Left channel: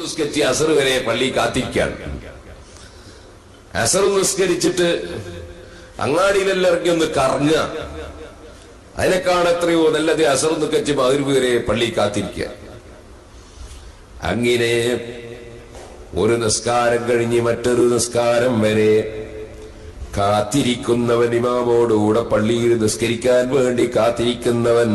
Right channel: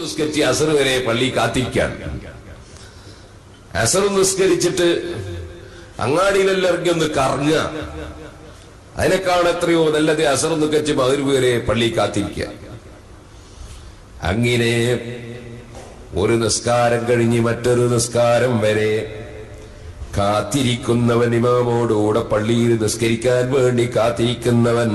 നിസ്കരിച്ച് അസർ വരെ പള്ളി കാത്തിരിക്കുകയാണ്. അസർ നിസ്കരിച്ചിട്ട് അങ്ങാടിയിലെല്ലാം ഇറങ്ങി ഒന്ന് കറങ്ങുക. അതിനേക്കാൾ എത്രയോ നല്ലത് അസർ നിസ്കരിച്ച് മഗ്‌രിബ് വരെ പള്ളി കാത്തിരിക്കുക. അങ്ങനെ ഒരു നിസ്കാരം കഴിഞ്ഞ് മറ്റൊരു നിസ്കാരം വരെ കാത്തിരിക്കുന്നവൻ, ഇമാമോടുകൂടെ പള്ളിയിൽ നിസ്കരിക്കാൻ വേണ്ടി കാത്തിരിക്കുന്നവൻ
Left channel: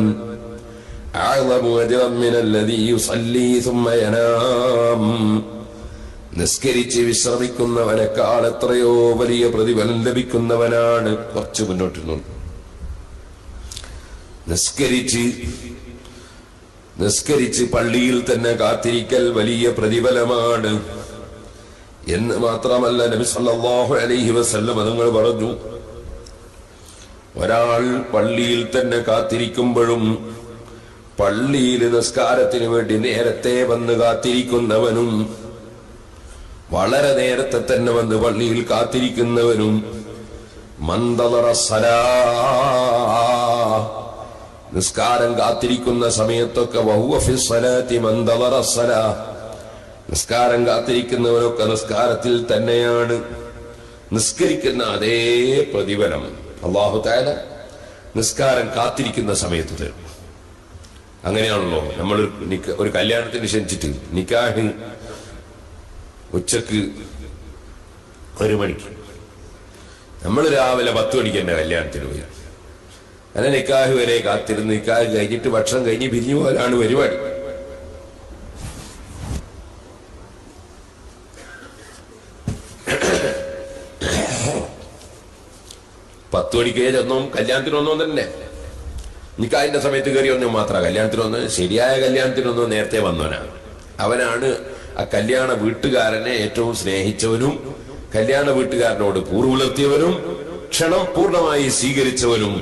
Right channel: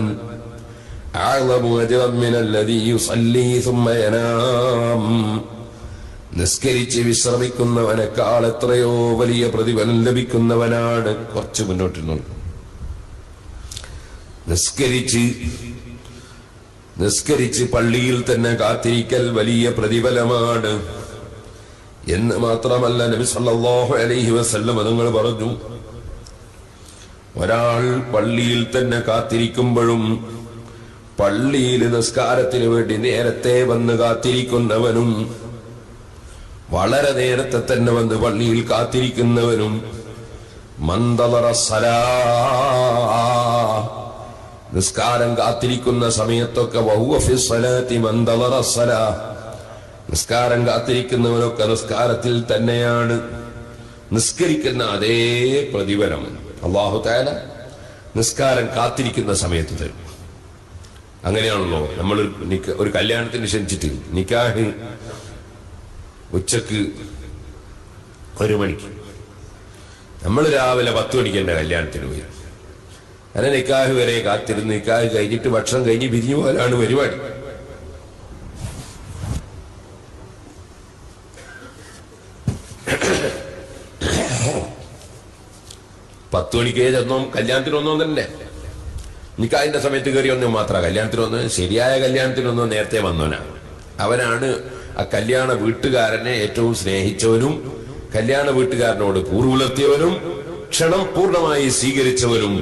നിസ്കരിച്ച് വിശ്രമിക്കുന്നവനേക്കാൾ എത്രയോ വലിയ പ്രതിഫലം ലഭിക്കുന്നവനാണ്. കുറച്ച് മുന്നോട്ട് നിസ്കരിച്ച് പള്ളിയിൽ തന്നെ കാത്തിരിക്കൽ വലിയ പ്രതിഫലമാണ് എന്ന് മാത്രമല്ല, നബി സല്ലല്ലാഹു അലൈഹി വസല്ലം തങ്ങൾ പറഞ്ഞു, ഒരാൾ പള്ളിയിൽ തന്നെ കാത്തിരിക്കുമ്പോഴും പള്ളിയിൽ നിസ്കാരത്തിന് വേണ്ടി നേരത്തെ വന്ന് കാത്തിരിക്കുന്നവനും വളരെ നേരത്തെ തന്നെ വന്ന് പള്ളിയിൽ കാത്തിരിക്കുന്നവനും മന്തളറ സലാ, നിസ്കാരം കാത്തിരിക്കുന്ന സമയത്തൊക്കെ വഹുവ ഫി സ്വലാത്തി മന്തളറ സലാ, നിസ്കാരം കാത്തിരിക്കുന്നവനൊക്കെ നിസ്കാരത്തിൽ തന്നെയാണ്. നിസ്കരിക്കുന്ന അതേ പ്രതിഫലം അല്ലാഹു തആല നിസ്കാരം കാത്തിരിക്കുന്ന സമയത്ത് തരും. അങ്ങനെയാണല്ലോ നമ്മൾ ഒരു കല്യാണത്തിന് ക്ഷണിച്ചിട്ട് നിക്കാഹ് ഉച്ചക്ക് 1 മണിക്ക്, നമ്മൾ രാവിലെ 10 മണിക്ക് എന്റെ കല്യാണത്തിന് പോയി. അങ്ങനെ നിക്കാഹ് വരെ കാത്തിരുന്ന് നിക്കാഹ് കഴിഞ്ഞിട്ട് ഭക്ഷണം കഴിഞ്ഞ് പിരിഞ്ഞു പോകാനാണ് പരിപാടി. പത്ത് മണിക്ക് ചെന്നോം കല്യാണത്തിനൊന്നും തന്നെ, നിക്കാഹിന്റെ സമയത്ത് കയറി ഒന്നും മാത്രം കല്യാണത്തിനൊന്ന്, ശരിയായ കല്യാണത്തിനൊന്നും നേരത്തെ വന്നവനാണ്. അവനാണ് ആ കല്യാണ വീട്ടുകാരനെ ഏറ്റവും സ്നേഹിച്ചവനും കല്യാണ വീട്ടുകാരനോട് കൂറുപുലർത്തിയവനും ക്ഷണം പൂർണ്ണമായി സ്വീകരിച്ചവനും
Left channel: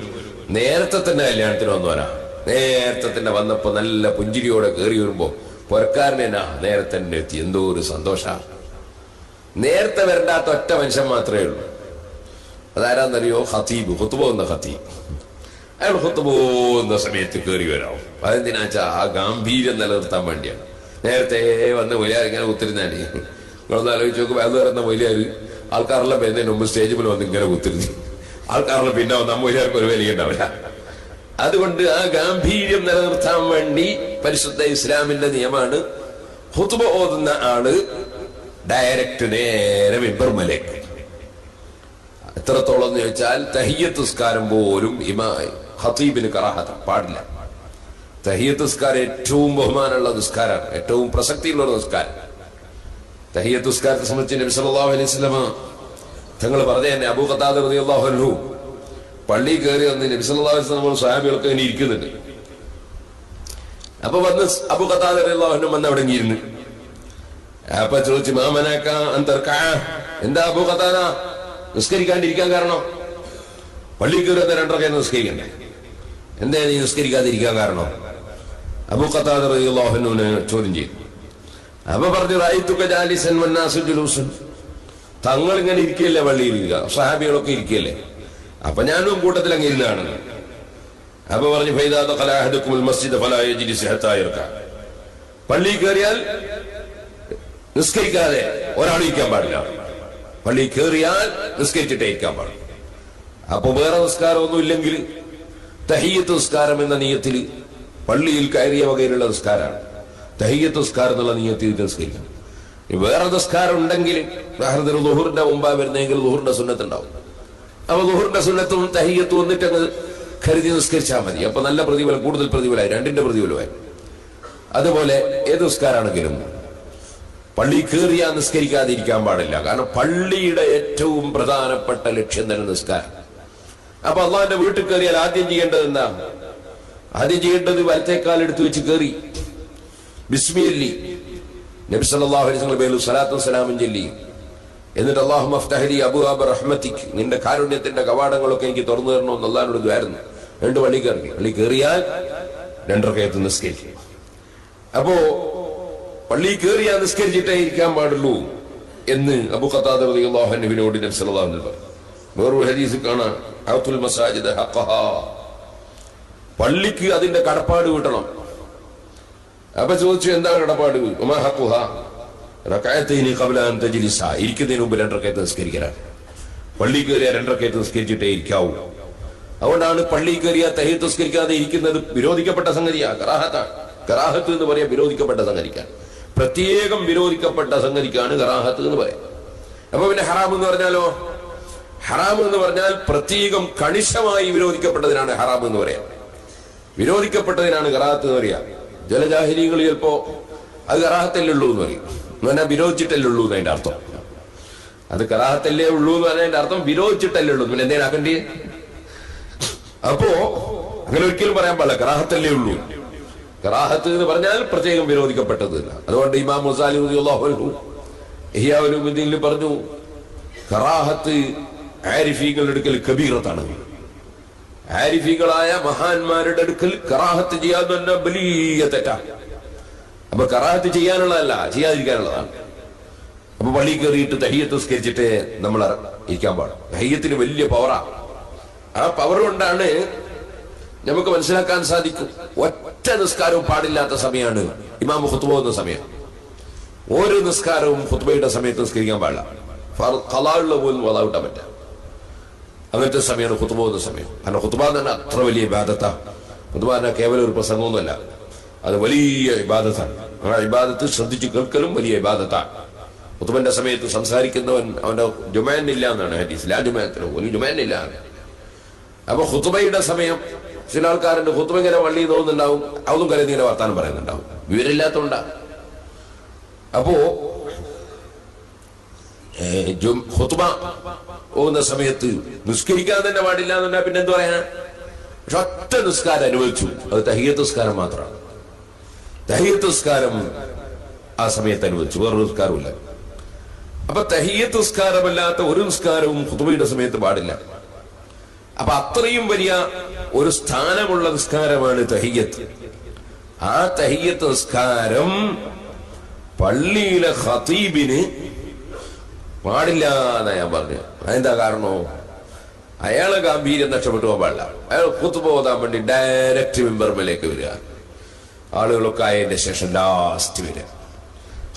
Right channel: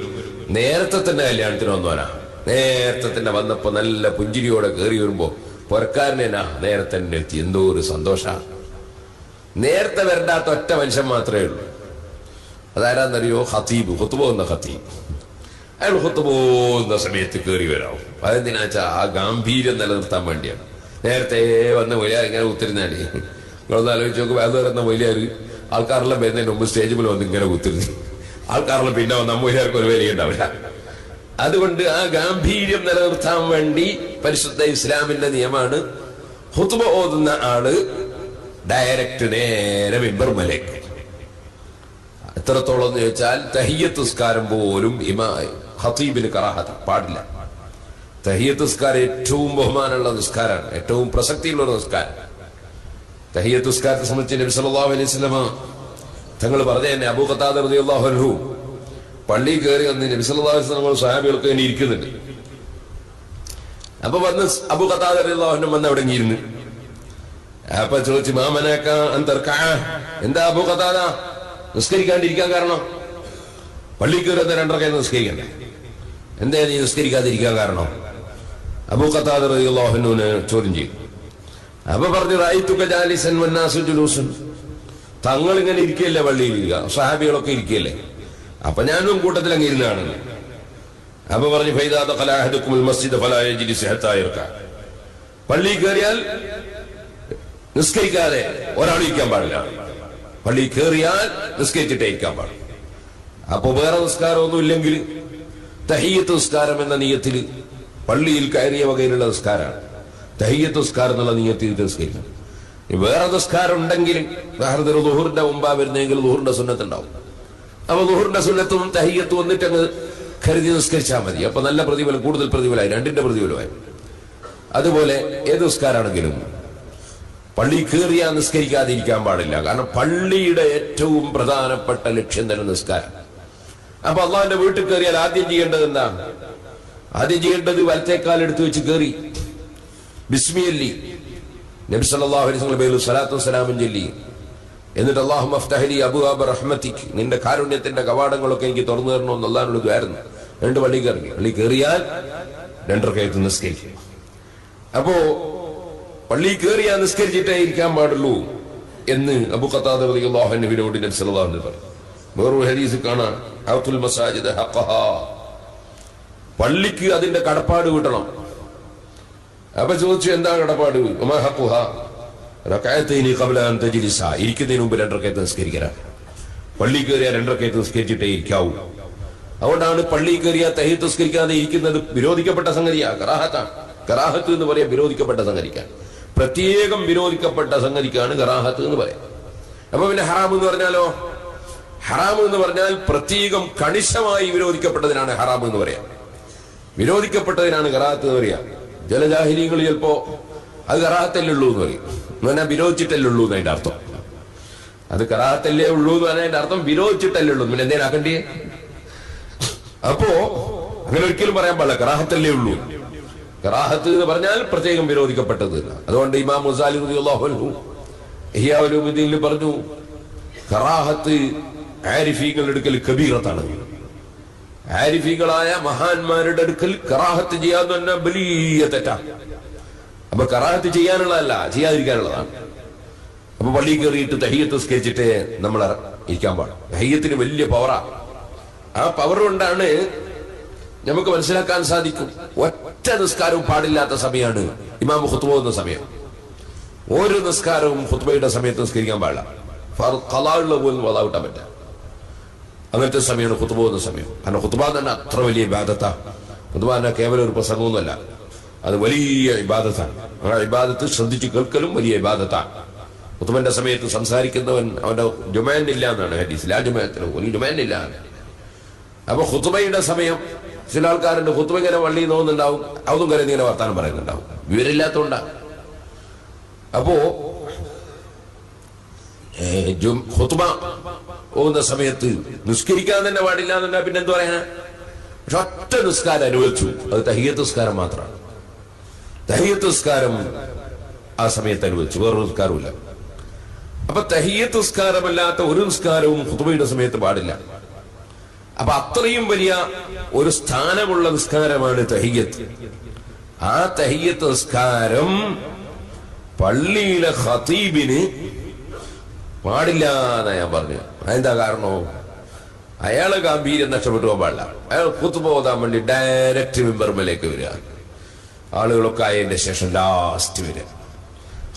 നേരത്തെ തന്നെ കല്യാണത്തിന് വന്നവനാ. നേരത്തെ തന്നെ വന്നപ്പോ നല്ല പുഞ്ചിരിയോടെ കയറി വരുമ്പോ പുരക്കാരനാ നേരത്തെ തന്നെ എത്തി. എന്തോ ഒരു സന്തോഷ. നേരത്തെ വരണ്ടാത്ത ഒറ്റ മനുഷ്യൻ മാത്രമേ ഉള്ളൂ. അതാരാന്നറിയോ? ഖതീബ്, ഖുത്ബ എന്ന ഖതീബ്. അയാൾ ഖുത്ബ എന്ന സമയത്ത് കയറി വരാവും. അതെന്തിനാച്ചാ ആ ഗാംഭീര്യം നിലനിർത്താൻ വേണ്ടിയാണ്. നേരത്തെ വന്ന് വലിയാർ ഇങ്ങനെ കുത്തിരുന്നാല് നിങ്ങളൊന്ന് ആലോചിച്ച് നോക്കുമ്പോൾ അത് പറയുന്ന വലിയാർ ആൾക്കാരെല്ലാം വരുന്നതിന് മുമ്പ് സ്റ്റേജിൽ വന്ന് ഇങ്ങനെ കുത്തിരുന്നു. ആൾക്കാരെല്ലാം പിന്നെ നമ്മ വലിയാർക്ക് ഒരു വില ഉണ്ടാവില്ല. അതുകൊണ്ട് ആ ഗാംഭീര്യം നിലനിർത്താൻ വേണ്ടി പരിശുദ്ധ ഇസ്ലാമിന്റെ നിയമമാണ് ഖുത്ബ ഓതുന്ന ആള് ഡയറക്റ്റ് നേരെ മിമ്പർമലേക്ക്. എത്രത്തോളം എന്ന് ചോദിച്ചാൽ തഹിയ്യത്ത് നിസ്കാരം പോലും ഖതീബിന് കറാഹത്ത് പാടില്ല. തഹിയ്യത്ത് നിസ്കാരം ഏറ്റവും ബഹുമാനമുള്ള നിസ്കാരമാണ്, ഏറ്റവും പ്രസക്തിയുള്ള ഒരു നിസ്കാരം. തഹിയ്യത്ത് നിസ്കാരത്തെ സംബന്ധിച്ച് നബി സല്ലല്ലാഹു അലൈഹി വസല്ലം തങ്ങൾ പറഞ്ഞു തന്നെ, അബൂ ഖതാദ റളിയല്ലാഹു അൻഹു പള്ളി കയറി വന്ന് നബി സല്ലല്ലാഹു അലൈഹി വസല്ലം സ്വഹാബികൾക്ക് ഇങ്ങനെ ഇരിക്കുന്നുണ്ട്. അപ്പൊ വന്ന് അബൂ ഖതാദ റളിയല്ലാഹു അൻഹു വന്ന് അവിടെ ഇരുന്ന് അപ്പൊ ചോദിച്ചു, മാമനക അന്തർക, എന്താ അബൂ ഖതാദ നിസ്കരിക്കാണ്ടിരിക്കാൻ കാരണം? പള്ളി കയറി 2 റക്അത്ത് നിസ്കരിക്കണ്ടേ, എന്താ നീ നിസ്കരിക്കാതിരിക്കാൻ കാരണം? അബൂ ഖതാദ റളിയല്ലാഹു അൻഹുവിനെ ചോദ്യം ചെയ്തു. അപ്പൊ പറഞ്ഞു, റഅയ്തുക ജാലിസൻ വന്നാസു ജുലൂസൻ, തങ്ങൾ ഇങ്ങനെ ഇരിക്കുകയല്ലേ പള്ളിയിൽ, സ്വഹാബികളൊക്കെ ഇരിക്കുകയല്ലേ, അപ്പൊ ഞാനും കൂട്ടത്തിൽ അങ്ങ് ഇരുന്നാണ്. അപ്പൊ പറഞ്ഞു, ഫൈദാ ദഖല അഹദുകുമുൽ മസ്ജിദ ഫലാ യജ്ലിസ് ഹത്താ യർക, പള്ളി കയറിയാൽ നിസ്കരിക്കാതെ ഒരാൾ ഇരിക്കാൻ പാടില്ല. പള്ളി കയറിയാൽ നിസ്കരിച്ചിട്ടേ ഇരിക്കാൻ പാടില്ല. അപ്പൊ വേറെ നിസ്കാരമൊന്നും ഇല്ലെങ്കിൽ തഹിയ്യത്ത് നിസ്കാരം എന്ന നിയത്തിൽ പള്ളിയിൽ കയറിയ വകയിലുള്ള നിസ്കാരമാണ്. തഹിയ്യത്ത് നിസ്കാരം എന്നുള്ള നിയത്തിൽ നിസ്കരിക്കണം. വേറെ നിസ്കാരം ഉണ്ടെങ്കിലും ഉദാഹരണത്തിന് ദുഹൂറിന്റെ മുമ്പാ വരുന്നെങ്കിൽ ദുഹൂറിന്റെ സുന്നത്ത് ഉണ്ടാവും. അപ്പൊ ദുഹൂറിന്റെ സുന്നത്തും തഹിയ്യത്തും വന്നിട്ടങ്ങ് കരുതി നിസ്കരിച്ചാൽ മതി. അപ്പൊ നല്ല പ്രതിഫലം, കൂടുതൽ പ്രതിഫലമായി, 2ന്റെ പ്രതിഫലമായി. അതുപോലെ ഏത് നിസ്കാരാണെങ്കിലും പള്ളി കയറിയാ നിസ്കരിക്കാതിരിക്കാൻ പാടില്ല. കാരണം പള്ളിയുടെ ഏറ്റവും പ്രധാനപ്പെട്ട ലക്ഷ്യം തന്നെ നിസ്കാരം. അപ്പൊ അള്ളാഹുവിന്റെ വീട്ടിൽ കയറിയാൽ ആദ്യം ചെയ്യേണ്ടത് എന്താ? ആദ്യം ചെയ്യേണ്ടത് വലത്തേക്കാൽ എടുത്തു വെച്ച് കയറി ബിസ്മില്ലി നബി സല്ലല്ലാഹു അലൈഹി വസല്ലം പേരിൽ സ്വലാത്തു വസ്സലാമും ചൊല്ലി, എന്നിട്ട് അല്ലാഹുമ്മ അഫ്തഹ് ലി അബ്വാബ റഹ്മതിക്, നിന്റെ കാരുണ്യത്തിന്റെ കവാടങ്ങളൊക്കെ എനിക്ക് തുറന്നു തരണമെന്ന് അള്ളാഹിനോട് ദുആയിരുന്നു. 2 പള്ളി കയറി, പള്ളി കയറിയാൽ 2 റക്അത്ത് നിസ്കരിക്കും. അപ്പോ പള്ളി കയറിയാ നിസ്കരിച്ചിട്ടേ ഇരിക്കാൻ പാടുള്ളൂ എന്ന് അബൂ ഖതാദ റളിയല്ലാഹു അൻഹുവിനോട് നബി സല്ലല്ലാഹു അലൈഹി വസല്ലം പറഞ്ഞു. വേറൊരു ഹദീസിൽ കാണാം, അഅതുൽ മസാജിദ ഹഖഹാ, പള്ളിക്ക് അതിന്റെ കടപ്പാട് വീട്ടണം. അപ്പൊ ചോദിച്ചു, എന്താ കടപ്പാട്? ഉമാ ഹഖുഹാ, റകഅത്തൈനി ഖബ്ല അൻ തജ്ലിസ, ഇരിക്കുന്നതിന് മുമ്പ് 2 റകഅത്ത് നിസ്കരിക്കണം. പള്ളി കയറിയ 2 റകഅത്ത് നിസ്കരിച്ചിട്ടേ ഇരിക്കാവൂ. അതുകൊണ്ടാണ് പള്ളി കയറിയ തഹീത്ത് നിസ്കരിക്കാതെ ഇരിക്കുന്നത് വിരോധിക്കപ്പെട്ട സംഗതിയാണ്. കറാഹത്ത് എന്ന് പറയാൻ വിരോധിക്കപ്പെട്ട സംഗതിക്കാണ്, പ്രത്യേകം വിരോധിക്കപ്പെട്ട സംഗതിക്കാണ് കറാഹത്ത് എന്ന് പറയാം. അപ്പൊ പിന്നെ ഹറാം എന്ന് പറഞ്ഞാലോ? ഹറാം എന്ന് പറഞ്ഞാൽ പ്രത്യേകം കണിശമായി വിരോധിക്കപ്പെട്ടതിനാണ് ഹറാം എന്ന് പറയാം. വിരോധിക്കപ്പെട്ടതിനാണ് കറാഹത്ത് എന്ന് പറയാം. ചില ജാഹിലികൾ ചിലപ്പോ അത് കറാഹത്തല്ലേ ഉള്ളൂ എന്ന് പറയും. എന്ന് പറഞ്ഞാൽ വിരോധിച്ചിട്ടല്ലേ ഉള്ളൂ എന്നതിന്റെ അർത്ഥം. അത് കറാഹത്തല്ലേ ഉള്ളൂ എന്ന് പറഞ്ഞതിന്റെ അർത്ഥം വിരോധിച്ചിട്ടല്ലേ ഉള്ളൂ. പിന്നെ എന്തേലും ആക്കണ്ടേ? അപ്പോ അങ്ങനെ ഒരിക്കലും പറയാൻ പാടില്ല, കറാഹത്തല്ലേ ഉള്ളൂ. കറാഹത്ത് എന്ന് പറഞ്ഞാൽ പ്രത്യേകം വിരോധിക്കപ്പെട്ടത്. അതുകൊണ്ട് ഇമാം ഗസാലി റളിയല്ലാഹു അൻഹു ഇഹ്യാ ഉലൂമുദ്ദീനിൽ പറഞ്ഞു, കറാഹത്ത് ആരിഫീകളുടെ അടുക്കൽ കബീറത്താണ്. ആരിഫീകളായ മഹാന്മാരുടെ അടുക്കൽ കറാഹത്ത് ചെയ്യാന്ന് പറഞ്ഞാൽ വലിയ തെറ്റാണ്. അപ്പൊ കറാഹത്ത് ചെയ്യാനുള്ളതല്ല, ചെയ്യാതിരിക്കാനുള്ളതാണ്. അപ്പൊ പള്ളി കയറിയിട്ട് തഹിയ്യത്ത് നിസ്കരിച്ചിട്ട് നമ്മൾ ഇരിക്കാൻ പാടും. തഹിയ്യത്തിന് വലിയ പവറാ. ആ പവർ കൊണ്ടാണ് നമുക്ക് മനസ്സിലാക്കാൻ സാധിക്കും ഒറ്റ നിസ്കാരവും പാടില്ലാത്ത സമയമാണ് ഇമാം ഖുത്ബ എന്ന സമയം. ഓരോ നിസ്കാരവും ഖുത്ബയുടെ സമയത്ത് നിസ്കരിക്കാൻ പാടില്ല. ഖളാഉള്ള പോലും വദാവിട്ടാൻ പറ്റില്ല. അങ്ങനത്തെ സമയമാണ് ഖുത്ബ എന്ന സമയം. കാരണം ഖുത്ബ തന്നെ അത്ര വലിയ ഇബാദത്താ. ഖുത്ബ തന്നെ കേവലം ഒരു പ്രസംഗമൊന്നുമല്ല, അത് വലിയ ഇബാദത്താണ്. ആ ഇബാദത്ത് ശ്രദ്ധിച്ചു കേൾക്കലും വലിയ ഇബാദത്താണ്. ഖുത്ബന്റെ സമയത്ത് സംസാരിക്കുന്നവൻ അവന്റെ ജുമാനില്ല എന്നാണ് ഹദീസിൽ. ആ ജുമാനത്തിന് ഒരു ജുമാനില്ല. അപ്പൊ ഖുത്ബയുടെ സമയം ചില ആൾക്കാരുണ്ട് ഖുത്ബ ഇങ്ങനെ വള്ളി തോന്നുന്നുണ്ടാവും, അതും കരുതി ഇങ്ങനെ വർത്താനം പറയുന്നുണ്ടാവും, വിവരമില്ലാത്തോണ്ടാ. അപ്പോ ഖുത്ബ പോകുന്ന സമയത്ത് നിസ്കരിക്കാൻ തന്നെ പാടില്ല എന്നുണ്ടാ. പിന്നെ എന്ത് പറയാനാ? പക്ഷെ ഒറ്റ നിസ്കാരം അനുവദിച്ചു, അത് തഹിയ്യത്ത് നിസ്കാരം മാത്രമാണ്. തഹിയ്യത്ത് നിസ്കാരം ആ സമയത്ത് അനുവദിച്ചു, വേറൊരു നിസ്കാരമില്ല. അപ്പൊ തഹിയ്യത്ത് നിസ്കാരമല്ലാത്ത ഒരു നിസ്കാരവും ഖുത്ബയുടെ സമയത്ത് പാടില്ല. അപ്പൊ അത്രയും വലിയ ഒരു സ്ഥാനമുള്ള നിസ്കാരമാണ് തഹിയ്യത്ത്. ആ തഹിയ്യത്ത് നിസ്കാരം പള്ളിയിലെ ഖതീബിന് പാടില്ല എന്നാ ഞാൻ പറഞ്ഞു. അതെന്താ കാരണോ? അയാളെ ഗാംഭീര്യം നഷ്ടപ്പെട്ടു പോകാൻ പാടില്ല. അയാൾ ഖുത്ബ ഓതാൻ വേണ്ടി ഡയറക്റ്റ് മിമ്പർമേലേക്ക് വരിക. ആളുകളൊക്കെ ആയതിന്റെ ശേഷം ലാസ്റ്റ് വരിക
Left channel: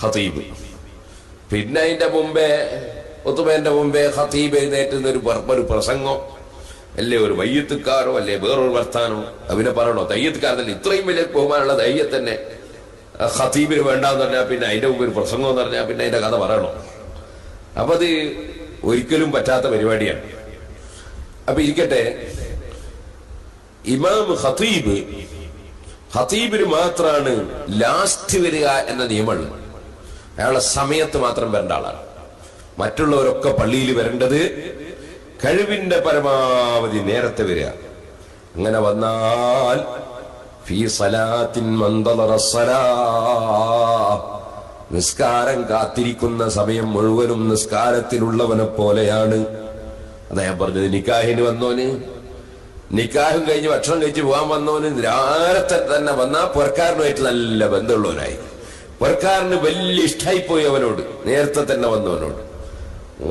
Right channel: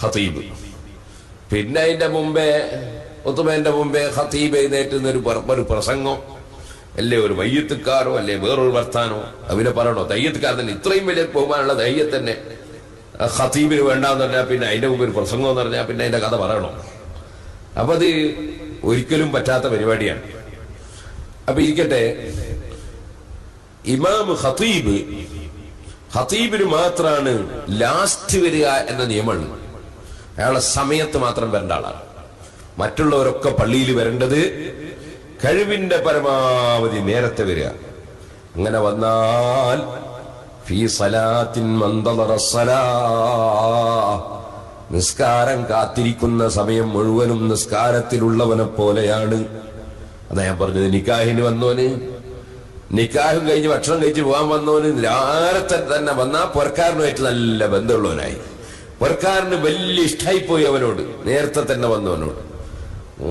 ഖതീബ്. പിന്നെ അതിന്റെ മുമ്പേ ഖുത്ബന്റെ മുമ്പേ ഖതീബ് എഴുന്നേറ്റുന്ന ഒരു പ്രസംഗം അല്ലേ, ഒരു മയ്യത്തുകാരോ അല്ലെ വേറൊരു വർത്താനോ അവനെ പറയണോ? തയ്യത്തുകാരൻ ഇത്രയും വലിയ ബഹുമാനമുള്ള തയ്യത്ത് തന്നെ ഖതീബിന് വേണ്ടാന്ന് പറഞ്ഞാൽ പിന്നെ അതിന്റെ മുമ്പ് ഒരു പ്രസംഗം എന്ന് പറഞ്ഞാൽ പിന്നെ അതിന്റെ കഥ പറയണോ? അപ്പൊ അത് ഒരിക്കലും പറ്റാത്ത പരിപാടിയാണ്. അപ്പൊ ഇരിക്കട്ടെ, ഇമാം ഖതീബിന് മാത്രമാണ് ലാസ്റ്റ് വരിക എന്ന നിയമമുള്ളത്. അയാളുടെ സമയത്ത് മാത്രം വരേണ്ട ആളാണ്. മറ്റുള്ളവരൊക്കെ പള്ളിയിൽ വരേണ്ടത് കഴിവിന്റെ പരമാവധി നേരത്തെ വരിക. അങ്ങനെ വന്നാൽ ഫീ സലാത്തിൻ മന്തളറ സലാ, നിസ്കാരം കാത്തിരിക്കുന്ന സമയം മുഴുവനും നിസ്കാരത്തിലുള്ളവനെ പോലെയാണ്. അതാ ഞാൻ പറഞ്ഞത്, നിക്കാഹിന് വന്നോന്, നിക്കാഹ് കഴിഞ്ഞ് ഭക്ഷണം കഴിച്ച് പോകാൻ വന്നവന് നേരത്തെ തന്നെ വന്നാൽ പുറക്കാരനുമായിട്ട് നല്ല ബന്ധമുള്ളവനായി. പുറക്കാരന് വലിയ ഇഷ്ടമായിപ്പോയി അവനോട്, നേരത്തെ തന്നെ വന്നവനോട്.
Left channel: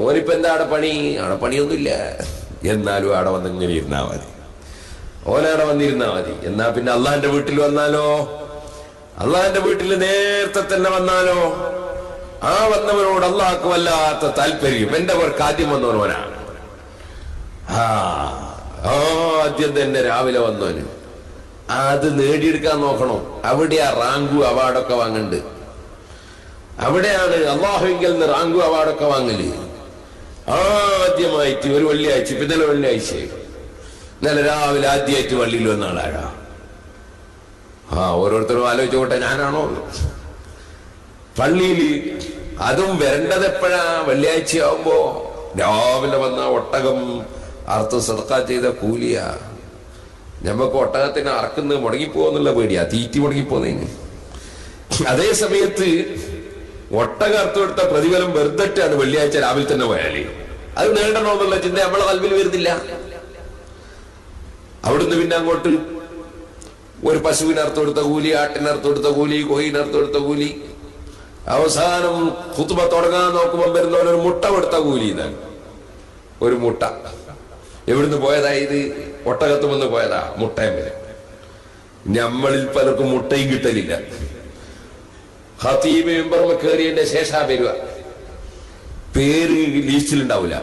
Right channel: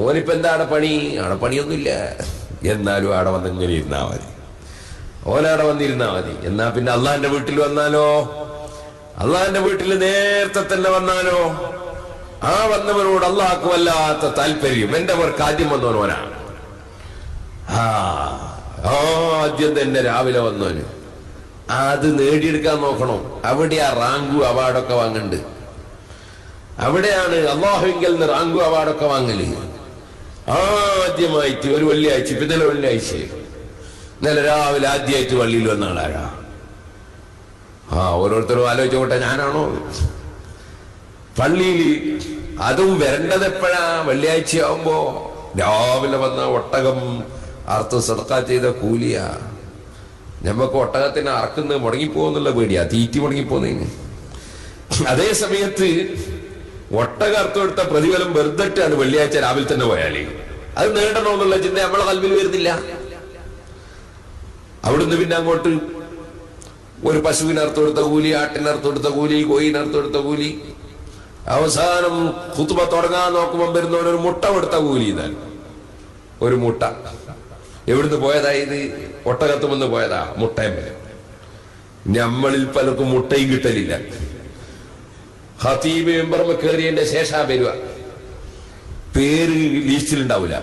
ഓനിപ്പോ എന്താ ആടെ പണി? ആടെ പണിയൊന്നുമില്ല, എന്നാലും ആടെ വന്നിങ്ങനെ ഇരുന്നാ മതി. ഓനാടെ വന്നിരുന്നാ മതി. എന്നാ പിന്നെ അള്ളാന്റെ വീട്ടിൽ വന്നാലോ? അള്ളാന്റെ വീട്ടിൽ നേരത്തെ തന്നെ വന്നാലോ? ആ വന്നവനോട് അള്ളാഹ്ക്ക് വല്ലാത്ത താല്പര്യം. എന്റെ പേർക്ക് ആദ്യം വന്നവനോനാണ്. ആദ്യം തന്നെ രാവിലെ വന്നവന് അത് നേടിയെടുക്കാൻ നോക്കണം. അവിടെയാ റാങ്കു അവാർഡൊക്കെ വാങ്ങണ്ട്. അവിടെയാണ് അള്ളാഹുവിൽ നിന്ന് റാങ്കു അവാർഡൊക്കെ വാങ്ങല്. ആദ്യമായിട്ട് ഒരു വെള്ളിയാഴ്ച, പിന്നെ വെള്ളിയാഴ്ച ഇന്നലെ രാവിലെ ആദ്യമായിട്ട് പള്ളിയിൽ വന്ന ആളാരാ? ഓരോരുത്തരും ആലോചിച്ചോട്ടെ, ഞാനാണോ? പള്ളിയിൽ അതും വരേണ്ടത് എപ്പോഴാ? വെള്ളിയാഴ്ച ആവുമ്പോ രാവിലെ വന്ന ഒട്ടകം അറുത്ത് സദഖ ചെയ്ത കൂലിയാ. ഞമ്മക്ക് ഒട്ടകത്തിന് അറക്കുന്നത് മുടങ്ങിപ്പോന്നുള്ള പേടിയാ, തീറ്റി മുടങ്ങിപ്പോന്നതിന്. അതേ സമയത്ത് ഒട്ടകം അറുത്ത് കൊടുത്ത പ്രതിഫലം വെറുതെട്ടാണ് വെള്ളിയാഴ്ച രാവിലെ തന്നെ പോയാലേ. അത് നേടണമെന്നുള്ള ചിന്ത നമ്മളെ കൽവിൽ വരുന്നില്ല. അവിടുന്ന് പിന്നെ അങ്ങോട്ട് ഒരു പശുവിനർത്ത് കൊടുത്ത കൂലി, ആട്ടിനർത്ത് കൊടുത്ത കൂലി, കോയിനർത്ത് കൊടുത്ത കൂലി, അവസാനം ഖുത്ബ തുടങ്ങാൻ നോക്കുമ്പോൾ വരുന്നവനൊരു മുട്ട കൊടുത്ത കൂലി. ഇതാണ് ഒരു മുട്ട. എവിടുന്ന് പോയതാ ഇത്? ഒട്ടകത്തുമെന്ന് പോയതാ മുട്ടയും വരെ. നമ്മളിൽ പലർക്കും മുട്ടയും കിട്ടലില്ല. ഖതീബ് മെമ്പർമ കയറിയതിന്റെ ശേഷം വരിക, പേര് ലിസ്റ്റിലുണ്ടാവില്ല.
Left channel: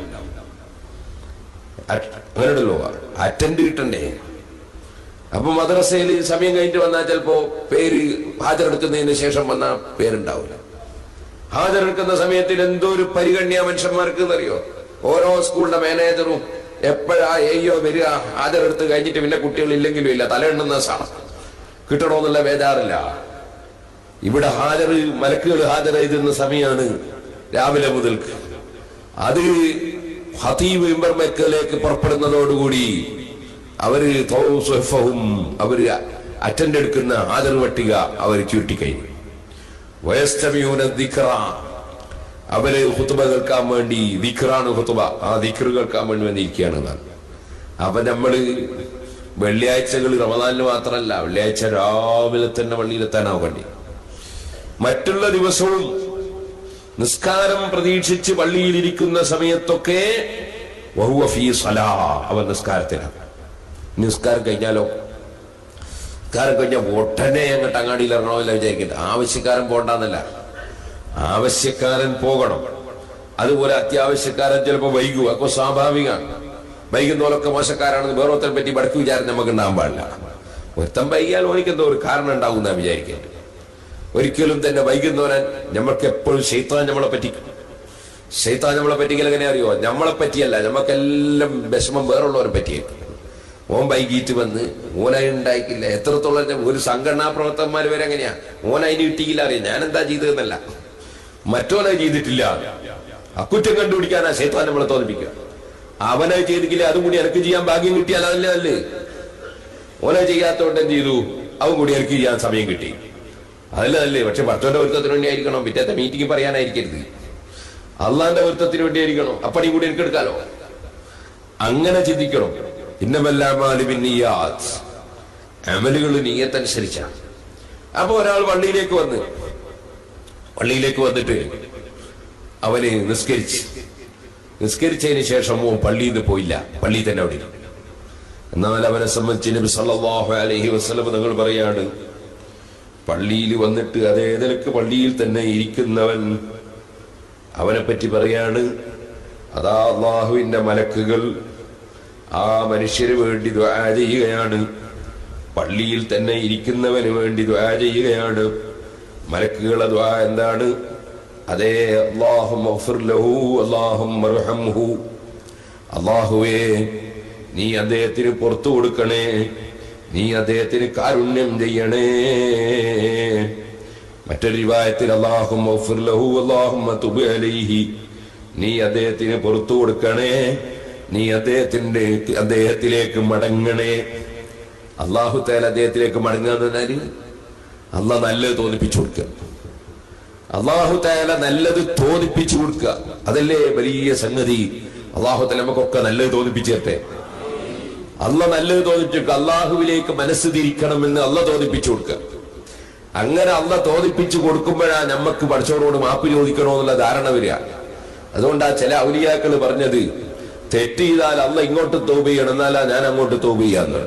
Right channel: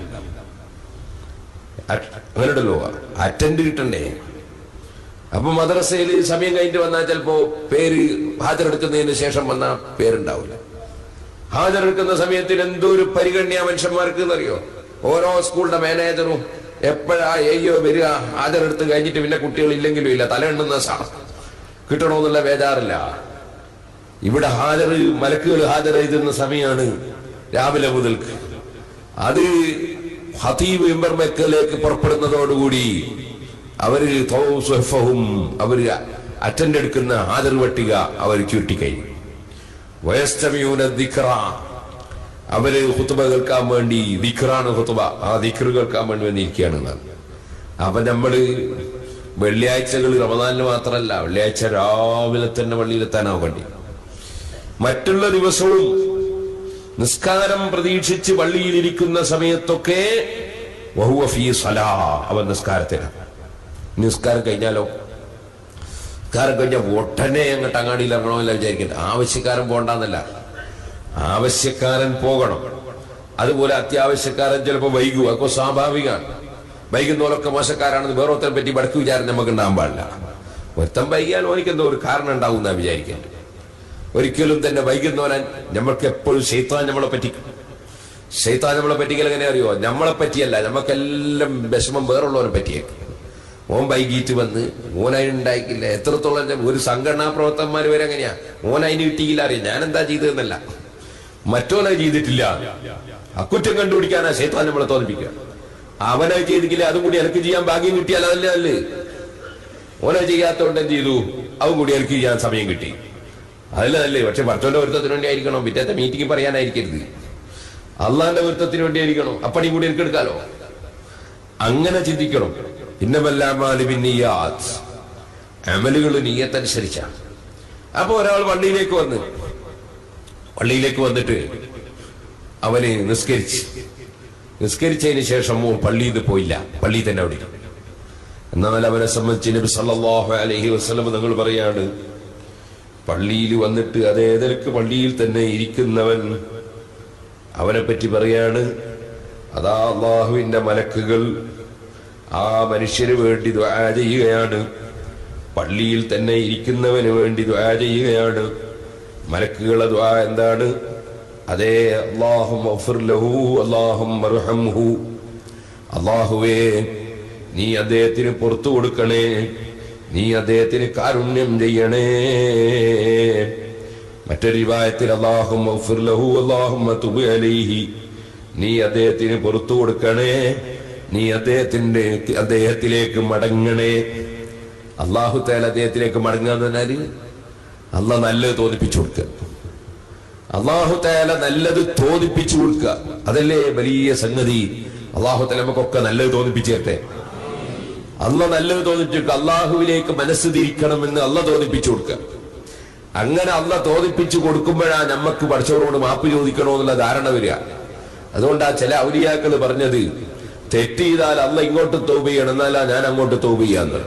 അങ്ങനെയുണ്ടല്ലോ, അറ്റൻഡ് കിട്ടണ്ടേ. അപ്പൊ മദ്രസയിൽ സമയം കഴിഞ്ഞിട്ട് വന്നാൽ ചിലപ്പോ പേര് ഹാജരെടുക്കുന്നതിന് ശേഷം വന്നാൽ പേരുണ്ടാവില്ല. ഹാജരെടുക്കുന്ന സമയത്തിൽ എന്തോ ഒരു പരിഗണന മനുഷ്യന്മാർക്ക് എന്നറിയോ. ഓരോ സ്കൂളിന്റെ മാനേജറും എപ്പോഴാ വരിക, ഹാജരെടുത്ത് കഴിഞ്ഞിട്ട് പിന്നെ കുട്ടികളില്ലെങ്കിലും ഇല്ല, തലയെണ്ണുന്ന കിട്ടണമെന്നുള്ള ബേജാറില്ല. ഇവിടെ മലക്കുകൾ ഹാജരെഴുതുന്ന സമയമാണ് രാവിലെ മുതൽക്ക്. അത് ഖതീബ് മിമ്പർ മക്കയിലേക്ക് പുറപ്പെടുന്നതോടുകൂടി അവര് അറ്റൻഡ് എടുക്കുന്ന ഹാജർ പട്ടിക അവർ ചുരുട്ടിക്കഴിഞ്ഞു. വയസ്തമിയൂന ദിക്റ, അവര് ഖുത്ബ കേൾക്കാൻ വേണ്ടി, ദിക്റാണ് ഖുത്ബ, ആ ദിക്റ് കേൾക്കാൻ വേണ്ടി വന്നിരിക്കുകയാണ്. അപ്പൊ നമ്മള് വെള്ളിയാഴ്ചകൾ റമദാനിന് മാത്രമല്ല, വെള്ളിയാഴ്ച രാവിലെ തന്നെ പള്ളിയിലെത്താനാവേണ്ടി. മറ്റുള്ള ദിവസവും നിസ്കാരം പ്രതീക്ഷിച്ച് പള്ളിയിലിരിക്കുന്ന സമയത്തൊക്കെ വഹുവ ഫീ സലാ, അവൻ നിസ്കാരത്തിലാണ്. നിസ്കാരം കഴിഞ്ഞാലോ, നിസ്കാരം കഴിഞ്ഞാൽ ഒട്ടനെ അങ്ങോട്ട് അങ്ങാടിയിൽ ഇറങ്ങണമെന്നല്ല വിചാരിക്കുന്നത്. ആവശ്യക്കാരൻ പോകണ്ടെന്നല്ല, ആവശ്യക്കാരൻ പോകണം. അതുപോലെ അത്യാവശ്യക്കാരൻ ചിലപ്പോൾ വൈകുക, അപ്പോൾ സ്വാഭാവികമാണ്. വൈകുന്നോലൊക്കെ മോശക്കാരാണെന്ന് വേറൊരുത്തനെ പറ്റി വടക്ക് വിചാരം നമുക്ക് ഉണ്ടാകാൻ പാടില്ല. ഒരുത്തൻ വൈകിയാൽ ഓനിക്കെന്തോ ഒരു കാരണം ഉണ്ടാവും എന്നാ വിചാരിക്കേണ്ടത്. ഒരിക്കലും തന്നെ വൈകുന്നവനാൻ നമ്മൾക്ക് എപ്പോഴും ശൈത്താൻ നമ്മളെ പറ്റിക്കും. ശൈത്താൻ നമ്മളെ പറ്റിക്കൽ എങ്ങനെ അറിയോ? നമ്മളെ പറ്റിയല്ല, നമുക്കെല്ലാം വിഷമം വേറുള്ളവരെ പറ്റിയേക്കും. ഓൻ വൈകിട്ട് വന്ന് ഓനായി ഉണ്ടായിക്കില്ല. എത്രത്തോളം ഒരു സംഘടനാ പ്രവർത്തകന്മാർ വരെ എങ്ങനെയാ, ഓനതിന് കിട്ടിയില്ല അറിയാം, ഞാൻ എന്താ ചെയ്തതെന്നല്ല, മറ്റോനെ ചെയ്തിട്ടില്ല. അക്കുറ്റം കണ്ടുപിടിക്കാനാ ശൈത്താൻ നമ്മളെ തോന്നിപ്പിക്കുക. അവനെ ചെയ്തിട്ടില്ല, അതും കൂടി എനിക്ക് ചെയ്യാൻ ഭാഗ്യം കിട്ടിയാൽ അതല്ലേ അല്ലേ. ഓനെ ചെയ്യാത്തോണ്ട് എന്ത് ചെയ്തു, അവൻ കൂടി എനിക്ക് ചെയ്യാൻ സമയം കിട്ടി, അതല്ലേ. പക്ഷെ ഭർത്താവിന്റെ വൃത്തത്തിന് വേണ്ടി ആയിരിക്കണം, പിറ്റേത്തെ മീറ്റിംഗ് പറയാനായിരിക്കരുത്. അള്ളാന്റെ വൃത്തത്തിന് വേണ്ടി ആയിരിക്കണം, അപ്പടി കൂടി എനിക്ക് എടുക്കാലോ. അങ്ങനെ ചിന്തിക്കണം. അമലുകൾ നിയ്യത്തനുസരിച്ചാണ്. അപ്പൊ ഒരാൾ പള്ളിയിലേക്ക് വന്നിട്ട് അവന് നിസ്കരിച്ചതിന് ശേഷം പള്ളിയിൽ നിന്ന് പോയില്ല, പള്ളിയിൽ തന്നെ അവിടെ. എന്നാൽ അവനെ സംബന്ധിച്ച് നബി സല്ലല്ലാഹു അലൈഹി വസല്ലം നിങ്ങൾ പറയാണ്, പള്ളിയിൽ വന്നിട്ട് അതേ നിലക്ക് പള്ളിയിൽ തന്നെ ഇരിക്കുന്നവൻ, അവനെ പറ്റി പറയാണ്, അതാ അല്ലാഹുവിന്റെ മലക്കുകൾ ആ മനുഷ്യന് വേണ്ടി ദുആ ചെയ്യുകയാണ്. പള്ളിയിൽ തന്നെ ഇരിക്കുന്നവന് വേണ്ടി ദുആ ചെയ്യുകയാണ്. മലക്കുകളുടെ ദുആ എന്താണ്? അതേ, അല്ലാഹുമ്മ ഗ്ഫിർ ലഹു അല്ലാഹുമ്മ അർഹംഹു, അല്ലാഹുവേ നീ അദ്ദേഹത്തിന് പുറത്തു കൊടുക്കണേ, നീ അദ്ദേഹത്തിന് കാരുണ്യം ചെയ്യണേ. മറ്റൊരു റിവായത്തിൽ അല്ലാഹുമ്മ ഗ്ഫിർ ലഹു അല്ലാഹുമ്മ തുബ് അലൈഹി, നീ അദ്ദേഹത്തിന് പുറത്തു കൊടുക്കണേ, നീ അദ്ദേഹത്തിലേക്ക് മടങ്ങണേ. അല്ലാഹു തആല അദ്ദേഹത്തിലേക്ക് മടങ്ങുക എന്ന് പറഞ്ഞാല് അല്ലാഹ് നല്ലത് തോന്നിപ്പിച്ചു കൊടുക്കുക. അല്ലാഹു തആല നല്ലത് തോന്നിപ്പിച്ചു കൊടുക്കുക, അതല്ലേ വലിയ സംഗതി. അല്ലാഹു തആല നമുക്കൊക്കെ നല്ലത് തോന്നിപ്പിച്ചു തരട്ടെ. അല്ലാഹ് നല്ലത് തോന്നിപ്പിച്ചു, അല്ലാഹുവിലേക്ക് മനസ്സ് തിരിക്കണമെന്ന് അല്ലാഹ് തോന്നിപ്പിച്ചു കൊടുക്കുക. അങ്ങനെ അല്ലാഹ് തോന്നിപ്പിച്ചു കൊടുക്കുമ്പോഴാ നമുക്ക് പഠിച്ചവരോട് മാപ്പ് ചോദിക്കണമെന്നുള്ള ധാരണ വരിക. അതുകൊണ്ടാ ചില ഔലിയാക്കൾ പറഞ്ഞത്, തെറ്റ് ചെയ്താൽ അല്ലാഹ് ഇങ്ങോട്ട് തൗബ ചെയ്യണം, എന്നാലാ ഞാൻ അങ്ങോട്ട് തൗബ ചെയ്യാന്ന്.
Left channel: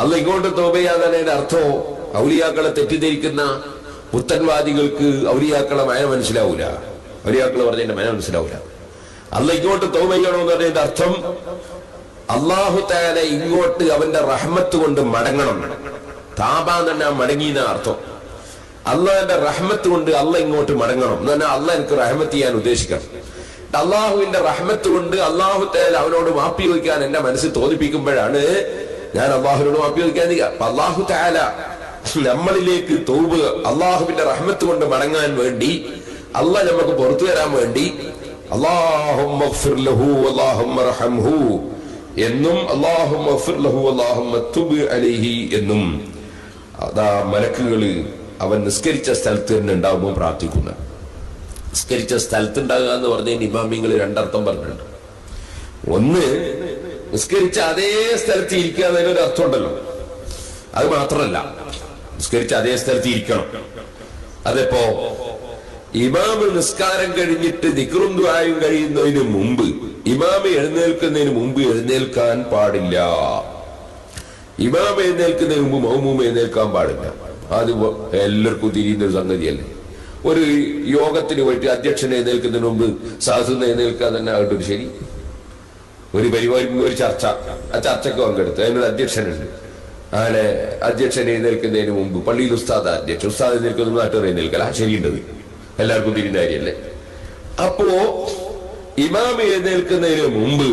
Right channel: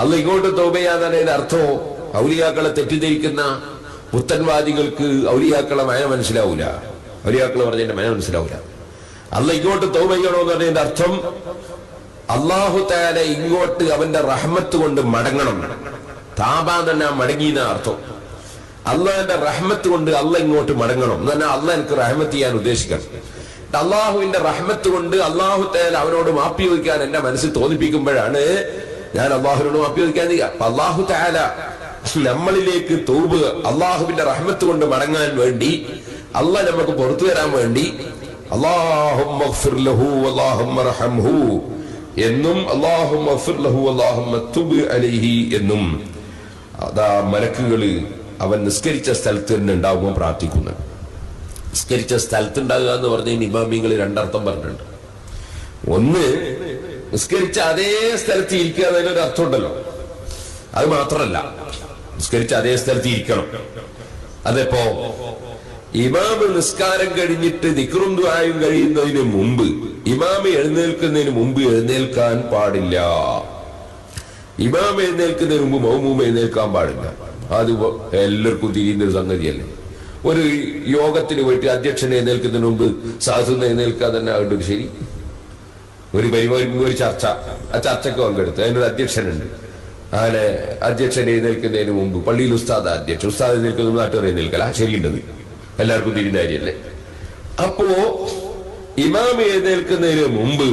അല്ലാഹ് ഇങ്ങോട്ട് തൗബ ചെയ്യാന്നതിന്റെ അർത്ഥം ഔലിയാക്കളെ തെറ്റിദ്ധരിക്കുന്ന പുത്തൻവാദികൾക്ക് ഔലിയാക്കളെ മന മനസ്സിലാവൂല, ഔലിയാക്കൾ പറഞ്ഞതിന്റെ മന മനസ്സിലാവൂല. അല്ലാഹ് ഇങ്ങോട്ട് തൗബ ചെയ്യണമെന്ന് പറഞ്ഞതിന്റെ അർത്ഥം അല്ലാഹു തആല ഇങ്ങോട്ട് അവന്റെ റഹ്മത്ത് കൊണ്ട് മടങ്ങണം. താബാൻ തന്നെ മടങ്ങിയെന്ന അർത്ഥം. അള്ളാഹിന്റെ റഹ്മത്ത് കൊണ്ട് അള്ളാഹ് ഇങ്ങോട്ട് മടങ്ങണം എന്ന് പറഞ്ഞാൽ അള്ളാഹ് എനിക്ക് റഹ്മത്ത് ചെയ്യാൻ ഉദ്ദേശിക്കണം. അള്ളാഹുവിന്റെ റഹ്മത്ത് കൊണ്ട് അള്ളാഹു തആല അവനോട് മാപ്പി ചോദിക്കാൻ എന്റെ മനസ്സിൽ തോന്നിപ്പിക്കുമ്പോഴാണ് ഞാൻ അള്ളാഹുവിനോട് മാപ്പി ചോദിക്കാൻ ചെയ്യുക. അപ്പൊ അള്ളാഹു തആല നമ്മളിലേക്ക് തൗബ, അള്ളാഹുവിന്റെ റഹ്മത്ത് കൊണ്ട് മടങ്ങാൻ വേണ്ടി, അള്ളാഹ് നമുക്ക് പുറത്തു തരാൻ വേണ്ടി അല്ലാഹുമ്മ ഗ്ഫിർ ലഹു അല്ലാഹുമ്മ അർഹംഹു എന്നും അല്ലാഹുമ്മ ഗ്ഫിർ ലഹു അല്ലാഹുമ്മ തുബ് അലൈഹി എന്നും അതാ മലക്കുകള് അവൻ നിസ്കരിച്ച സ്ഥലത്ത് തന്നെ ഉണ്ടാവുമ്പോൾ പ്രാർത്ഥിക്കുന്ന. നിസ്കരിച്ച സ്ഥലത്ത് ഉണ്ടാകുക എന്ന് പറഞ്ഞതിന് ഇമാമിങ്ങൾ രണ്ടർത്ഥം പറഞ്ഞിട്ടുണ്ട്. ഒന്ന്, നിസ്കരിച്ച അതേ സ്ഥലത്ത് ഇരിക്കുക എന്നതിനൊരു അർത്ഥം ഉണ്ടല്ലോ, അത് മാത്രമല്ല നിസ്കരിച്ച അതേ സ്ഥലത്ത് ഇരിക്കണം. അതിപ്പോ ഇമാമ് നിസ്കാരം കഴിഞ്ഞിട്ട് ദിക്റും ദുആയും കഴിയുന്നതിന് മുമ്പ്, ഇമാമ് എഴുന്നേൽക്കുന്നതിന് മുമ്പ് എഴുന്നേൽക്കാൻ പാടില്ല. ഇമാം എഴുന്നേൽക്കുന്നതിന് മുമ്പ് മൗമൂം എഴുന്നേൽക്കാൻ പാടില്ല. അത് എല്ലാവർക്കും തിരിയുന്ന ഒരു സംഗതിയല്ലേ. ഒരു യോഗത്തിന് പോയിട്ട് അധ്യക്ഷൻ എഴുന്നേൽക്കുന്നതിന് മുമ്പ് സാധുന്ന് എഴുന്നേൽക്കാൻ തന്നെ ആകട്ടെ ഒരു ശരി. ഒരു പരിപാടിക്ക് ഒരു ചർച്ച, ആ ചർച്ചയ്ക്ക് പങ്കെടുത്ത് അതിനൊരു അധ്യക്ഷനുണ്ട്. അങ്ങനെ അധ്യക്ഷൻ എഴുന്നേൽക്കുന്നതിന് മുമ്പ് പള്ളിയിൽ ഉസ്താദ് അധ്യക്ഷൻ, ഉസ്താദ് എഴുന്നേൽക്കുന്ന നാട്ടുകാർ എഴുന്നേൽക്കല ശരിയുണ്ടത്, എല്ലാവർക്കും തിരിയുന്ന കാര്യമല്ലേ. അപ്പോ ഇമാം എഴുന്നേൽക്കുന്നതിന് മുമ്പ്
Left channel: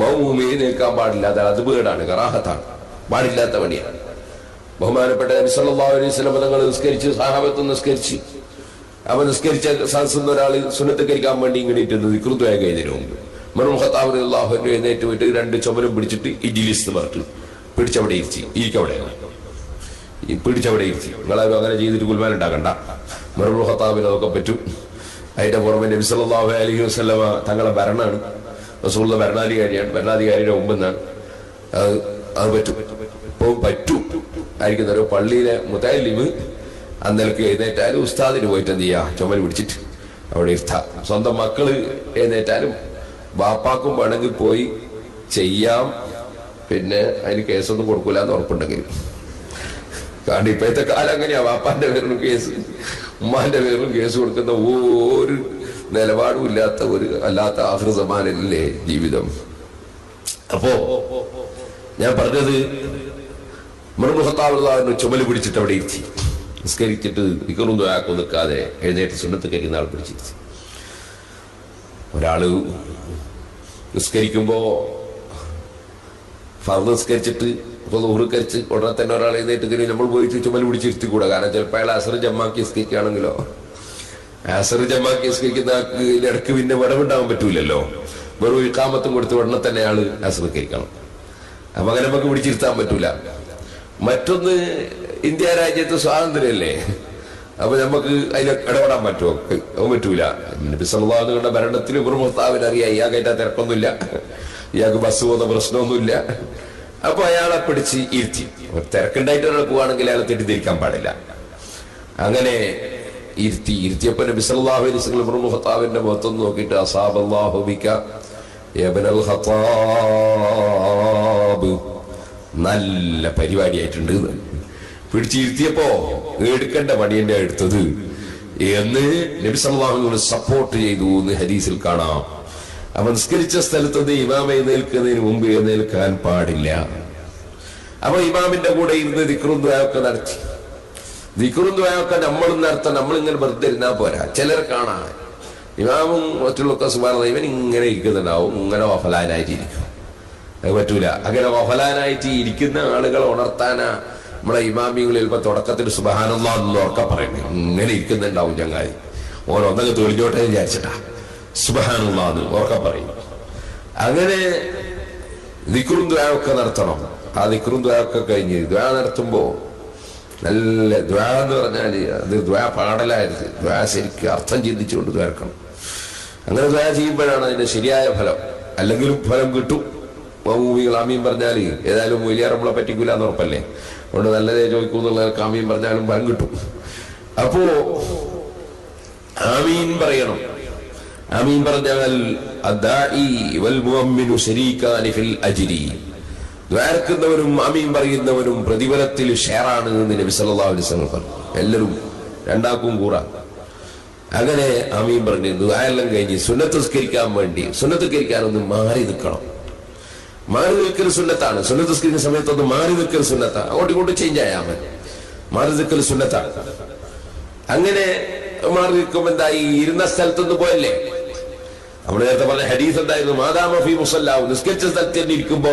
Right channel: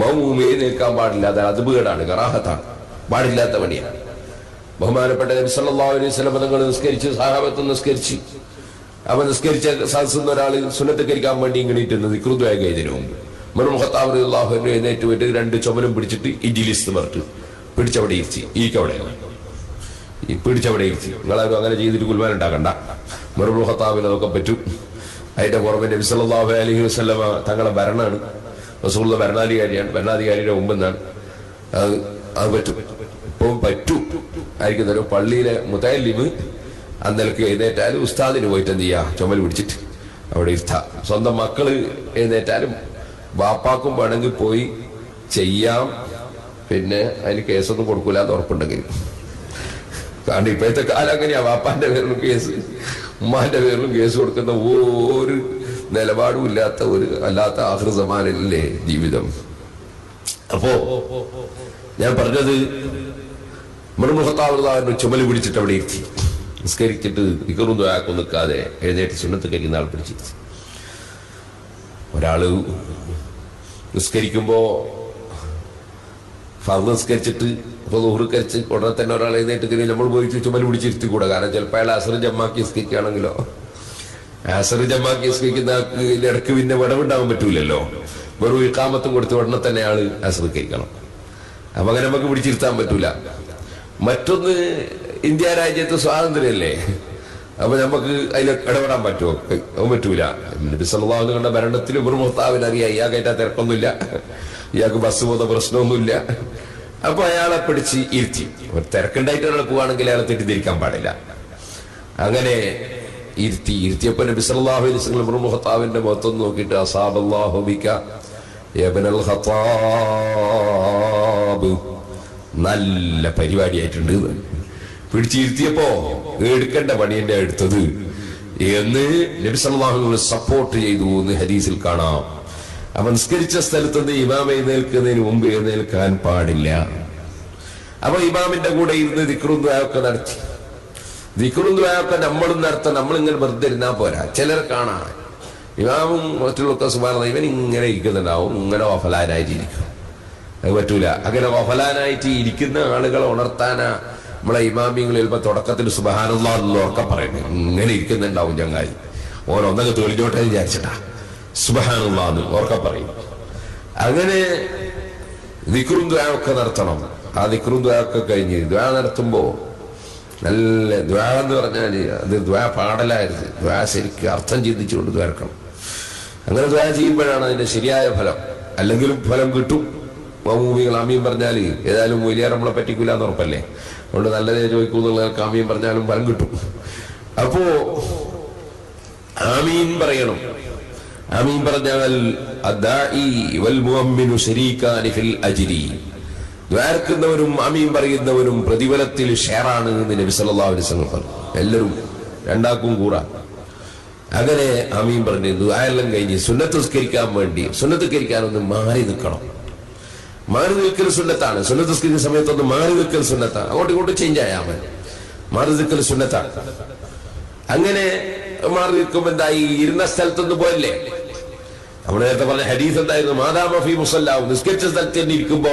മൗമൂം എഴുന്നേൽക്കാൻ പാടില്ല. അത് അതുപേടാണ്, കറാഹത്താണ്, പാടില്ലാത്ത പണിയാണ്. ബഹുമാനപ്പെട്ട നബി സല്ലല്ലാഹു അലൈഹി വസല്ലം തങ്ങൾ നിസ്കരിച്ച്, സഹാബത്ത് നിസ്കരിച്ച്, അവൻ നിസ്കരിച്ച സദസ്സിൽ ഒരാൾ സുന്നത്തകരിക്കാൻ വേണ്ടി ഇങ്ങനെയിട്ടുണ്ട് ദിക്റുദ്വായ കഴിഞ്ഞതിന് മുമ്പ് ഉമർ ഖത്താബ് റളിയല്ലാഹു അൻഹു എഴുന്നേറ്റ് പോയിട്ട് രണ്ട് ചുമലും പിടിച്ചിട്ട് ഇജ്ലിസ് പറഞ്ഞിട്ട് പിടിച്ചവിടെ ഇരുത്തി, ഈക്കവിടെയാണ് ഈ പിടിച്ചവിടെ ഇരുത്തി. നിങ്ങളാരും അങ്ങനെ ചെയ്തിട്ട് കുൽമാൻ ഉണ്ടാക്കണ്ട. ഉമർ ഖത്താബിന് അതൊക്കെ പറ്റും. അതിന്റെ പുറമെ നബി സല്ലല്ലാഹു അലൈഹി വസല്ലം തങ്ങളെ ഭരണമാണ്, റസൂലുള്ള ഭരണാധികാരിയാണ്, ഭരണാധികാരിയുടെ മുമ്പെന്നാണ്. അത് പറ്റും, ഇപ്പം പറ്റും ആയിരിക്കുന്ന ഒരു പള്ളിയിലെ മുതല്ലിമ് അന്നേക്ക് എഴുന്നേറ്റാലും ഉസ്താദിന് പോയിട്ട് എന്ത് ചെയ്യാ, ചുമൽ പിടിച്ചിട്ട് അവിടെ ഇരുത്താം. സ്വന്തം മക്കള് എഴുന്നേറ്റാലും വാപ്പാക്കും വേണമെങ്കിൽ പോയി ചെയ്യാം. പിന്നെ അതിന് കേസൊന്നും കൊടുക്കൂല എന്ന് ഉറപ്പുണ്ടെങ്കിൽ. കാരണം ഇപ്പോഴത്തെ കാലം അങ്ങനെയാ, വാപ്പാന്റെ പേരിലും കേസ്, ഉമ്മാന്റെ പേരിലും കേസ് കൊടുക്കുന്ന ഒരു നിലപാടും ഇല്ലാത്ത ഒരു അല്ലാത്ത ആഖിർ സമാനല്ലേ ജീവിതം. അപ്പോ ഞാൻ പറഞ്ഞത് ഉമർ ഖത്താബ് ചുമല് പിടിച്ചിട്ട് അവിടെ ഇരുത്തി, നിസ്കരിച്ചിട്ട് ദിക്റും ദുആക്കും നിൽക്കാതെ എഴുന്നേറ്റ് സുന്നത്ത് കഴിക്കുന്ന ആൾ പിടിച്ചിരുത്തി. ഒരാള് നിസ്കരിക്കുമ്പോ ഫർദ് നിസ്കരിച്ചിട്ട് ഇപ്പൊ ദുഹ്ർ കരിച്ച് ഉടനെ തന്നെ ഒരാൾ എഴുന്നേറ്റ് നമ്മൾ പോയിട്ട് ചുമല് പിടിച്ചിരുത്തിക്കൂടാ. കാരണം ചിലപ്പോൾ അയാൾ അസർ ജമാക്കി നിസ്കരിക്കുകയാണെങ്കിലോ, അസർ ജമാക്കി നിസ്കരിക്കുന്ന ആൾക്ക് ഇടയ്ക്ക് പിന്നെ വിടവുണ്ടാകാൻ പറ്റൂലല്ലോ. വെറും ഇഖാമത്തും കൊടുത്ത് ഉടനെ തന്നെ അയാൾ അസർ കരിക്കണം. അപ്പൊ അങ്ങനെ നമുക്ക് പിടിച്ചിരുത്താൻ പറ്റൂല. മറ്റൊന്ന്, ഇന്ത്യ രാജ്യത്ത് സ്വാതന്ത്ര്യമല്ലേ, അപ്പൊ നമുക്ക് അതിൽ ഇടപെടാൻ പറ്റുമോ? അത് പറ്റൂല. നബി സല്ലല്ലാഹു അലൈഹി വസല്ലം ഭരണത്തിൽ ഉമർ ഖത്താബിന് അറിയാം ഇയാൾക്കായിട്ട് തിരക്കൊന്നുമില്ല, ഇയാൾക്ക് ബസ് പോകുന്ന പ്രശ്നമൊന്നുമില്ല. അപ്പൊ അയാളെ പിടിച്ച് ഇരുത്തി. തിരക്കുണ്ടായിട്ട് ഒരാൾ പോവാണെങ്കിൽ അയാളെ തെറ്റിദ്ധരിക്കാൻ പാടില്ല. അങ്ങനെ ഇരുത്തിയപ്പോ നബി സല്ലല്ലാഹു അലൈഹി വസല്ലം ഉമർ ഖത്താബിന്റെ മുഖത്തൊന്ന് നോക്കിയിട്ട് അസാബല്ലാഹു ബിക യബ്നൽ ഖത്താബ്, നല്ല പരിപാടിയായിട്ടുണ്ട്. പിടിച്ചിരുത്തിയപ്പോ എടുക്കേണ്ട പണിയന്റെ എടുത്തത് എന്ന് നബി സല്ലല്ലാഹു അലൈഹി വസല്ലം സപ്പോർട്ട് ചെയ്തു എന്ന് ഹദീസിൽ കാണാം. അവൻ നിസ്കരിച്ച സ്ഥലത്ത് നിന്ന് ഇമാം എഴുന്നേൽക്കുന്നതിന് മുമ്പ് എഴുന്നേൽക്കാൻ പാടില്ല. അപ്പൊ ഇമാമിന്റെ കൂടെ ഇരുന്ന് ദിക്റും ദുആയൊക്കെ നടത്തി. ദിക്റും ദുആയൊക്കെ നമ്മളും നടത്താൻ, നമ്മളിങ്ങനെ വെറുതെ ഇരുന്നാ പോരാ. ചിലർ കാണാൻ ഇമാമും മറ്റുള്ളൊക്കെ സുബ്ഹാനല്ലാഹ് ഇവൻ ഇങ്ങനെ ഇരിക്കുന്നുണ്ടാവും, ഇങ്ങനെ വഫലാനായിട്ടിരിക്കും. അത് പറ്റൂല. അങ്ങനെ വഫലാനായിട്ട് ഇരിക്കുന്ന ആളുകളെ ഉണർത്താനാ നമ്മളെ ഇമാമിങ്ങൾ ചിലപ്പോ തുടക്കത്തിൽ സുബ്ഹാനല്ലാഹ് എന്ന് ഉറക്കെ പറയുന്നത്. ഇങ്ങനെ ഇരിക്കുന്നുണ്ടാവും ചങ്ങായി, ഓരോന്നൊക്കെ തെളിഞ്ഞോട്ടെ വിചാരിച്ചിട്ടാ സുബ്ഹാനല്ലാഹ് എന്ന് ഉറക്കെ പറയും. അങ്ങനെ ദിക്റും ദുആയൊക്കെ നടത്തണം. ആ ദിക്റും ദുആയൊക്കെ കഴിഞ്ഞ് ദുആ നടത്തുമ്പോ നല്ല ദുആ എന്ന് പറഞ്ഞാല് അത് ദുആ പാടലായിരുന്നു. ദുആ ശരിക്കും അർത്ഥം ചിന്തിച്ചുകൊണ്ട് ദുആക്കണം. അങ്ങനെ ദുആ ചെയ്യുമ്പോഴാണ് അതിന്റെ ശരിയായ ഫലം. അല്ലെങ്കിലും ഫലം കിട്ടും. മൗമൂമികൾ ആമീൻ പറഞ്ഞാല് ഏതായാലും വലിയ നമ്മളെ പറ്റിക്കൂല എന്ന് ഉറപ്പല്ലേ, അതുകൊണ്ട് നല്ലതേ ചോദിക്കൂ എന്നുള്ളവർക്ക് ആമീൻ പറഞ്ഞാലും ഫലം കിട്ടും. അപ്പോ ആമീൻ പറയണം. ആമീൻ പറഞ്ഞാൽ അദ്ദാഇ വൽ മുഅമ്മിനു ശരീകാനി ഫിൽ അജ്രി, ദ്വാരക്കുന്നവരും ആമീൻ പറയുന്നവരും പ്രതിഫലത്തിൽ ഷെയറാണ് എന്ന് നബി സല്ലല്ലാഹു അലൈഹി വസല്ലം പറഞ്ഞു. എല്ലാവരും രണ്ടാക്കും കൂടാ. അങ്ങനെ ആമീൻ പറഞ്ഞു ദുആയെല്ലാം കഴിഞ്ഞ് സുന്നത്ത് നിസ്കരിക്കാൻ വേണ്ടി, സുന്നത്ത് നിസ്കരിക്കാനൊന്ന് മാറി നിൽക്കണം. മാറി നിൽക്കൽ സുന്നത്താണ്. സുന്നത്ത് നിസ്കരിക്കുന്ന സമയത്തൊന്ന് മാറി നിൽക്കൽ സുന്നത്താണ്. അങ്ങോട്ടും ഇങ്ങോട്ടും ചേഞ്ച് ആയാൽ മതി. മാറി നിൽക്കൽ സുന്നത്താണ്. അങ്ങനെ മാറി നിൽക്കുമ്പോ എന്തായി, ഇരുന്ന സ്ഥലത്തൊന്ന് പോയല്ലേ. നമ്മൾ നേരത്തെ പറഞ്ഞ ഹദീസ് എന്തായിരുന്നു, മാദാമ ഫീ മുസല്ലാഹു, നിസ്കരിച്ച സ്ഥലത്ത് തന്നെ ഇരിക്കുമ്പോ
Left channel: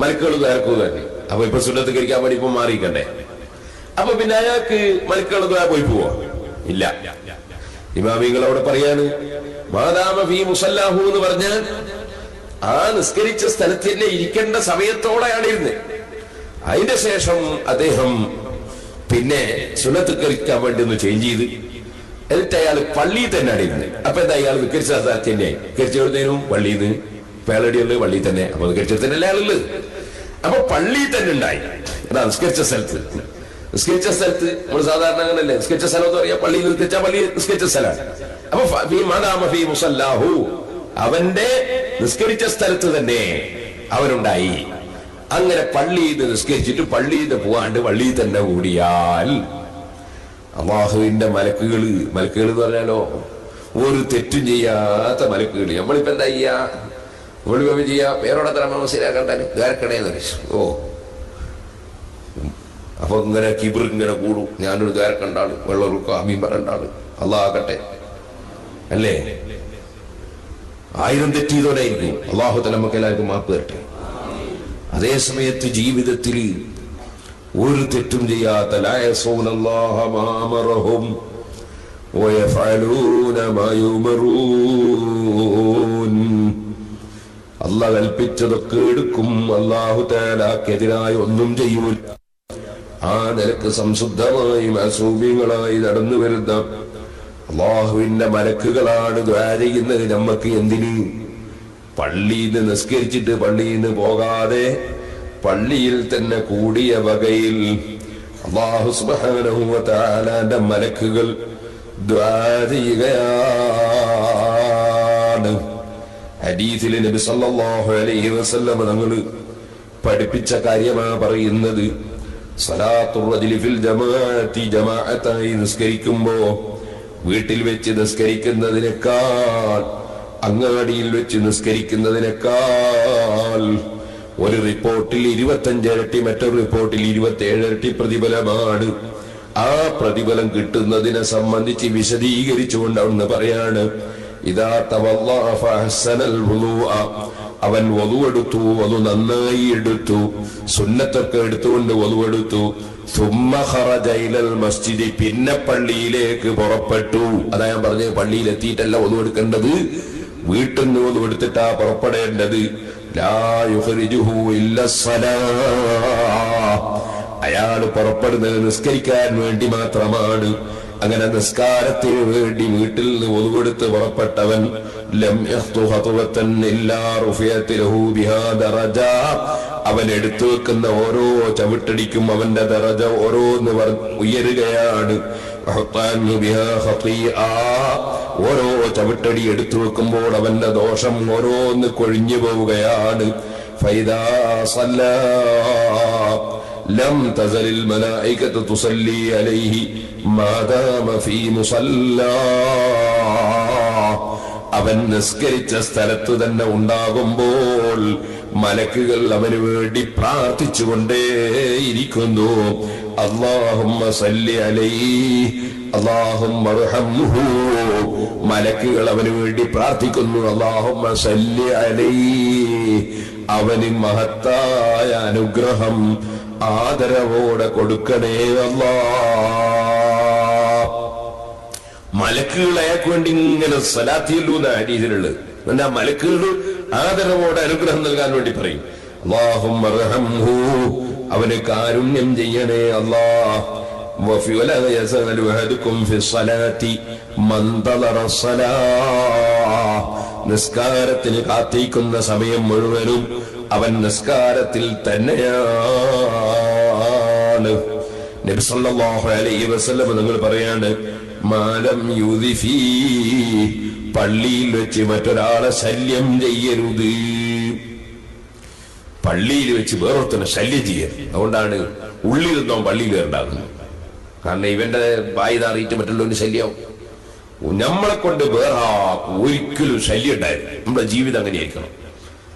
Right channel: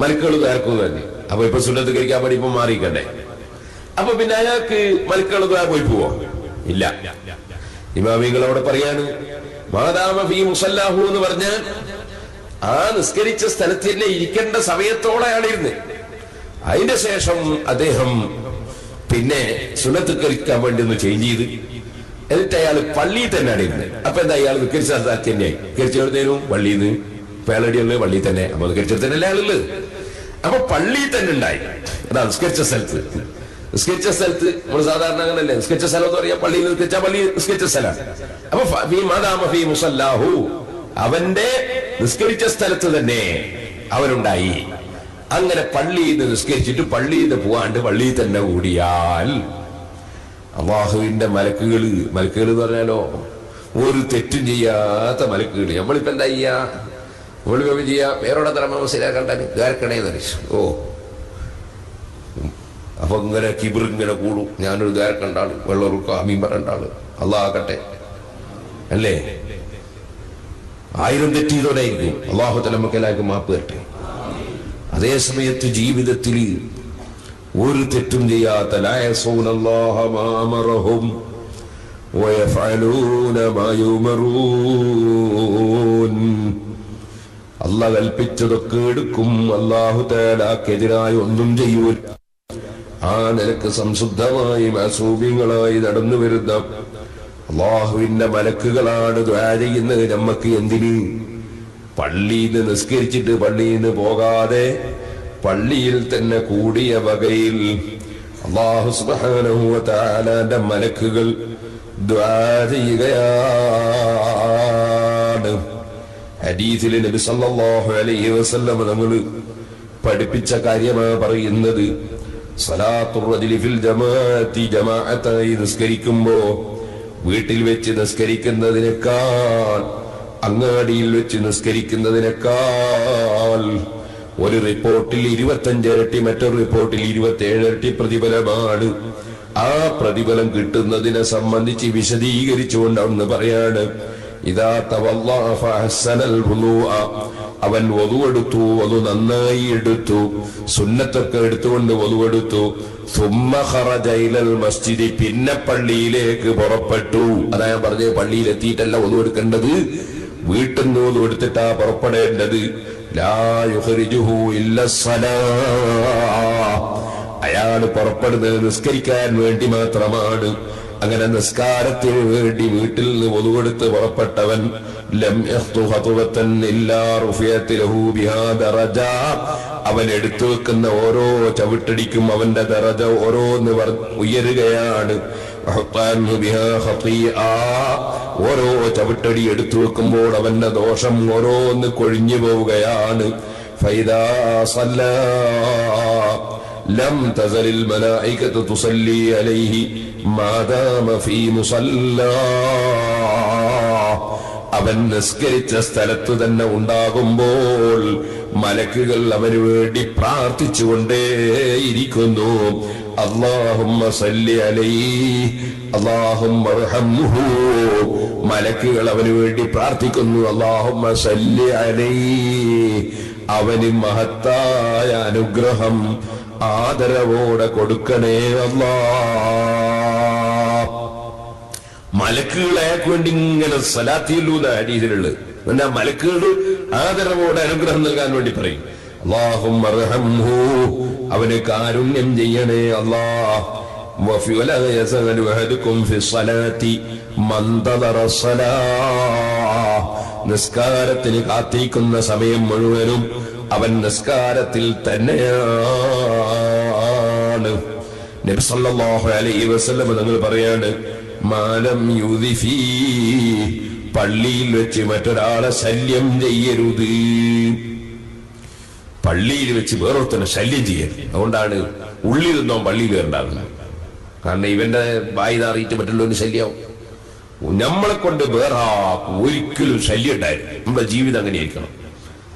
മലക്കുകൾ നേർക്കുക തന്നെ. അപ്പൊ ഇപ്പൊ സുന്നത്ത് കഴിക്കാൻ വേണ്ടി ഇപ്പൊ മാറിക്കണ്ടേ. അപ്പൊ പിന്നെ അയാൾക്ക് മലക്കുകൾ പോയി പോവോ? ഇല്ല. ഇമാമികൾ അവിടെ പറയാണ് മാദാമ ഫീ മുസല്ലാഹു എന്ന് പറഞ്ഞാൽ ആ നിസ്കരിച്ച സ്ഥലത്ത് തന്നെ ഇരിക്കേണ്ട സമയത്തോടെയാണ് ഇരുന്ന്. അതിന്റെ ശേഷം അദ്ദേഹം പിന്നെ സുന്നത്ത് കഴിക്കാൻ വേണ്ടി ഒന്ന് ചേഞ്ച് ചെയ്ത് എന്നിട്ട് അയാൾ പള്ളിയിൽ തന്നെയാണ് ഇരുന്നത്. അപ്പൊ എന്താ, അയാൾ നിസ്കരിച്ച സ്ഥലത്ത് തന്നെയായി. നിസ്കരിച്ചെഴുന്നേരും പള്ളിയിൽ നിന്ന് പേളടിയുള്ളത് പള്ളിയിൽ തന്നെ. അപ്പൊ നിസ്കരിച്ചത് തന്നെ അയാളുള്ളത്. അപ്പൊ പള്ളിയിൽ തന്നെ ഉണ്ടായി. അതാ നിസ്കരിച്ച സ്ഥലത്ത്. നിസ്കരിച്ച സ്ഥലത്ത് നമ്മൾ സാധാരണ അങ്ങനല്ലേ, നിസ്കരിച്ച സ്ഥലം എന്ന് പറയാ പള്ളിയിൽ നിസ്കരിച്ച പള്ളി നിസ്കരിച്ച സ്ഥലമാണ്. അപ്പൊ ഫീ മുസല്ലാഹു, അവന്റെ നിസ്കരിച്ച സ്ഥലത്ത് തന്നെ അവനുണ്ടായി. അങ്ങനെ പള്ളിയിൽ നിന്ന് നിസ്കരിച്ചിട്ട് പള്ളിയിൽ നിന്ന് പോവാണ്ട് പള്ളിയിൽ തന്നെ കൂടിയാൽ അള്ളാഹുവിന്റെ മലക്കുകൾ എന്ന് പറഞ്ഞാലോ ഒരു തെറ്റും ചെയ്യാത്ത മലക്കുകൾ. നമ്മളിപ്പോ എന്താ ചെയ്യാ, നമ്മളിപ്പോ ചെയ്യാ വേറോടെ തരമ മനസ്സിലാക്കണ്ടാൻ ദ്വാരക്കണേന്ന് വെച്ചു. ഓ അപ്പൊ ഇങ്ങനെ കിബിർ ഇങ്ങനെ കൂടും. ഞാനൊരു ദ്വാരക്കണ്ടാള്, വെള്ളറുക്ക അമീൻ പറണ്ടാള്, അള്ളാഹട്ടെ അല്ലേ. 1000 തെറ്റിയതോടായിരിക്കും. അള്ളാഹു തആല നമുക്ക് എല്ലാവർക്കും മാപ്പ് തരട്ടെ. അതേ സമയത്ത് ജീവിതത്തിൽ ഒരു തെറ്റും ചെയ്യാത്ത ലാ യസൂനല്ലാഹ മാ അമറഹും വയഫഅലൂന മാ യുമറൂൻ. അല്ലാഹു കൽപ്പിച്ചതൊക്കെ എടുക്കും. അല്ലാഹു തആലക്കെതിരായി ഒന്നും ചെയ്യൂല. ആ നിലക്ക് സംശുദ്ധമായി മഅസൂമികളായി നടന്നു വരുന്ന അള്ളാഹുവിന്റെ മലക്കുകളാണ് ദുആ ചെയ്യുന്നത്. നമ്മക്ക് എന്തിന്? പള്ളിയിൽ നിന്ന് നിസ്കരിച്ചിട്ട് പള്ളിയിൽ നിന്ന് പോകാതെ പള്ളിയിൽ തന്നെ കൂടിയ വകയിൽ അല്ലാഹു സുബ്ഹാനഹു വ തആലയുടെ മലക്കുകൾ ദുആ ചെയ്യുകയാണ്. ഹദീസിൽ നബി സല്ലല്ലാഹു അലൈഹി വസല്ലം തങ്ങൾ പഠിപ്പിച്ച കാര്യമാണ് പറയുന്നത്. സലാത്തുർ റജുലി ഫിൽ ജമാഅത്തി, ജമാഅത്തായി നിസ്കരിക്കുമ്പോ വീട്ടിൽ വെച്ച് നിസ്കരിക്കുന്നതിനേക്കാൾ അങ്ങാടിയിൽ വെച്ച് നിസ്കരിക്കുന്നതിനേക്കാൾ ഒരു റിപ്പോർട്ടിൽ 25 ഇരട്ടി, മറ്റൊരു റിപ്പോർട്ടിൽ 27 ഇരട്ടി പ്രതിഫലമാണ്. ആ പ്രതിഫലം കിട്ടുന്നതിനെ സംബന്ധിച്ച് വിശദീകരിച്ചുകൊണ്ട് അവിടുന്ന് പറയാണ്, ഇദാ തവല്ലഅ ഫഅഹ്സനൽ വുളൂഅ, അവൻ വദുവെടുത്തു, വദു നന്നായി എടുത്തു, സുന്നത്തൊക്കെ എടുത്തുകൊണ്ട് വദുവെടുത്തു, സുമ്മ ഖറജ ഇലൽ മസ്ജിദി, പിന്നെ പള്ളിയിലേക്ക് പുറപ്പെട്ടു. അതാ ഞാൻ പറഞ്ഞത്, പള്ളിയിലെത്തിയിട്ടല്ല വദുവെടുക്കേണ്ടത്, വീട്ടിൽ നിന്ന് വദുവെടുത്തിട്ടാ പുറപ്പെടേണ്ടത്. ലാ യുഖ്രിജുഹു ഇല്ലസ്സലാഹ്, അയാള് പുറപ്പെടുന്നത് നിസ്കരിക്കാൻ വേണ്ടി മാത്രമാണ്. അങ്ങനെ നിസ്കാരത്തിന് വേണ്ടി വീട്ടിൽ നിന്ന് വദുവെടുത്ത് പുറപ്പെട്ടവൻ ലം യഖ്തു ഖത്വതൻ ഇല്ലാ റുഫിയത ലഹു ബിഹാ ദറജ, അവൻ എടുത്തു വെക്കുന്ന ഓരോ ചവിട്ടടിക്കും അവന്റെ ദറജ ഓരോന്ന് ഉയരുകയാണ്. ബിഹാ ഖതിഅ, ഓരോ ചവിട്ടടി എടുത്തു വെക്കുമ്പോൾ അവന്റെ ദോഷം ഓരോന്ന് കൊഴിഞ്ഞു പോവുകയാണ്. ഫൈദാ സല്ലാ ലം തസലിൽ മലായികതു തുസല്ലി അലൈഹി മാദാമ ഫീ മുസല്ലാ, അവൻ നിസ്കരിച്ച സ്ഥലത്തു തന്നെ ഉണ്ടാകുമ്പോൾ മലക്കുകൾ അവന് വേണ്ടി പ്രാർത്ഥിച്ചുകൊണ്ടേയിരിക്കുന്നു. അല്ലാഹുമ്മ സല്ലി അലൈഹി അല്ലാഹുമ്മ അർഹംഹു, മലക്കുകൾ അവന് വേണ്ടി പ്രാർത്ഥിക്കുന്നു. അല്ലാഹുമ്മ സല്ലി അലൈഹി, അവന് മഹത്തായ അനുഗ്രഹം ആദരവോടെ കൊടുക്കണേ അല്ലാഹ്. മലക്കുകൾ അയാൾക്ക് വേണ്ടി ഇങ്ങനെ സലാത്തിയല്ലൂന്ന ഹദീസിലുള്ളത്. എന്നാ മലക്കുകൾ ആദരവോടെ അനുഗ്രഹം നൽകാൻ വേണ്ടി പറയും. അല്ലാഹുമ്മ അർഹംഹു, അവന് കാരുണ്യം ചെയ്യണേ അല്ലാഹ്. വലാ യസഅലു അഹദുകും ഫി സ്വലാത്തി മൻ തദറ സ്വലാഹ്, നിസ്കാരത്തിന് കാത്തിരിക്കുന്ന സമയം മുഴുവനും അവൻ നിസ്കാരത്തിൽ തന്നെയാണ്. നബി സല്ലല്ലാഹു അലൈഹി വസല്ലം തങ്ങൾ പറയാണ്, മാലം യുദിഫി, പള്ളിയിൽ വെച്ച് മറ്റൊരാളെ ശല്യം ചെയ്യരുത്. പള്ളിയിൽ വെച്ച് വേറൊരുത്തനെ ശല്യം ചെയ്യരുത്. അതുകൊണ്ടാണ് ഉള്ളിൽ നിന്നോ പള്ളിയിൽ കയറുണ്ടാകുന്നത്. കാരണം ഇവന്റെ വായി നാറിയിട്ട് മറ്റുള്ളവന് ശല്യമാവും. നമ്മളെ കൊണ്ട് വേറെ ഒരിക്കലും ശല്യം ഉണ്ടായിരുന്നു. നമ്മുടെ ജീവിതം അങ്ങനെയായിരിക്കണം.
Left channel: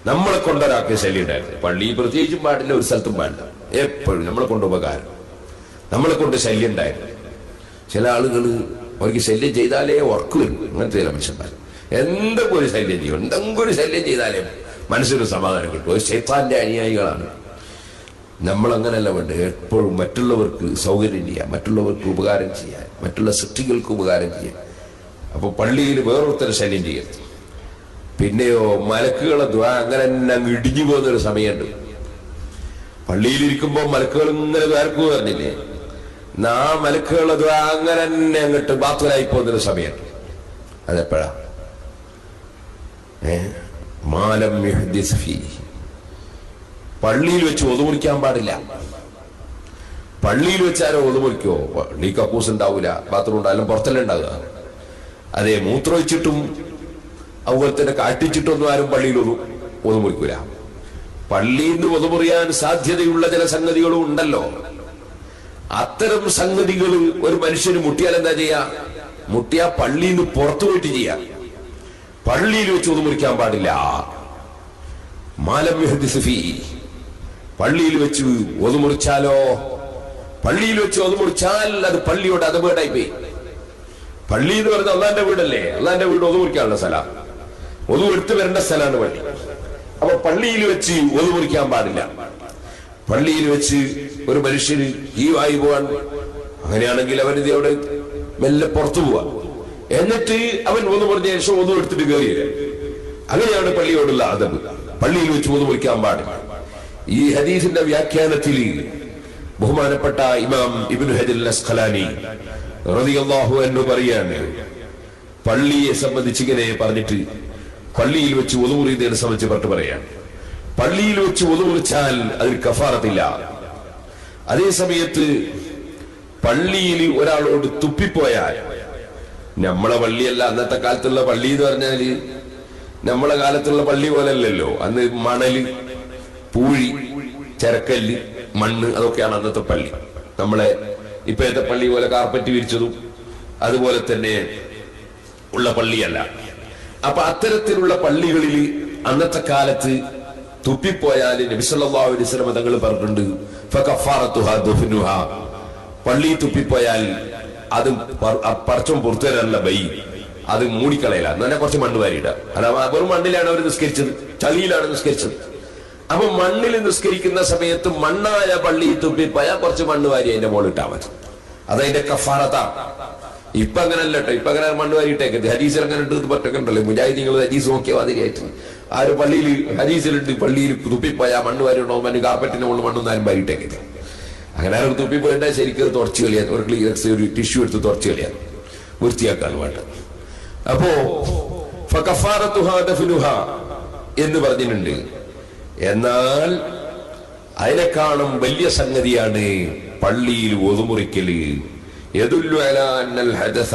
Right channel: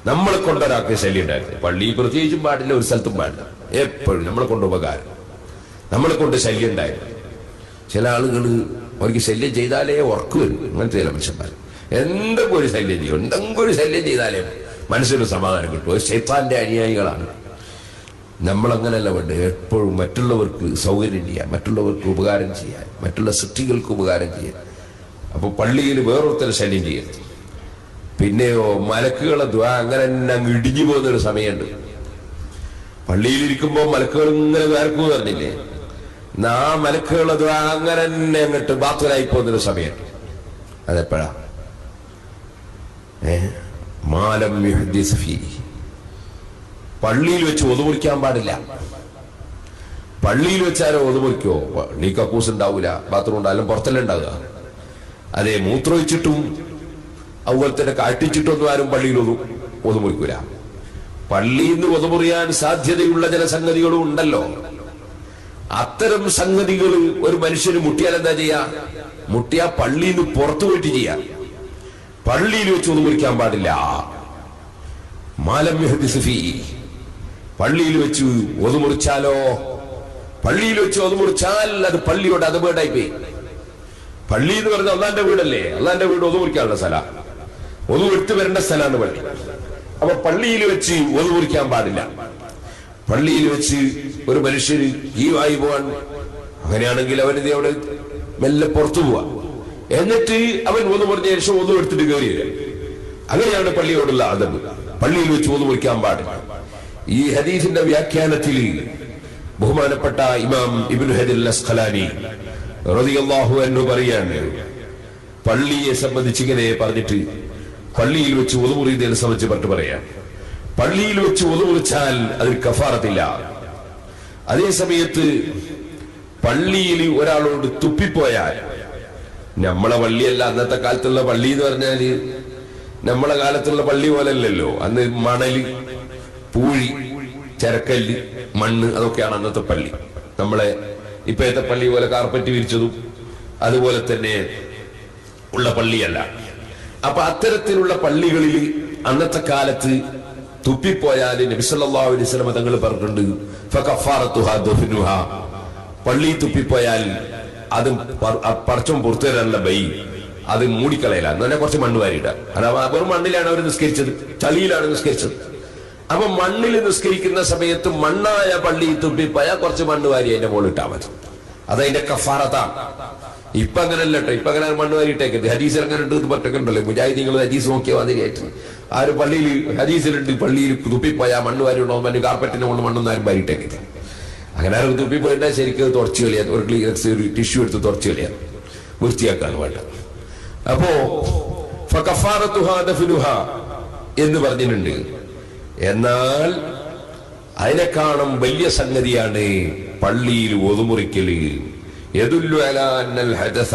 നമ്മളെ കൊണ്ട് ഒരാൾക്ക് ശല്യം ഉണ്ടായിരുന്നു. പള്ളി പ്രത്യേകിച്ചും പാടില്ല, ഒരു സ്ഥലത്തും പാടില്ല. എപ്പോഴും നമ്മളെ കൊണ്ട് ഉപകാരം, നമ്മളെ കൊണ്ട് ശല്യം ഉണ്ടായിരുന്നു. ചില ആളുകൾ അവർക്ക് ശല്യം ചെയ്താലേ ഉറക്കു വരും. അങ്ങനത്തെ ചില മനുഷ്യന്മാർ എന്തെങ്കിലും ഒരു ശല്യം ചെയ്യും, എന്തെങ്കിലും ഒരു ശല്യം ചെയ്താലേ മനസ്സിന് സമാധാനം കിട്ടും. ശൈത്താന്റെ അനുയായികളാണ്. നമ്മളങ്ങനല്ല വേണ്ടത്. എപ്പോഴും മറ്റുള്ളവർക്ക് സൗകര്യം ചെയ്യാൻ, മറ്റുള്ളവർക്ക് ഉപകാരം ചെയ്യാൻ, മറ്റുള്ള സൃഷ്ടികൾക്ക് ഉപകാരം ചെയ്യാൻ. അപ്പൊ പള്ളിയിൽ വേറൊരുത്തരെ ശല്യം ചെയ്യരുത്. പിന്നെയോ മലക്കുകളെ ദ്വാ അങ്ങനെ തന്നെ അങ്ങ് ഇടിഞ്ഞു പോകുന്നൊരു സമയമുണ്ട്. പള്ളിയിലിരിക്കുമ്പോ മലക്കുകൾ ഇങ്ങനെ വേർക്കും പറഞ്ഞില്ലേ, ആ മലക്കുകളെ ദ്വാ അങ്ങനെ തന്നെ അങ്ങോട്ട് ബാത്തുലായി പോകുന്നൊരു സമയമുണ്ട്. അതെപ്പോഴാ? മാലം യുഹ്ദിസ് ഫീഹി, പള്ളിയിൽ വെച്ച് ഒതുമുറിക്കാൻ പാടില്ല. പള്ളിയിൽ വെച്ചാരോ ഒതുമുറിക്കോ, നീ കക്കൂസ് ഉണ്ടാവൂല, ബാത്റൂം ഉണ്ടായാലും പുറത്തല്ലേ ഉണ്ടാവുക. അതെ, മൂത്രമൊഴിച്ചിട്ടും അതുപോലെ തന്നെ കാട്ടിച്ചിട്ടൊന്നും ആരും പള്ളിയിൽ ഒതുമുറിക്കൂല. പള്ളിയിൽ നിന്ന് ഒതുമുറിയാൻ സാധ്യതയുള്ള ചില സംഗതികളും ഉണ്ടല്ലോ. അത്തരം സംഗതികൾ ഒരു മനുഷ്യന് മുട്ടിയാൽ എന്താ ചെയ്യാ? മുട്ടിയാ പള്ളിയിൽ നിന്ന് പുറത്തു പോയിട്ട് ചെയ്യാം. പള്ളിയിൽ വെച്ച് ഒതു മുറിക്കാൻ പാടില്ല. മാലം യഹ്ദിസ് പള്ളിയിൽ വെച്ച് ഒതു മുറിച്ചാലോ? പള്ളിയിൽ വെച്ച് ഒതു മുറിച്ചാൽ അത് പള്ളിയോട് അതപേടായി പോയി. പള്ളി എന്ന് പറഞ്ഞാൽ അള്ളാന്റെ വീടല്ലേ? അള്ളാന്റെ വീട് ഒതു മുറിക്കാനുള്ള സ്ഥലം, ഒതു എടുത്തു വരേണ്ട സ്ഥലമാണ് പള്ളി. അപ്പൊ പള്ളിയിൽ വെച്ച് ഒതു മുറിക്കാൻ പാടില്ല. പള്ളിയിൽ വെച്ച് ഒരു മനുഷ്യന് ഈ വായി പോവാൻ, അങ്ങനെയാണെങ്കിൽ അവനിത് അവിടെ മെല്ലെ പുറത്തു പോവാ, എന്നിട്ട് അവൻ ഒതു മുറിഞ്ഞ ശേഷം ഒതു എടുത്തിട്ട് കയറി വരിക. അങ്ങനെയാണ് പള്ളിയോടുള്ള അതബ്. പള്ളിയിൽ വെച്ച് ഒതു മുറിക്കാൻ പാടില്ല. ഈ ഹദീസിന്റെ വ്യാഖ്യാനത്തിൽ ബഹുമാനപ്പെട്ട ഇമാം ഇബ്നു ഹജർ അസ്ഖലാനി റളിയല്ലാഹു അൻഹു പറയാണ്, പള്ളിയെ സംബന്ധിച്ച് ഇങ്ങനെ പറഞ്ഞിട്ട് പള്ളിയിൽ വെച്ച് ഒതു മുറിയുന്നതിനെ സംബന്ധിച്ച് പറഞ്ഞിട്ട് പറയാം, പള്ളിയിൽ വെച്ച് ഒതു മുറിച്ചാൽ അതിൽ കഫാറത്തില്ല. അതേ സമയത്ത് പള്ളിയിൽ ഒരാളോട് തുപ്പിപ്പോയാൽ, നമ്മളെ പള്ളിയല്ല അന്നത്തെ കാലത്തുള്ള പള്ളി എന്ന് പറഞ്ഞാല് നമ്മളെ കാലത്തുള്ള പള്ളി പോലല്ലല്ലോ. അന്ന് മണല്, പൂഴി, ചരക്കല്ല്, മണ്ണ്, അതൊക്കെയാണ് അന്നത്തെ പള്ളി. നമ്മളെ ഇപ്പോഴത്തെ പള്ളി പോലെ കാർപ്പറ്റ് വിരിച്ചതും അതുപോലെ തന്നെ ഉള്ള പള്ളിയല്ല. അപ്പൊ അത്തരത്തിലുള്ള പള്ളികളിൽ അന്നത്തെ കാലത്ത് തുപ്പിപ്പോയാൽ നബി സല്ലല്ലാഹു അലൈഹി വസല്ലം തങ്ങൾ പറഞ്ഞിട്ടുണ്ട്, ഫകഫാറത്തുഹാ ദഫ്നുഹാ, പള്ളി തുപ്പിപ്പോയാൽ അത് പടച്ചോൻ പുറത്തു തരാനുള്ള ബൈ അത് മൂടിക്കളയില്ല, എന്നാൽ കുറച്ച് മണ്ണ് വാരിയിടുക. അഥവാ വെറും മണ്ണിലാണ് അവർ നിസ്കരിച്ചത്, ചളിയിലാണ് നിസ്കരിച്ചത്. അപ്പൊ മണ്ണിൽ നിസ്കരിക്കുന്ന സമയത്ത് മണ്ണായ പള്ളി തുപ്പിപ്പോയാൽ കുറച്ച് മണ്ണ് വാരി അതിന്റെ മുകളിൽ ഇട്ടാൽ മതി. അതതിന്റെ കഫാറത്താണ്. ഇപ്പൊ അങ്ങനല്ല കേട്ടോ. ഇപ്പൊ അങ്ങനെ മണ്ണ് വാരിയിട്ടേക്കത്. ഹദീസിൽ അങ്ങനെ ഉണ്ട് പറഞ്ഞിട്ടുണ്ടല്ലോ. മുജാഹിദീങ്ങൾ ഹദീസ് നോക്കിയാൽ മാതിരിയായിട്ട് ആ ഒരു പള്ളിയിൽ ഹദീസിലുണ്ട്, പള്ളിയിൽ തുപ്പിപ്പോയാ മണ്ണ് വാരി ഉണ്ടോ, മണ്ണ് കാർപ്പറ്റിന്റെ മുകളിൽ മണ്ണൊന്നും ആരും വാരിയിട്ടേക്കത്. അങ്ങനെ ആരും തുപ്പിപ്പോയിട്ടാ ശരിക്കും തുറച്ചു കളിയാൻ, ഒരു ക്ലീനർസ് ഒരു ടിഷ്യൂ എടുത്ത് തുറച്ചു കളിയാൻ, വൃത്തിയാക്കാൻ വേണ്ട. അപ്പോ ഫകഫാറത്തുഹാ ദഫ്നുഹാ എന്ന് പറഞ്ഞിട്ടുണ്ട്. എന്നാൽ അതിനെക്കാളും വലിയ സംഗതിയാണ് പള്ളിയിൽ ഒതുമുറിക്കല്. യദുല്ലു അലാ അന്നൽ ഹദസ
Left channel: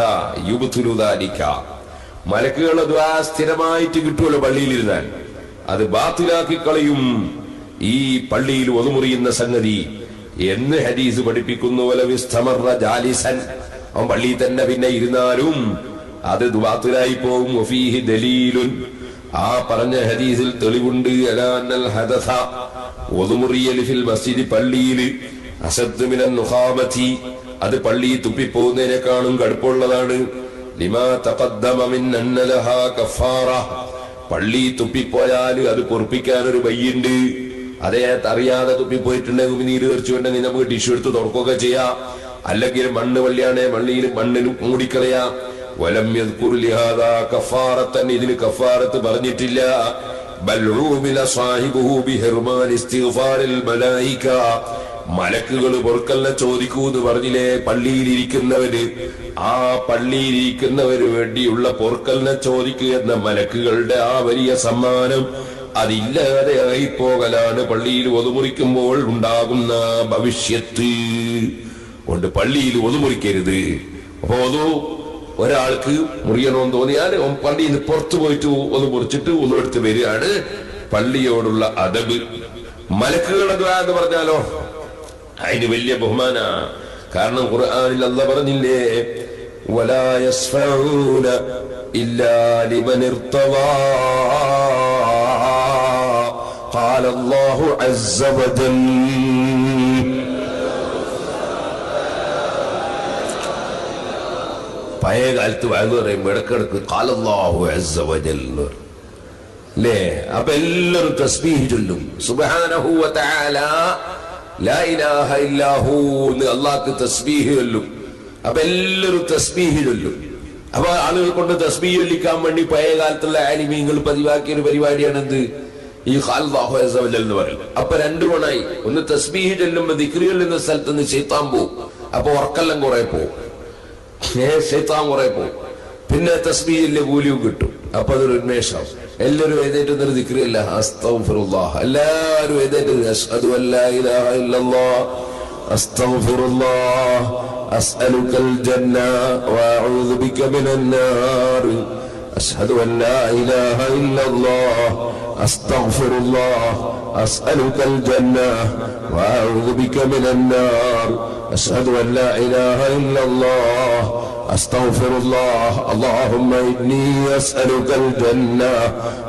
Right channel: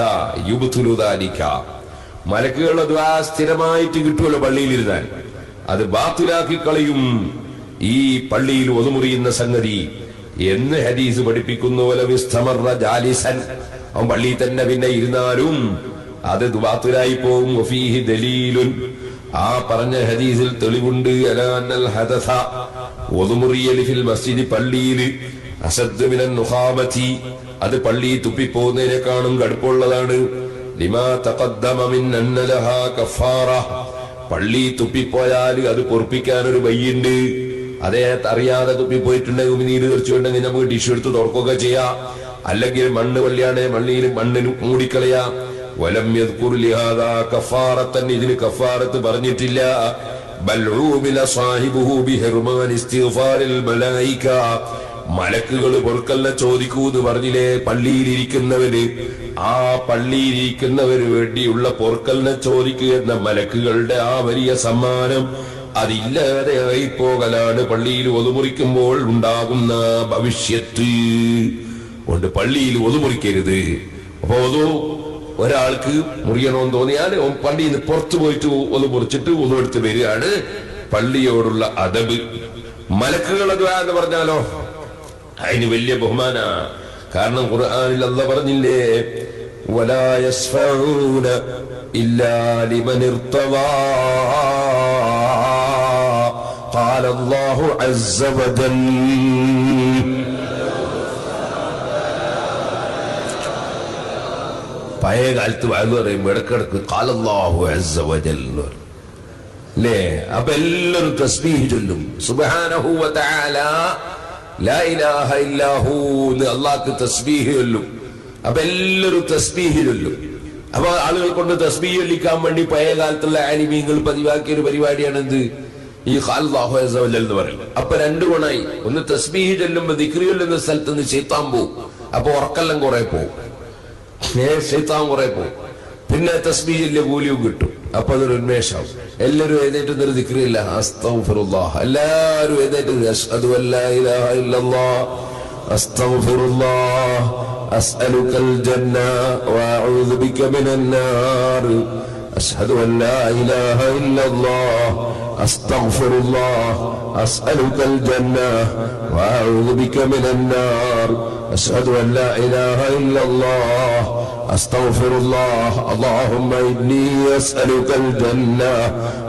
യുബ്തിലു ദാലിക, മലക്കുകളുടെ ദുആ സ്ഥിരമായിട്ട് കിട്ടുമല്ലോ പള്ളിയിൽ ഇരുന്നാൽ, അത് ബാത്തിലാക്കി കളയും ഈ പള്ളിയിൽ ഒതുമുറിയുന്ന സംഗതി എന്ന് ഹദീസ് പഠിപ്പിക്കുന്നു. വലവിസ്തമറ ജാലിസൻ, അവൻ പള്ളിയിൽ തന്നെ പിന്നെ ഇരുന്നാലും അത് ബാത്തിലായി പോകും. വഫീഹി ദലീലുൻ, ആ പറഞ്ഞ ഹദീസിൽ തെളിവുണ്ട്. അലാ അന്നൽ ഹദസ, ഒതുമുറിയൽ ഫിൽ മസ്ജിദ്, പള്ളിയിൽ അസദ് മിനൻ നുഖാമതി, അത് പള്ളി തുപ്പിപ്പോകുന്നതിനേക്കാളും കടുപ്പമുള്ളതാണ്. ലിമാ തഖദ്ദമ മിൻ അന്ന ലഹാ കഫാറ, പള്ളി തുപ്പിപ്പോയാൽ അത് പൊറുപ്പിക്കാൻ ഒരു വഴിയുണ്ട്. അതേ അറിയാതെ തുപ്പിപ്പോയിട്ടുണ്ടെങ്കിൽ നീര് തെറിച്ചുണ്ടെങ്കിൽ നമുക്ക് ടിഷ്യൂ എടുത്ത് തുറക്കുകയൊക്കെ ചെയ്യാം. അല്ലെങ്കിൽ മണ്ണ് പള്ളിയാണെ മണ്ണിൽ മണ്ണിന് മൂടിക്കളയാം. വലം യദ്കുർ ലിഹാദാ കഫാറത്തൻ, ഇതിന് കഫാറത്ത് പറഞ്ഞിട്ടില്ല. ബൽ ഉമില സാഹിബുഹു ബിഹിർമാൻ ഇസ്തിഗ്ഫാരിൽ മലായിക, മലക്കുകൾ പൊറുക്കലിനെ ചോദിക്കൂ എന്ന് പറഞ്ഞില്ലേ. പള്ളിയിലിരിക്കുന്നവര്, ആ പള്ളിയിലിരിക്കുന്നവര് വേണ്ടിയുള്ള പൊറുക്കലിനെ ചോദിക്കുക എന്ന മലക്കുകളുടെ ആ വലിയ സമ്മാനം അതില്ലാതെ ആയിപ്പോകലാണ് പള്ളിയിൽ ഒതുമുറിക്കുമ്പോൾ ഉണ്ടാകുന്ന ഭവിഷ്യത്ത്. കൊണ്ട് പള്ളിയിൽ ഒതുമുറിക്കരുത്. അപ്പൊ ഒരാൾക്ക് മുറിയണമെന്ന് തോന്നിയാൽ പള്ളിയിൽ നിന്ന് പുറത്തു പോയിട്ട് ഒന്ന് മുറിച്ചിട്ട് ഒന്നും എടുത്ത് വരികയാണ് പള്ളിയോടുള്ള അദബ്. മലക്കുകളുടെ ദുആ എന്ന് പറഞ്ഞാലോ അതിന് വലിയ ബഹുമാന. കാരണം ഖുർആനിൽ അല്ലാഹ് പറഞ്ഞില്ലേ, വലാ യസ്ഫഊന ഇല്ലാ ലിമൻ ഇർതവാ, ഖാല അല്ലാഹു അസ്സ വജൽ. പഴയ കാലത്ത് വഅദ് പറയുമ്പോൾ ഇടക്കിടക്ക് ഖാല അല്ലാഹു അസ്സ വജൽ അല്ലേ. അപ്പൊ എല്ലാവരും തസ്ബീഹ് ചൊല്ലും, സുബ്ഹാനഹു വ തആല ലാ ഇലാഹ ഇല്ലാഹു എന്ന് അല്ലാഹുക്ക് തസ്ബീഹ് ചൊല്ലും. അപ്പൊ എല്ലാവരും തസ്ബീഹ് ചൊല്ലും. അപ്പൊ ആളുകൾ കൊണ്ട് തസ്ബീഹ് ചൊല്ലിക്കാൻ വേണ്ടി പഴയ കാലത്തുള്ള ആലിമീങ്ങൾ പതിവാക്കിയ ഒരു പരിപാടിയാണ് എന്ത്, ഈ അല്ലാഹു അസ്സ വജൽ എന്ന് പറയും. അപ്പൊ രണ്ടു ഗുണായി. ഒന്ന് തസ്ബീഹ് ചൊല്ലുമ്പോ ദിക്ർ ചൊല്ലുന്ന സ്ഥലത്ത് നിന്ന് ശൈത്താൻ പോവും. അപ്പൊ ഉറക്കെല്ലാം കുറെ പോവും, ശൈത്താൻ കുറെ പോവും. പിന്നെ തസ്ബീഹിന്റെ കൂലിയും കിട്ടും. അപ്പൊ അതൊരു ഉന്മേഷം. എല്ലാവരും എഴുന്നേറ്റ് ദിക്റില്ല, അസ്തഗ്ഫിറുല്ലാഹ്. എല്ലാവരും എഴുന്നേറ്റ് അശ്ഹദു അല്ലാ ഇലാഹ ഇല്ലല്ലാഹ് അസ്തഗ്ഫിറുല്ലാഹ് അസ്അലുകൽ ജന്ന വഅഊദു ബിക മിനൻ നാർ അശ്ഹദു അല്ലാ ഇലാഹ ഇല്ലല്ലാഹ് അസ്തഗ്ഫിറുല്ലാഹ് അസ്അലുകൽ ജന്ന വഅഊദു ബിക മിനൻ നാർ أشهد أن لا إله إلا الله أستغفر الله اللهم إني أسألك الجنة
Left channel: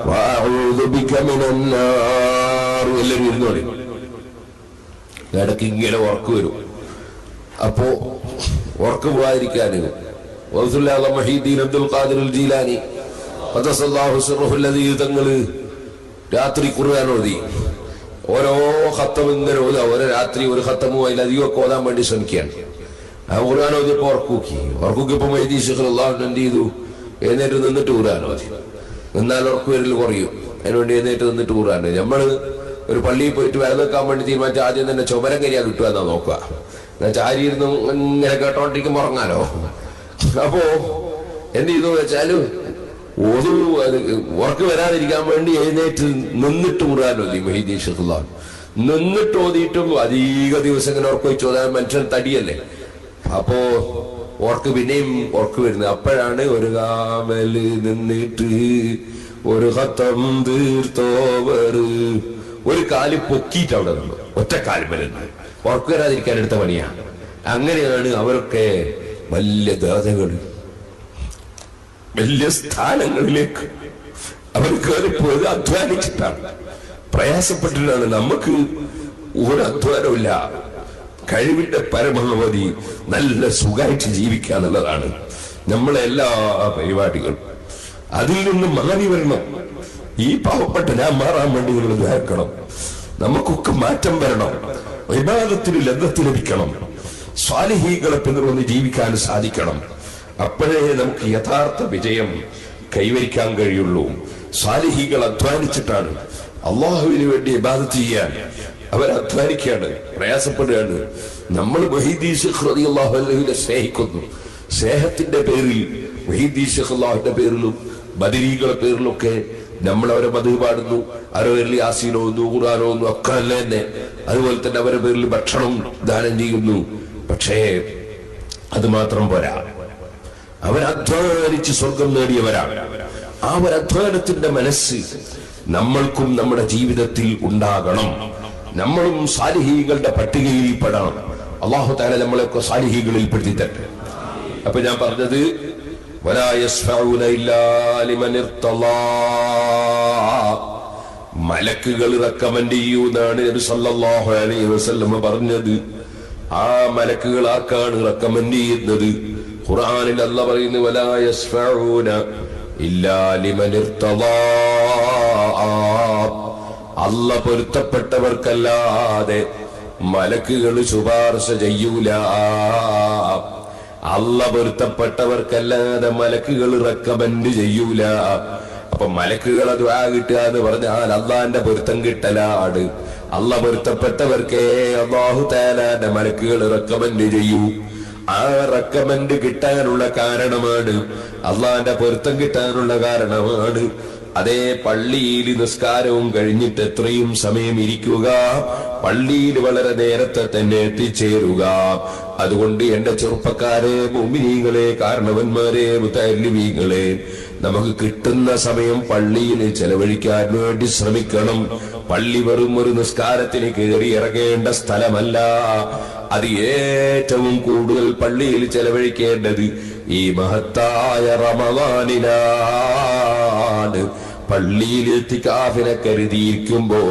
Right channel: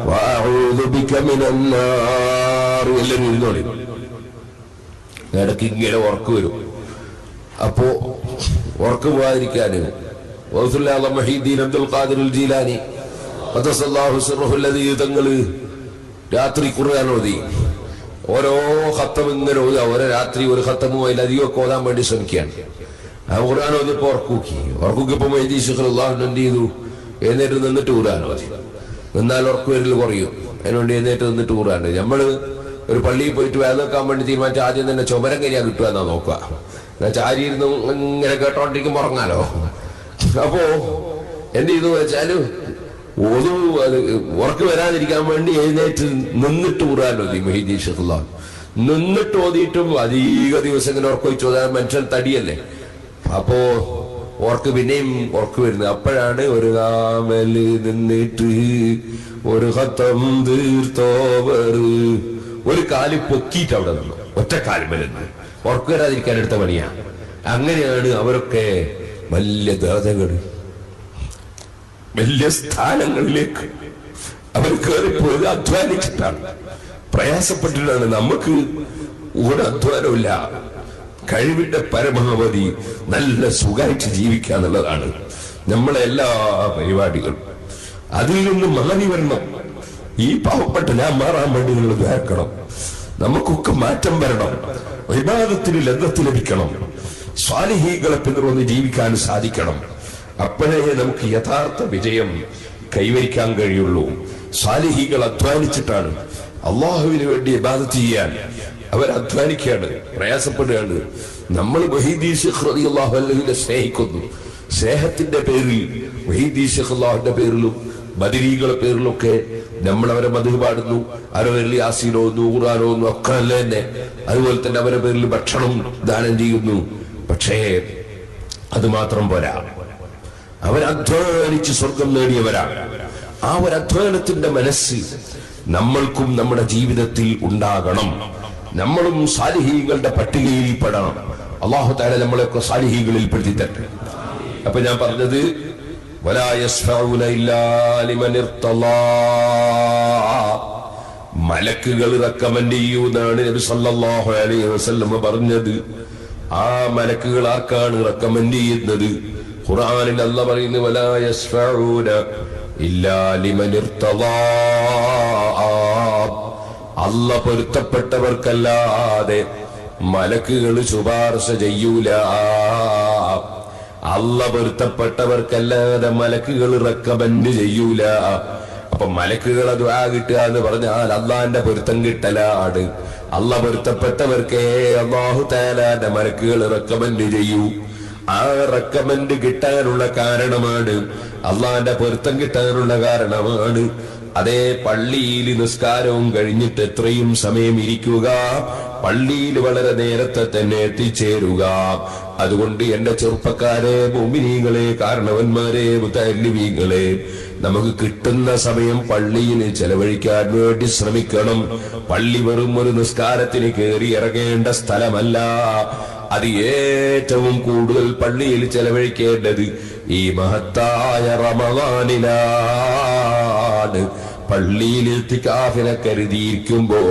وأعوذ بك من النار. എല്ലാവരും ഇരുന്നോളി. ഇടയ്ക്ക് ഇങ്ങനെ ഉറക്കം വരും. അപ്പോ ഉറക്കം പോകാതിരിക്കാന് മഹീദ്ദീൻ അബ്ദുൽ ഖാദിർ ജീലാനി ഖദ്ദസല്ലാഹു സിർറഹുൽ അദീദ് തങ്ങള് രാത്രി ഖുർആൻ ഓതി. ഓരോ ഖത്തം ഇങ്ങനെ ഓതുക. ഓരോ രാത്രി ഒരു ഖത്തമോ അതിലധികമൊക്കെ ഓതാൻ വേണ്ടി ശ്രമിക്കുകയാണ്. ആ ഖുർആൻ ഓതിയപ്പോ ഉറക്കൂക്കിയപ്പോ മഹീദ്ദീൻ ശൈഖ് അല്ലാഹു എന്ത് ചെയ്തു? എഴുന്നേറ്റ് നിന്നിട്ട് ഖുർആൻ ഓതി. എന്നാൽ ഉറക്കു വരൽ കുറയും. അതിനുവേണ്ടി എഴുന്നേറ്റ് നിന്നിട്ട് ഖുർആൻ. നമ്മള് ഒരു പള്ളിയിൽ പോയിട്ട് വേറെ നിൽക്കാൻ വേണ്ടി തീരുമാനിച്ച ആദ്യം തന്നെ ചുമരം കരിയാ കിട്ടുക എന്നാ നോക്കുക. എന്നാൽ ചാരിയിരുന്ന് ഇങ്ങനെ കേട്ടോണ്ടിരിക്കുമ്പോ ഉറങ്ങാലോ. അപ്പോ എന്ത് ചെയ്തു വെച്ചാല് ഉറക്ക് വരാതിരിക്കാൻ വേണ്ടി എഴുന്നേറ്റ് നിന്നിട്ട് ഖുർആൻ ഓതി മഹീദ്ദീൻ ശൈഖ് അല്ലാഹു. നിന്നിട്ട് ഓതിയിട്ടും അധിക ദിവസം ഇങ്ങനെ ഉറക്കൊഴിച്ചു ഓതാൻ മനുഷ്യൻ തടിയല്ലേ. അപ്പോ ഉറക്ക് പിന്നെയും ഉറക്ക് വരുന്നത്. അപ്പോഴാണ് ഒരു കാമല് നിന്നിട്ട് ഒരു ഖത്തം തീർത്തോവർ ഒരു കാല് പൊക്കിയിട്ട് അവിടെ നിന്നു. ഒറ്റക്കാലിമലെന്ന് ഉറക്ക് വരാതിരിക്കാൻ എടുത്ത പണിയാ. അങ്ങനെയാണ് അവരൊക്കെ വലിയ ദേവതകൾ, വലിയ സ്ഥാനങ്ങളിലേക്ക് അവർ കയറിപ്പോയത് അധ്വാനിച്ചിട്ടാണ്, പ്രയാസപ്പെട്ടിട്ടാണ്. നമുക്ക് ഒരു അധ്വാനമില്ല. കഴിവിന്റെ പരമാവധി നല്ല സുഖമായിട്ട് ജീവിക്കുക എന്നുള്ളതാണ് നമ്മളെ എല്ലാ പരിപാടികളും. അതിൽ നിന്ന് മാറി വരണം. ഈ പാവപ്പെട്ട ഞാൻ മാറാൻ വേണ്ടി നിങ്ങൾ ദ്വാരക്കണം. നമുക്കൊക്കെ മാറ്റം വരണം. ഇബാദത്തിന് ലദ്ദത്ത് ലഭിക്കണം. സ്വാലിഹീകളെ പിന്തുടർന്ന് ജീവിക്കാൻ സാധിക്കണം. അപ്പോഴേ നമുക്ക് യഥാർത്ഥ വിജയം കൈവരിക്കാൻ കഴിയുള്ളൂ. സ്വാലിഹീകൾ അധ്വാനിച്ചിട്ടാണ് അള്ളാഹുവിന് വേണ്ടി ഇബാദത്ത് ചെയ്യാൻ അവർ അധ്വാനിക്കുകയാണ്, പ്രയാസപ്പെടുകയാണ്. നമ്മൾ മഹീദ്ദീൻ ശൈഖ് റളിയല്ലാഹു അൻഹുവിനെ സ്നേഹിക്കുന്നു. സ്നേഹത്തിന്റെ പേരിൽ മഹീദ്ദീൻ ശൈഖ് അല്ലാഹുവിന്റെ പേരിലും ബദരീകളുടെ പേരിലൊക്കെ നമ്മൾ അവരെ മദ്ഹ് പാടുന്നു. അവരുടെ പേരിൽ യാസീനോന്നു ഖുർആനോന്നു ഒക്കെ അല്ല തന്നെ. അതുപോലെ തന്നെ അവരുടെ പേരിൽ ഭക്ഷണം ദാനം ചെയ്യുന്നു. പക്ഷേ അത് മാത്രം പോരാ. അവരധ്വാനിച്ച് സ്വർഗം നേടിയവരാണ്. ആ ഒരു അധ്വാനത്തിന്റെ മനസ്സ് നമ്മൾക്കും നമ്മുടെ ജീവിതത്തിൽ ഉണ്ടാകണം. നമ്മളും സാലിഹീകളുടെ പട്ടികയിൽ പെടണം. അല്ലാഹു തആല നമ്മളെയൊക്കെ സാലിഹീകളിൽ പെടുത്തി തരട്ടെ. അപ്പൊ ഞാൻ പറഞ്ഞത് വലാ യസ്ഫഊന ഇല്ലാ ലിമൻ ഇർതളാ, മലക്കുകൾ റെക്കമെൻഡ് ചെയ്യുന്നതാണ് നബി സല്ലല്ലാഹു അലൈഹി വസല്ലം പറഞ്ഞത്. ആ മലക്കുകൾ ആർക്കാണ് റെക്കമെൻഡ് ചെയ്യുന്നത്? ഖുർആനിൽ അല്ലാഹ് പറയുന്നു വലാ യസ്ഫഊന ഇല്ലാ ലിമൻ ഇർതളാ, അല്ലാഹ് പൊരുത്തപ്പെട്ടവർക്കല്ലാതെ മലക്കുകൾ ശുപാർശ ചെയ്യൂല. അല്ലാഹ് പൊരുത്തപ്പെട്ടവർക്കല്ലാതെ മലക്കുകൾ റെക്കമെൻഡ് ചെയ്യൂല. അപ്പൊ മലക്കുകളെ ദുആ കിട്ടുക എന്ന് പറഞ്ഞാൽ അള്ളാന്റെ പൊരുത്തം കിട്ടലാണ്. അല്ലാഹ് പൊരുത്തപ്പെട്ടവർക്കേ അല്ലാഹു തആലയുടെ മലക്കുകൾ റെക്കമെൻഡ് ചെയ്യൂ. ആ റെക്കമെൻഡ് കിട്ടാനുള്ള കാരണമാണ്, അള്ളാന്റെ പൊരുത്തം കിട്ടാനുള്ള കാരണമാണ് അതേ പള്ളിയിൽ നിസ്കാരവും കഴിഞ്ഞിട്ട് എത്രയും സമയം ഇരിക്കുക, പള്ളിയിൽ വളരെ നേരത്തെ തന്നെ എത്തിച്ചേരുക. അതുകൊണ്ട് എന്റെ ചെറുപ്പക്കാരെ, മുഅ്മിനീങ്ങളെ, കാരണവന്മാരെ, മുതഅല്ലിമീങ്ങളെ, നമുക്ക് കിട്ടുന്ന സമയം പള്ളിയിൽ ചെലവഴിക്കാൻ വേണ്ടി ശ്രമിക്കണം. പള്ളി വെറും ഒരു നിസ്കാരത്തിന് കയറി ഇറങ്ങേണ്ട സ്ഥലമല്ല. അത് ഏറ്റവും കൂടുതൽ പള്ളിയിൽ ചെലവഴിക്കേണ്ടത് ഈ മഹത്തായ റമളാനിലാണ്. പള്ളിയിൽ ഇത്തികാഫിനെ കരുതിയിരിക്കുമ്പോ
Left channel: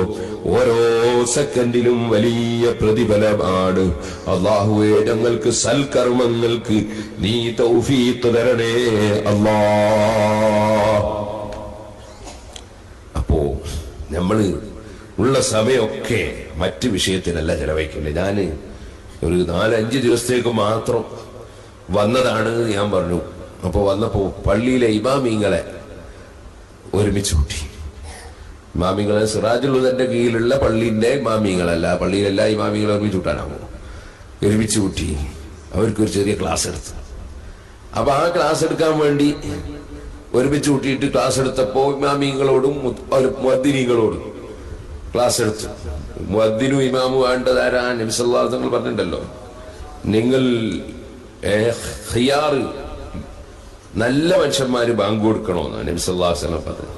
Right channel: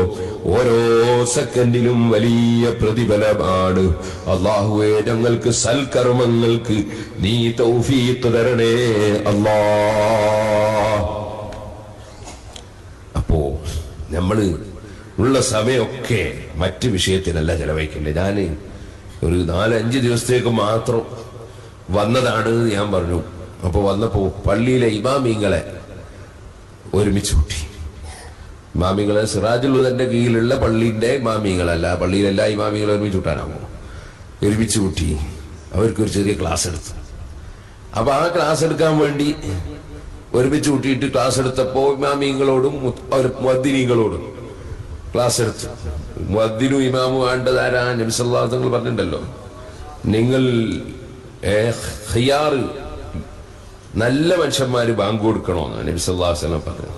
ഓരോ സെക്കൻഡിലും വലിയ പ്രതിഫലമാണ്. അല്ലാഹുവേ, ഞങ്ങൾക്ക് സൽക്കർമ്മങ്ങൾക്ക് നീ തൗഫീഖ് തരണേ അല്ലാഹ്. അപ്പോ നമ്മള് ഉള്ള സമയമൊക്കെ മറ്റ് വിഷയത്തിനല്ല ചെലവഴിക്കില്ല. ഞാൻ ഒരു 4-5 ദിവസത്തേക്ക് മാത്രം വന്നതാണ് ഞാൻ പറഞ്ഞു. അപ്പോൾ വന്നപ്പോ പള്ളിയിലെ ഇമാമിങ്ങളെ ഒരുമിച്ച് കൂട്ടി. ഇമാമിങ്ങളെ സിറാജുൽ ഹുദന്റെ കീഴിലുള്ള പള്ളിന്റെ ഇമാമിങ്ങളല്ല, പള്ളിയിലെല്ലാ ഇമാമികളെ ഒരുമിച്ച് കൂട്ടാനാകും. ഒരുമിച്ച് കൂട്ടി അവർക്കൊരു ചെറിയ ക്ലാസ് എടുത്തു. അപ്പൊ ആ ക്ലാസ് എടുക്കാൻ വേണ്ടി ഒരുമിച്ച് കൂട്ടിയിട്ട് ക്ലാസ് എടുത്തപ്പോ ഇമാമിങ്ങളോടും മുഅദ്ദിനീങ്ങളോടും ക്ലാസ് എടുത്തു. മുഅദ്ദിനും ഇമാമും വേണ്ടതാരാ? നബി സല്ലല്ലാഹു അലൈഹി വസല്ലം പറഞ്ഞിട്ടുണ്ടല്ലോ, നിങ്ങൾ ഖിയാർ നല്ല മനുഷ്യന്മാര് ബാങ്ക് കൊടുക്കണമെന്ന് നബി സല്ലല്ലാഹു അലൈഹി വസല്ലം പറഞ്ഞു.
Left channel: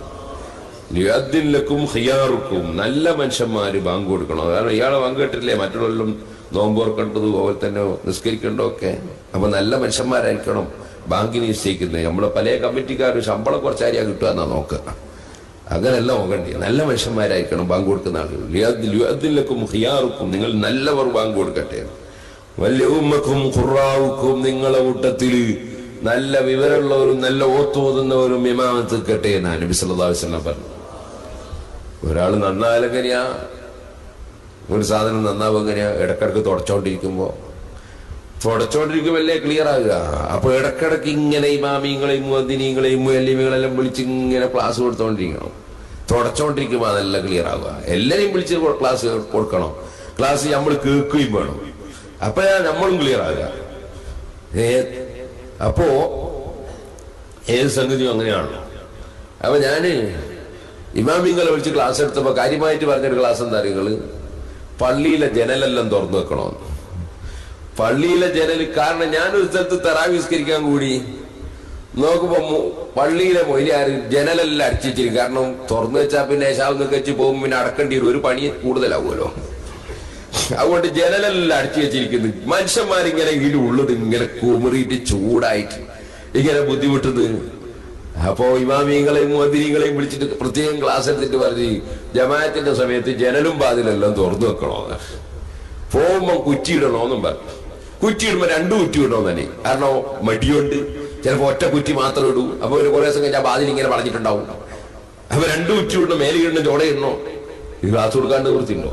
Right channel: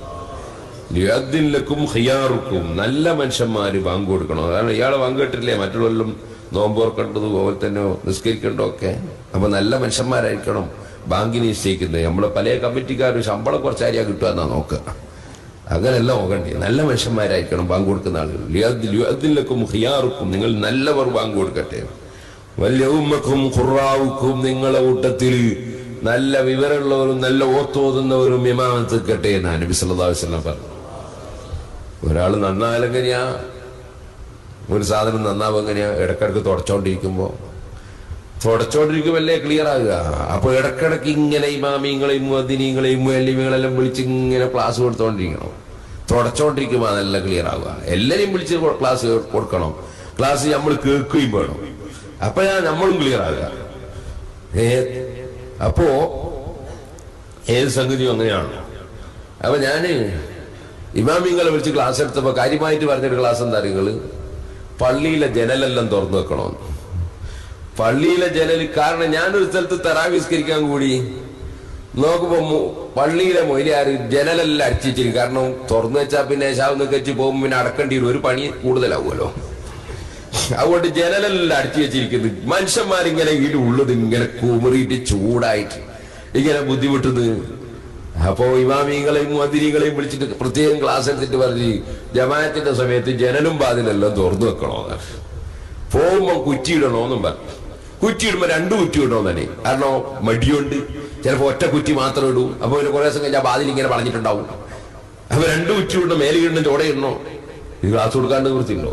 ലിയദ്ദിൻ ലക്കും ഖിയാറുക്കും, നല്ല മനുഷ്യന്മാര് ബാങ്ക് കൊടുക്കണം. കാരണം ഇയാളെ ബാങ്ക് കേട്ടില്ലേ മറ്റുള്ളവരും നോമ്പോർക്കേണ്ടത് അതുപോലെ തന്നെ നിസ്കരിക്കേണ്ടതൊക്കെ. അപ്പൊ നല്ല മനുഷ്യന്മാരായിരിക്കണം ബാങ്ക് നിശ്ചയിക്കുന്നത്. നമ്മളെ പല കമ്മിറ്റിക്കാരും ശമ്പളം കുറച്ചാരിയാ കിട്ടുക എന്നാ നോക്കുക. അങ്ങനെയല്ല നോക്കണ്ടേ, നല്ല മനുഷ്യന്മാരായിരിക്കണം ബാങ്ക് കൊടുക്കുന്ന ആളുകൾ. ഹിയാറുക്കും, നിങ്ങൾ നല്ലവർ ബാങ്ക് കൊടുക്കട്ടെ. വലിയ ഉമ്മക്കും ഖുറാവുക്കും, നിങ്ങളെ കൂട്ടത്തിൽ നല്ല വിവരമുള്ളവരും നല്ല ഓത്തോതുന്നവരും ഇമാമത്ത് നിൽക്കട്ടെ എന്നാണ് നബി സല്ലല്ലാഹു അലൈഹി വസല്ലം പറഞ്ഞു. ഒരാൾ നന്നാലെങ്ങനെയാ, ഒരു സാധനം നന്നാവുക എങ്ങനെയാ? ഇടക്കിടക്ക് തുടച്ചോണ്ടിരിക്കുമല്ലേ ക്ലിയർ ആകുക. അപ്പൊ ഇടക്കിടക്ക് ഇങ്ങനെ ഇമാമിങ്ങളെയും മുഅദ്ദിനീങ്ങളെയും മുഅല്ലിമീങ്ങളെല്ലാം വിളിച്ച് ഇങ്ങനെ ക്ലാസ് കൊടുത്തോണ്ടിരിക്കണം. തുടച്ചോണ്ടിരിക്കുമ്പോ അതെല്ലാം ക്ലിയർ ആവുക. എല്ലാരെയും വിളിച്ച് ക്ലാസ് കൊടുക്കണം. ക്ലാസ് നമ്മൾ കേൾക്കുകയും വേണം. അപ്പോഴാ നമ്മളും ക്ലിയർ ആകുക. അപ്പോ ഏത് സംഗതിയും അങ്ങനെയാണ്. അപ്പൊ ഞാന് ഇമാമിങ്ങളെ വിളിച്ച് ക്ലാസ് എടുത്തപ്പോ കാര്യമായിട്ട് പറഞ്ഞൊരു ക്ലാസ് എന്താ അറിയുകള്, പള്ളിയിലെ ജനലെല്ലാം തുറന്നു വെക്കണമെന്ന്. പള്ളിയിലെ ജനൽ, കാരണം ഞാനൊരു സ്ഥലത്ത് തറാവിസ്കരിക്കാൻ കൂടി നോക്കുമ്പോ പള്ളിയിലെ മൊയ്ലിയാര് ജനലെല്ലാം അടിച്ചിരിക്കും. കാരണം തുറന്നു വെച്ചാൽ പിന്നെ ശാവെന്നൊക്കെ വെച്ച് പോകുമ്പോ പിന്നെ അടക്കേണ്ടി വരും, ഒരു പണി കൂടുതലാവുമല്ലോ. അതുകൊണ്ട് ജനലെല്ലാം അടിച്ചു വെച്ചിരിക്കുന്നു. മനുഷ്യന്മാരിങ്ങനെ ഇതിന്റെ ഉള്ളത് ഇങ്ങനെ കുമറിയിട്ട് ചൂടായിട്ട് ഇങ്ങനെ ബുദ്ധിമുട്ടുന്നത്. അപ്പോ ഇമാമിങ്ങളെയും മുഅദ്ദിനീങ്ങളെയും വിളിച്ചിട്ട് പ്രത്യേകം ക്ലാസ് എടുത്തിട്ട് പറഞ്ഞ് ജമാഅത്തിന്റെ സമയത്ത് ജനലും വാതിലെല്ലാം തുറന്നു വെക്കണോ, പോകുമ്പോ കുറ്റിയിടണോന്നും പറഞ്ഞു. കുറ്റിയിടുമ്പോ 2 കുറ്റി ഇടണോ തന്നെ, കാരണം മടിയുണ്ട്. ചിലപ്പോ ഒറ്റ കുറ്റി മാത്രം ഇടൂ. അപ്പൊ ഒരു കുറേ ദിവസം കഴിഞ്ഞാൽ വാതിൽ ഇങ്ങനെ പറഞ്ഞിട്ടുണ്ടാവും. അപ്പൊ 2 കുറ്റി ഇടണോ, മേലെ ഇടണം, ചോടെ ഇടണോ? ഇത് ക്ലാസ് കൊടുക്കാണ്ട് വൃത്തിയുണ്ടോ?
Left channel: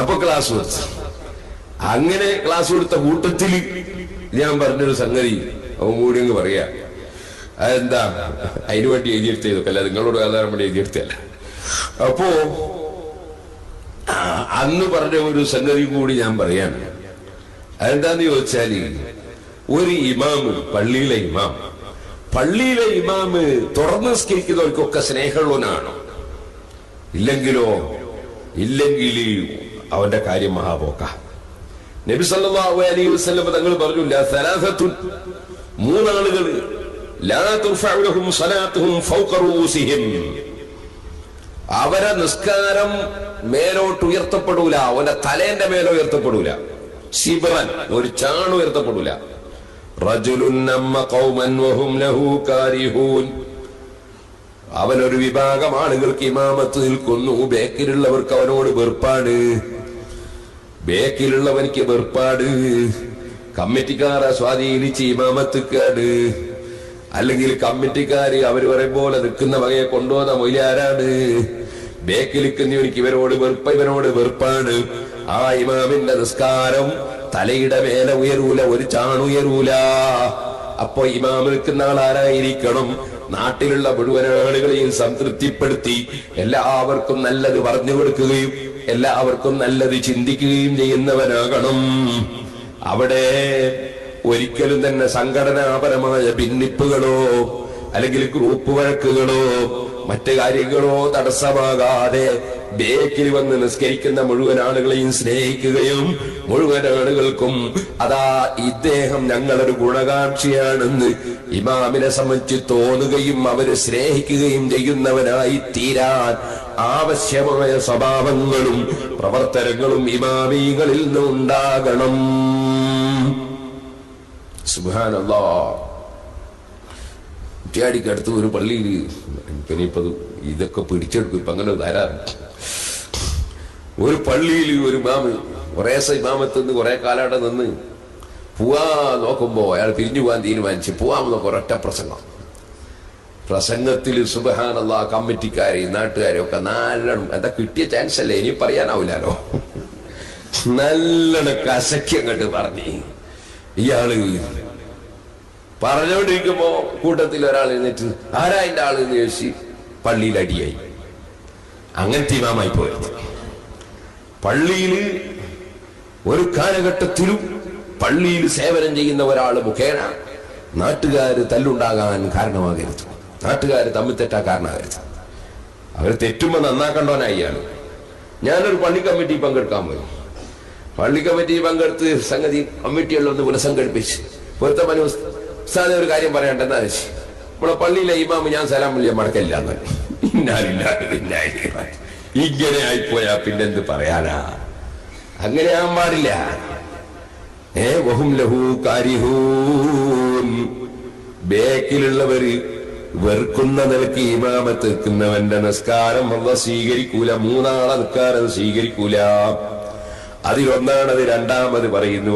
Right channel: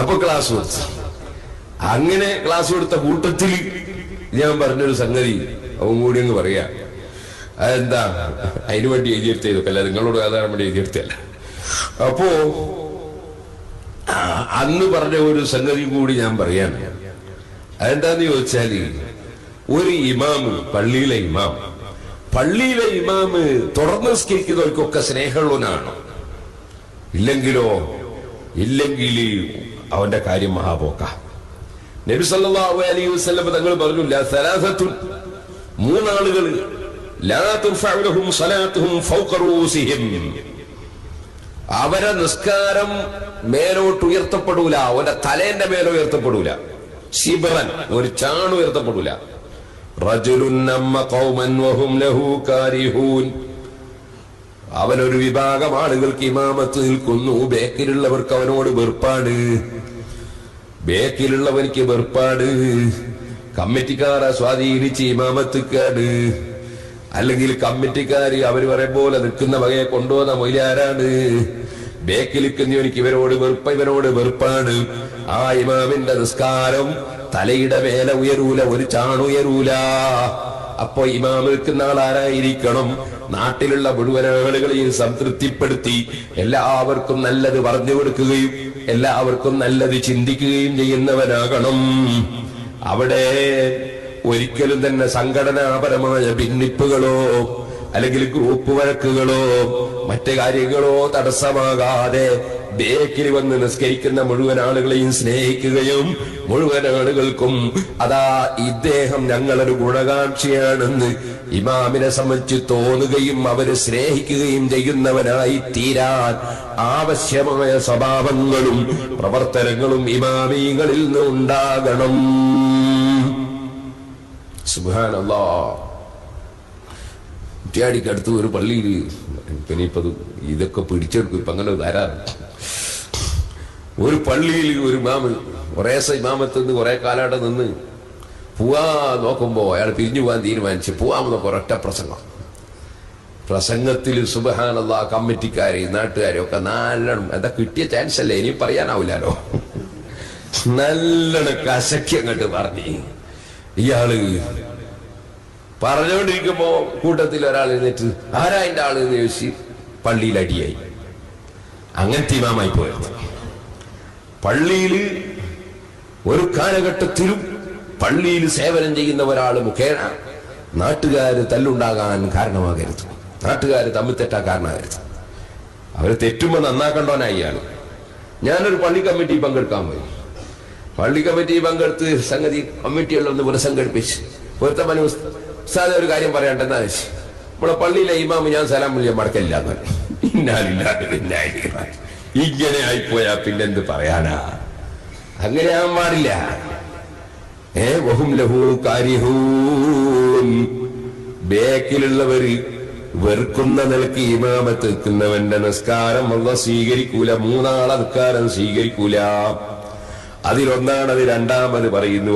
അപ്പൊ ക്ലാസ് കൊടുത്തു. അങ്ങനെ ക്ലാസ് കൊടുത്ത കൂട്ടത്തിൽ ഞാൻ പറഞ്ഞൊരു സംഗതി അവൻ കൂടി അങ്ങ് പറയാ. അതെന്താ, അതിനു വേണ്ടി എഴുതിയെടുത്തതൊക്കെ അല്ല, നിങ്ങളോട് സാധാരണ വേണ്ടി എഴുതിയെടുത്തല്ല. അപ്പോ അന്ന് പറഞ്ഞ ഒരു സംഗതി കൂടി ഞാൻ പറയാണ്. അതെന്താന്ന് ചോദിച്ചാല്, ഒരു ഇമാമ്, പള്ളിയിലെ ഇമാമ് തുറന്ന് നിസ്കരിക്കുന്നവർക്കൊക്കെ സ്നേഹമുള്ളവനാണ്. ഇല്ലെങ്കിൽ അവന്റെ കാര്യം മഹാപോക്ക. നബി സല്ലല്ലാഹു അലൈഹി വസല്ലം തങ്ങൾ പറഞ്ഞു, സലാസത്തുൻ, 3 ആളുകൾ ലാ തുർഫഉ ലഹും സ്വലാത്തുഹും ഫൗഖ റൂസിഹിം, അവരെ നിസ്കാരം മേലോട്ട് ഉയർത്തപ്പെടൂല, അവന്റെ തലേന്റെ മേലെ ഉയർത്തപ്പെടൂല. ശിബ്റൻ, ഒരു ചാണ് ഉയർത്തപ്പെടൂല. റജുലുൻ നമ്മ ഖൗമൻ വഹും ലഹു കാരിഹൂൻ, അവനൊരു വിഭാഗം ആളുകൾക്ക് ഇമാമത്ത് നിൽക്കുന്നു, ബേക്കിലുള്ളവർക്ക് അവനോട് വെറുപ്പാണ്. കമ്മിറ്റിക്കാരെ സ്വാധീനിച്ച് ഇമാമത്തുക്കാട്, അല്ലെങ്കിൽ കമ്മിറ്റിക്കാര് അവര് പറയും പോലെ നിൽക്കുന്ന വകയെ കൊണ്ടുവന്ന മൊയ്ലാരാണ്. ബേക്കിൽ നിൽക്കുന്നവനിക്ക് ഇവനോട് വെറുപ്പാണ്. ആ ഇമാമിന്റെ നിസ്കാരം തലയുടെ മേലെ ഉയരൂല, ഒരു ചാണുയരൂല. അപ്പൊ ഇമാം നിൽക്കുന്ന ആളാരായിരിക്കണം? നാട്ടിലുള്ള മുഴുവൻ ആളുകളെയും സംതൃപ്തിപ്പെടുത്തി എല്ലാവർക്കും നല്ലത് പറഞ്ഞു കൊടുക്കുകയും എല്ലാവർക്കും നല്ലത് ചിന്തിക്കുകയും ചെയ്യുന്നവനാകണം. അവിടെ ഒരിക്കലും തന്നെ സംഘടനാപരമായ ഭിന്നിപ്പുകളോ അല്ലെങ്കിൽ ഗ്രൂപ്പ് വഴക്കുകളോ മറ്റു കാര്യങ്ങളോ തടസ്സമാകാതെ ബേക്കിൽ വന്ന് നിസ്കരിക്കുന്ന മുഴുവൻ ആളുകളെയും സ്നേഹിക്കുകയും മുഴുവൻ ആളുകൾക്കും അതാ ഇദ്ദേഹം ഞങ്ങളൊരു ഗുണകാംക്ഷിയാണെന്ന് ഇമാമിനെ സംബന്ധിച്ച് തോന്നുകയും അവരെ സ്നേഹിക്കുകയും ചെയ്യുന്നവനായി തീരാൻ ആവശ്യമായ സ്വഭാവങ്ങളും പ്രവർത്തനങ്ങളും ഇമാമീങ്ങളിൽ നിന്ന് ഉണ്ടാകണം. സുബ്ഹാനല്ലാഹ്. കുറ്റ്യാടിക്കടുത്ത് ഒരു പള്ളിയിൽ ഇനിയിപ്പത് ഇതൊക്കെ പിടിച്ചെടുക്കും, ഇപ്പൊ അങ്ങനെ ധാരാളം. ഒരു പള്ളിയിൽ ഒരു ഇമാമ് ഇമാമത്ത് നിന്ന് കുറെ കാലം നിന്ന് പോവാ നോക്കുമ്പോ അയാൾ പിരിഞ്ഞു പോകാൻ തീരുമാനിച്ച് പോവാമെന്നൊക്കെ ഒരൊറ്റ പ്രസംഗത്തിൽ സുബ്ഹാനല്ലാഹ് കമ്മിറ്റിക്കാരെയും നാട്ടുകാരെയും ഒക്കെ നല്ലോണം, എന്താ കിട്ടിയ ചാൻസ് അല്ലേ, ഇനി പറയാനാവില്ലാലോ, നല്ലോണം കസക്കി അങ്ങോട്ട് പറഞ്ഞ് ഇയാള് പറഞ്ഞുകൊണ്ടിരിക്കുമ്പോ കൂട്ടത്തിൽ ഒരാൾ എഴുന്നേറ്റ് ആരാ അതിന്റെ ആള് എന്ന് ചോദിച്ച് പള്ളിയിൽ അടിയായി. അങ്ങനത്തെ ഇമാമായി പോയത്. പള്ളിയിൽ ഒരു കാലഘട്ടത്തിലും പള്ളിയിൽ സേവനം ചെയ്യുന്ന ഒരാൾ മുഖേന നാട്ടുകാര് തല്ലുണ്ടാകാൻ കാരണമാകരുത്, നാട്ടുകാര് തമ്മിൽ തെറ്റാ കാരണമാകരുത്. അവർ തെറ്റുമ്പോ നന്നാക്കണ്ടോനായിയാണ്. ഞാനൊരു പള്ളി കമ്മിറ്റി പങ്കെടുക്കാൻ പോയി. പള്ളി കമ്മിറ്റി പങ്കെടുത്ത് സംഗതി കമ്മിറ്റിയെല്ലാം ഒന്ന് പുനഃസംഘടിപ്പിച്ച് പൊരുത്തപ്പനി ഉസ്താദ് ഒരു കാര്യം പറയണ്ടെന്നാ വെച്ച് നമ്മളെ പള്ളിയിലെ ഇമാമ് ഞാൻ സലാം വിളിയ മടക്കില്ല. ഇങ്ങനെ ആയിപ്പോയാ പിന്നെന്ത് പറയാനാ? അങ്ങനെ ആവാൻ പാടില്ല. വഹും ലഹു കാരിഹൂൻ, ബേക്കിലുള്ളവര് വെറുക്കുന്ന നിലക്ക് ഇമാമത്ത് നിൽക്കുന്നവന്റെ നിസ്കാരം അല്ലാഹു സ്വീകരിക്കൂല. മൂന്നാളെ നിസ്കാരം സ്വീകരിക്കൂല. അതിലൊന്നാണത്. രണ്ടാമത് പറയുന്നു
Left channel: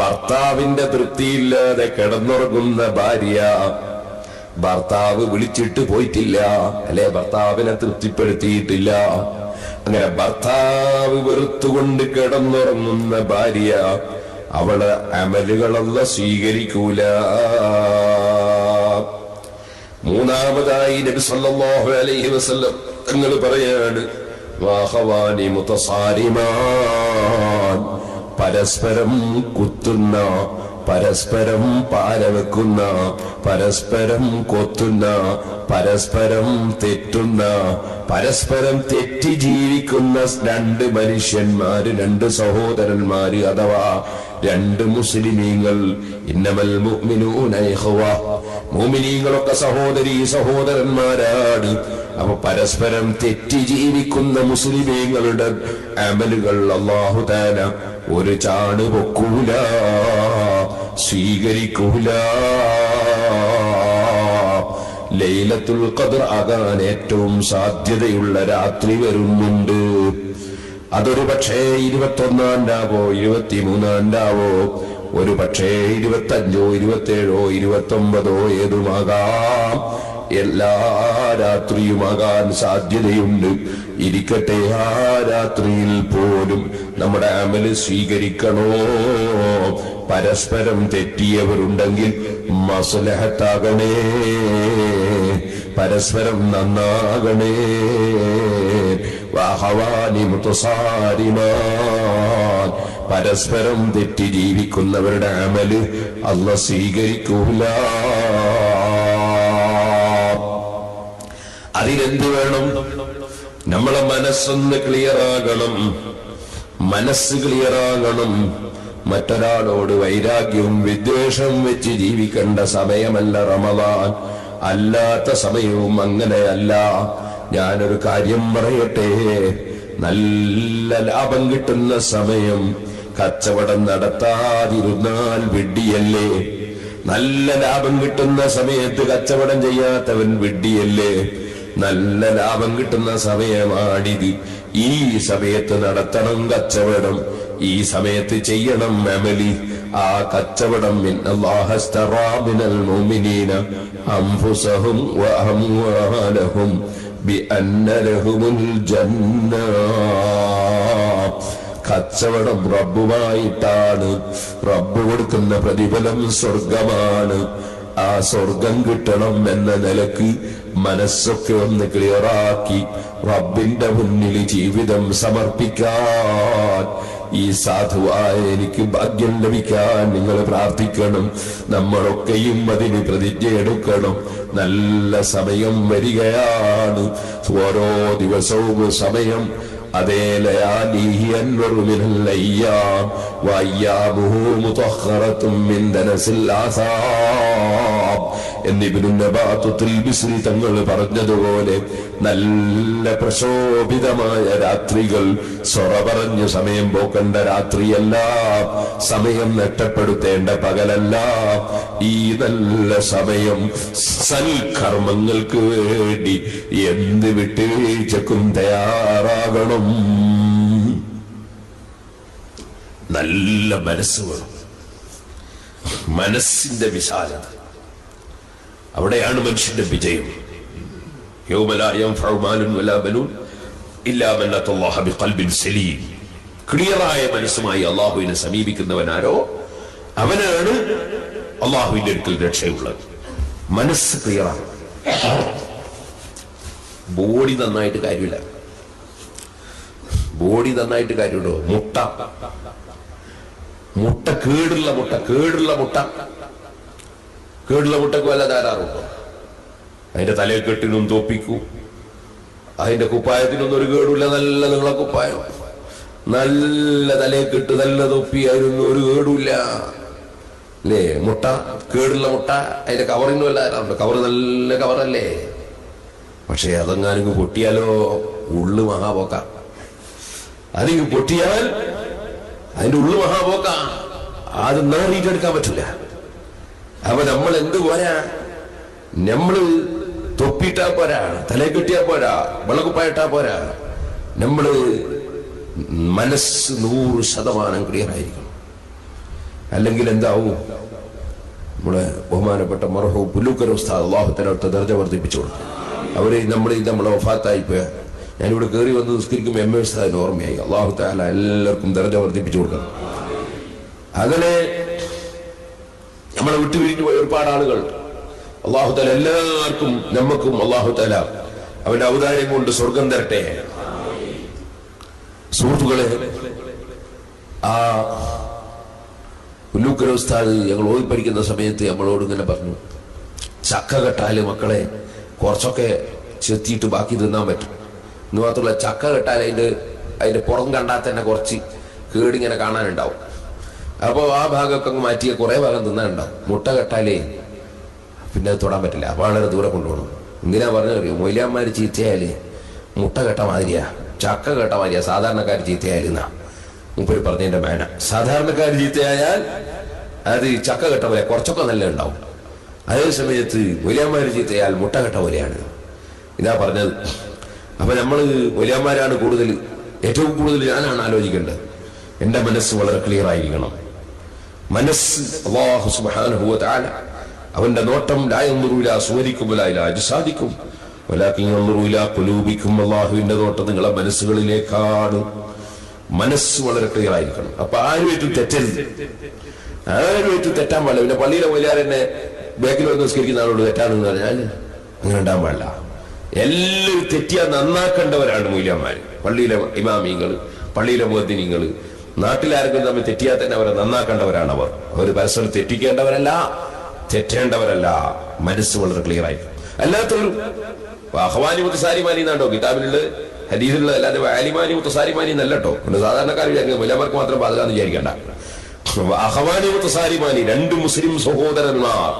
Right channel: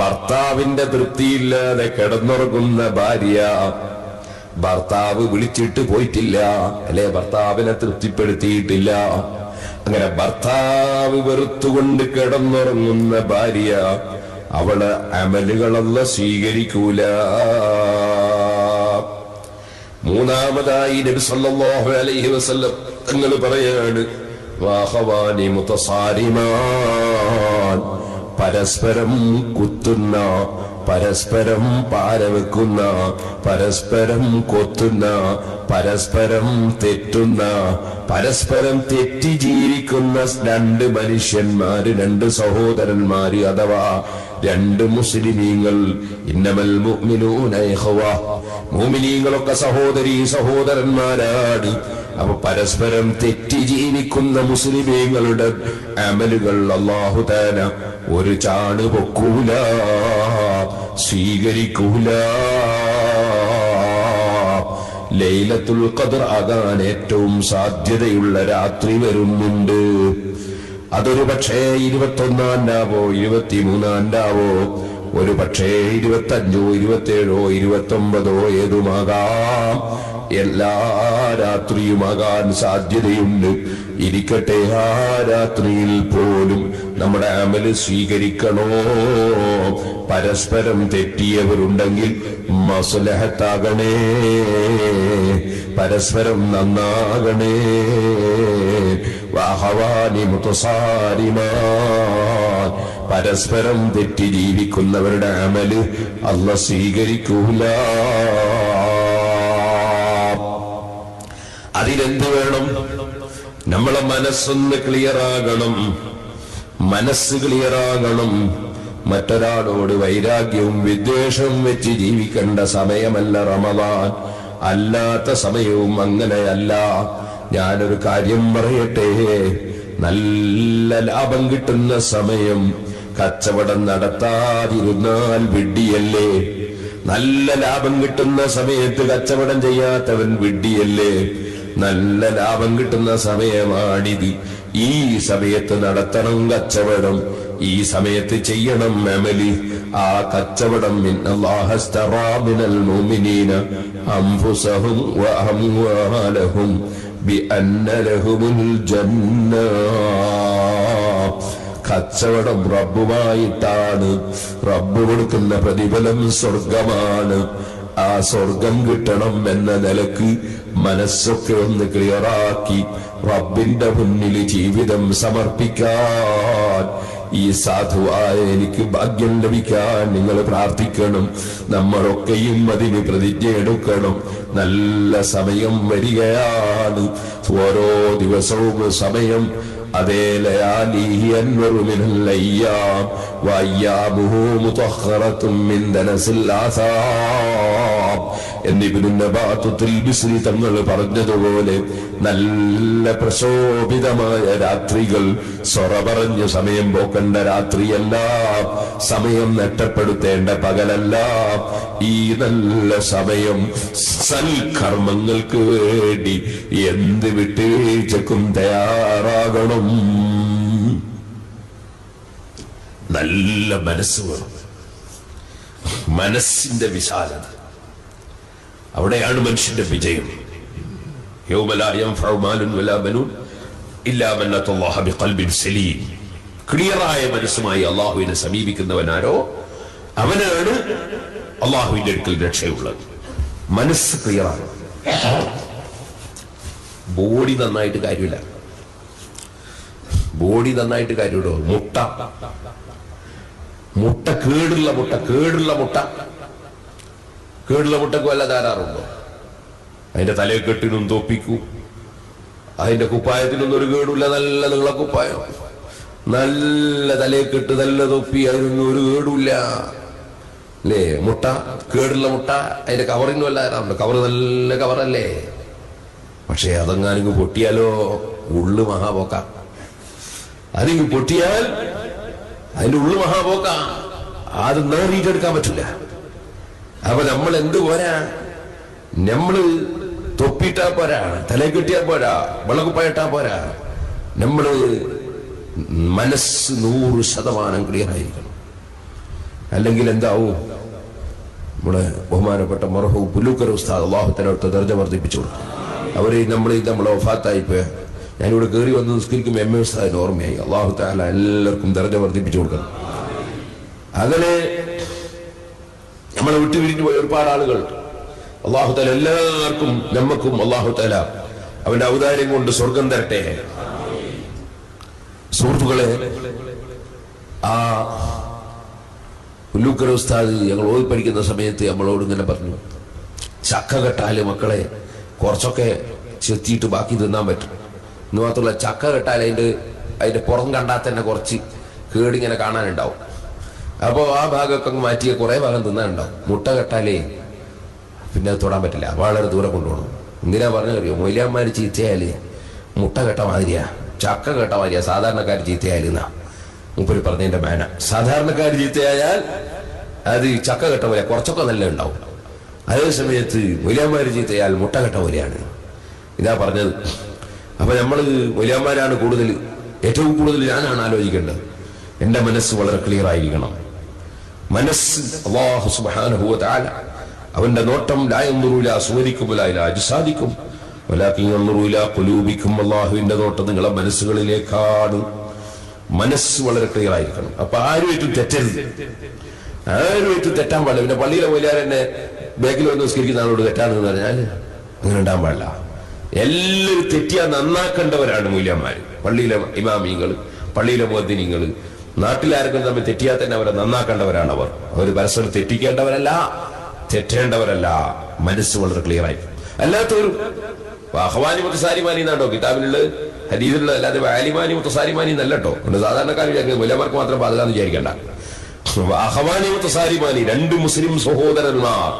ഭർത്താവിന്റെ തൃപ്തിയില്ലാതെ കിടന്നുറങ്ങുന്ന ഭാര്യ. ഭർത്താവ് വിളിച്ചിട്ട് പോയിട്ടില്ല, അല്ലെ ഭർത്താവിനെ തൃപ്തിപ്പെടുത്തിയിട്ടില്ല. അങ്ങനെ ഭർത്താവ് വെറുത്തുകൊണ്ട് കിടന്നുറങ്ങുന്ന ഭാര്യ, അവള് അമലുകളല്ല സ്വീകരിക്കൂല. മൂന്നാമതായി നബി സല്ലല്ലാഹു അലൈഹി വസല്ലം തങ്ങൾ പറയാണ്, വാഹവാനി മുതസാരിമാൻ, പരസ്പരം കുത്തുന്ന, പരസ്പരം പാരവെക്കുന്ന, പരസ്പരം കൊത്തുന്ന, പരസ്പരം തെറ്റുന്ന, പരസ്പരം തെറ്റി ജീവിക്കുന്ന രണ്ട് മനുഷ്യന്മാര്, രണ്ട് സഹോദരന്മാര്, അഥവാ രണ്ട് മുസ്ലിമീങ്ങൾ. ഇന്നമൽ മുഅ്മിനൂന ഇഖ്വ, മുഅ്മിനീങ്ങളൊക്കെ സഹോദരീ സഹോദരന്മാരാണ്. അപ്പൊ പരസ്പരം തെറ്റി ജീവിക്കുന്ന മുസ്ലിമീങ്ങളുടെ അമലുകൾ അല്ലാഹു തആല ഒരു ചാണ് പൊക്കൂല, സ്വീകരിക്കൂല. ലൈലത്തുൽ ഖദ്ർ ആകാൻ ഏറ്റവും സാധ്യതയുള്ള രാത്രി വരുന്നുണ്ട്. അതൊരു പക്ഷേ 21-ാം രാവോ 23-ാം രാവോ, ഒരു പക്ഷേ 25-ഓ 27-ഓ 29-ഓ ഏതുമാകാം. എല്ലാ രാത്രിയുമാകാൻ സാധ്യതയുണ്ട്. ഇരിക്കട്ടെ, ആ രാത്രിയിൽ പോലും നമ്മുടെ അമല് സ്വീകരിക്കണോ? പരസ്പരം തെറ്റിയവരുണ്ടെങ്കിൽ മസ്ലഹത്താകണേ, പരസ്പരം നന്നാകണേ. വഹവാനി മുതസാരിമാൻ, പരസ്പരം തെറ്റി ജീവിക്കുന്നവരുടെ അമല് അല്ലാഹു സ്വീകരിക്കൂല. അതിനെന്ത് വേണം? നമ്മളെ മനസ്സൊന്ന് ക്ലിയറാകണം, മനസ്സ് ക്ലിയറാകണം. മറ്റൊരാളോട് വൈരാഗ്യവും വിദ്വേഷവും വെച്ച് ജീവിക്കേണ്ട സമയമല്ല റമദാൻ. അല്ലാത്ത സമയവും അങ്ങനെയല്ല. ഞാനൊരു കാര്യം പറയട്ടെ, നല്ല ലാഭം കിട്ടുന്ന സമയം കച്ചവടം നടത്താതിരുന്നാൽ വിഡ്ഢിയല്ലേ? നല്ല ലാഭം കിട്ടുന്ന സമയത്ത് കച്ചവടം ചെയ്യാത്തവൻ വിഡ്ഢിയല്ലേ? നല്ല ലാഭം കിട്ടുന്ന സമയമാണിത്. ഈ സമയത്ത് നടത്തണം കച്ചവടം, ഈ സമയത്ത് ചെയ്യണം അമലി. ആ കച്ചവടം ഇന്നല്ലാഹസ്തറാ മിനൽ മുഅ്മിനീന അൻഫുസഹും വഅംവാലഹും ബിഅന്ന ലഹുമുൽ ജന്ന. കച്ചവടം റബ്ബുമായിട്ടാണ്. റബ്ബ് കൊടുക്കുന്ന പ്രതിഫലം സ്വർഗമാണ്. ആ സ്വർഗം കിട്ടണം എന്ന നിലക്ക് മനസ്സൊക്കെ ഒന്ന് ക്ലിയറാക്കി റബ്ബിന്റെ മുന്നിൽ ജീവിതം സമർപ്പിക്കാൻ ഈ സാധുവായ എനിക്ക് ഭാഗ്യം ലഭിക്കാൻ നിങ്ങൾ പ്രാർത്ഥിക്കണം. നമ്മളൊക്കെയും അതിന് പ്രതിജ്ഞ എടുക്കണം. നല്ല സമയം വരികയാണ്. ഓരോ ദിവസവും സമയം അതേ ലയാലിഹി അൻവറു മിനൽ അയ്യാം വഅയ്യാമുഹു മുതഖറത്തും മിൻ ദനസിൽ ആസാബ് എന്ന് ഇബ്നു നബാത്തുൽ ബിസ്രി തങ്ങൾ പറഞ്ഞതുപോലെ നല്ല പ്രശോഭിതമായ രാത്രികൾ, സൊറ പറഞ്ഞ് സമയം പോക്കേണ്ട രാത്രിയല്ല, സമയം നഷ്ടപ്പെടുത്തേണ്ട പകലല്ല. ഈ നല്ല സമയം സൽക്കർമ്മങ്ങൾക്ക് വേണ്ടി എന്ത് വിട്ടുവീഴ്ചക്കും തയ്യാറാകണം. നല്ല മനസ്സ് വേണം, മനസ്സിന്റെ വിശാലത. അവിടെയാണ് മനുഷ്യന്റെ വിജയം. യൗമ ലാ യൻഫഉ മാലുൻ വലാ ബനൂൻ ഇല്ലാ മൻ അത്തല്ലാഹ ബിഖൽബിൻ സലീം. ക്ലിയറായ മനസ്സുമായി അള്ളാഹുവിനെ സമീപിക്കുന്നവനാരോ അവനാണ് അള്ളാഹുവിന്റെ അടുക്കൽ രക്ഷയുള്ളത്. മനസ്സ് ക്ലിയറാണ്. ബോഡി നന്നായിട്ട് കാര്യമില്ല, ബോഡി നന്നായിട്ട് കാര്യമുണ്ടോ? മുട്ട കേടുള്ള മുട്ടക്ക് വല്ല ധാരാറുണ്ടോ? അതിന്റെ തലയെക്കെട്ടിനും തോപ്പിക്കും, അതിന്റെ കുപ്പായത്തിനൊന്നും ഒരു കേടില്ല. നല്ല നീള കുപ്പായം, നല്ല തലയെക്കെട്ട്, നല്ല തൊപ്പി, അതിനൊന്നും ഒരു കേടില്ല അല്ലേ? മുട്ട കേടുള്ള മുട്ട, അതിന്റെ കവറിന് വല്ല ധാരാറുണ്ടോ? കവർ നല്ല കവറല്ലേ? പക്ഷെ അതെങ്ങാനും പൊട്ടിയാലോ ഉള്ളു മഹാപോക്ക. അതിങ്ങ് പൊട്ടിയാൽ അതിന്റെ ഉള്ളു മഹാപോക്ക. അത് നേടിയിട്ടെടുക്കാൻ പറ്റില്ല. അപ്പൊ നമ്മൾ എന്ത് പോരാ, നമ്മള് തൊപ്പിട്ടാ പോരാ, തല കിട്ടിയാ പോരാ, വിളകുപ്പായിട്ടാ പോരാ, നമ്മള് മനസ്സ് 100% ക്ലിയർ ആയിരിക്കണം. അല്ലെങ്കിൽ എന്താവും? നമ്മുടെ ബഹുമാനപ്പെട്ട മർഹൂം പുല്ലൂക്കര ഉസ്താദ് അല്ലാഹു തആല ദർജ വർദ്ധിപ്പിച്ചു കൊടുക്കും. അവര് നമ്മളെ വഫാത്തായി പോയ, ഞാനിവിടെ കയറി വന്ന് നിസ്കരിക്കുമ്പോൾ എം എ ഉസ്താദിന് ഓർമ്മയായി. അല്ലാഹു തആല എല്ലാവർക്കും ദർജ വർദ്ധിപ്പിച്ചു കൊടുക്കണം. അങ്ങനെ നമ്മളെ വിട്ടുപിരിഞ്ഞു പോയ ഒരുപാട് ആളുകൾ അല്ലാഹു തആല എല്ലാവർക്കും നമ്മക്കും അല്ലാഹു തആല അവന്റെ ഔദാര്യം കൊണ്ട് സ്വർഗം തരട്ടെ. സുഹൃത്തുക്കളെ, ആ പുല്ലൂക്കര ഉസ്താദ് ഞങ്ങൾ ഓതി പഠിക്കുന്ന സമയത്ത് നമ്മളോട് ഇങ്ങനെ പറഞ്ഞു, ചക്ക കെട്ടാല് മക്കളെ കുറച്ചൊക്കെ ചെത്തിയിട്ട് ബാക്കി തിന്നാൻ പറ്റും. എന്ന് മാത്രമല്ല, ചക്ക കെട്ടാൽ അതിന്റെ പുറം കണ്ടാൽ തന്നെ കുറച്ച് കേടിങ്ങനെ കാണാനുണ്ടാവും. അപ്പോൾ ആ ഭാഗമൊക്കെ അങ്ങ് മാറ്റിയ കുറേ ഭാഗം തിന്നാനുണ്ടാവും. മുട്ട കെട്ടാലേ പിന്നെ അത് തൊടാൻ പറ്റില്ല, വളരെ ദൂരെ കൊണ്ടുപോകണം. എന്തിനാ പറഞ്ഞറിയോ? മൊയ്ലാന്മാർ ചീത്തയാല് മുട്ട കെട്ട മാതിരിയാ, ചക്ക കെട്ട മാതിരിയാ സാധാരണക്കാർ ചീത്തയാല് എന്നാ മൂപ്പര് പറഞ്ഞതിന്റെ മേന. സാധാരണക്കാർ ചീത്തയായാൽ അത് ചക്ക കെട്ട പോലെ കുറച്ചൊക്കെ നല്ല ഉണ്ടാവും. അതേ സമയത്ത് മൊയ്ലാന്മാർ ചീത്തയാൽ മുട്ട കെട്ട പോലെയാണ്. ഇതാ പറഞ്ഞത്. അപ്പൊ നമ്മള് മൊയ്ലാന്മാരാണ് കൂടുതൽ, ഏറ്റവും കൂടുതൽ ഞാനാണ് ആലോചിക്കേണ്ടത്. എന്റെ മനസ്സ് വളരെ ക്ലിയർ ആയിരിക്കണം. മനസ്സ് അല്ലാഹു സുബ്ഹാനഹു വ തആല അവന്റെ നോട്ടം ലാ യൻദുറു ഇലാ സുവരിക്കും വലാ ഇലാ അജ്സാദിക്കും വലാകിൻ യൻദുറു ഇലാ ഖുലൂബിക്കും. അല്ലാഹുവിന്റെ നോട്ടം നിങ്ങളെ മനസ്സുകളിലേക്കാണ്. മനസ്സ് വളരെ ക്ലിയർ ആയിരിക്കണം. അപ്പൊ ആരുമായിട്ടും തെറ്റരുത്, ആരുമായിട്ടും തെറ്റാൻ പാടില്ല. പിന്നെ പള്ളിയിലെ മൊയ്ലാരെന്നെ ബാക്കിൽ വന്ന് നിസ്കരിക്കുന്ന ആളോട് തെറ്റാണെന്ന് പറഞ്ഞാൽ അങ്ങനെ ഉണ്ടാൻ പാടില്ല. എല്ലാവരും തെറ്റിയാ നന്നാക്കേണ്ടവരാണ് മൊയ്ലാന്മാര്, പള്ളിയിലെ ഇമാമിങ്ങൾ, പള്ളിയിലെ മുഅദ്ദിനീങ്ങൾ. നാട്ടിലാരെങ്കിലും തമ്മിൽ തെറ്റിയാൽ തന്നെ അവരെ നന്നാക്കേണ്ടവരാണ്. അവർ പരസ്പരം തെറ്റിക്കേണ്ടവരല്ല, തെറ്റേണ്ടവരല്ല. മനസ്സ് വളരെ ക്ലിയർ ആയി. അല്ലാത്തൊരു അഹ്വാനി മുത്തസാരിമാനി എന്നാട്ടോ കിതാബിലുള്ള ഹദീസിലുള്ള, അല്ലാതെ ആലിമാനി മുത്തസാരിമാനി എന്നല്ലോ. സാധാരണക്കാർ വിചാരിക്കുന്നത് മൊയ്ലാന്മാർക്ക് മാത്രം പാതകാന്ന് വിചാരിക്കേണ്ട. അഹ്വാനി മുത്തസാരിമാനി, രണ്ട് മുസ്ലിം സഹോദരന്മാർ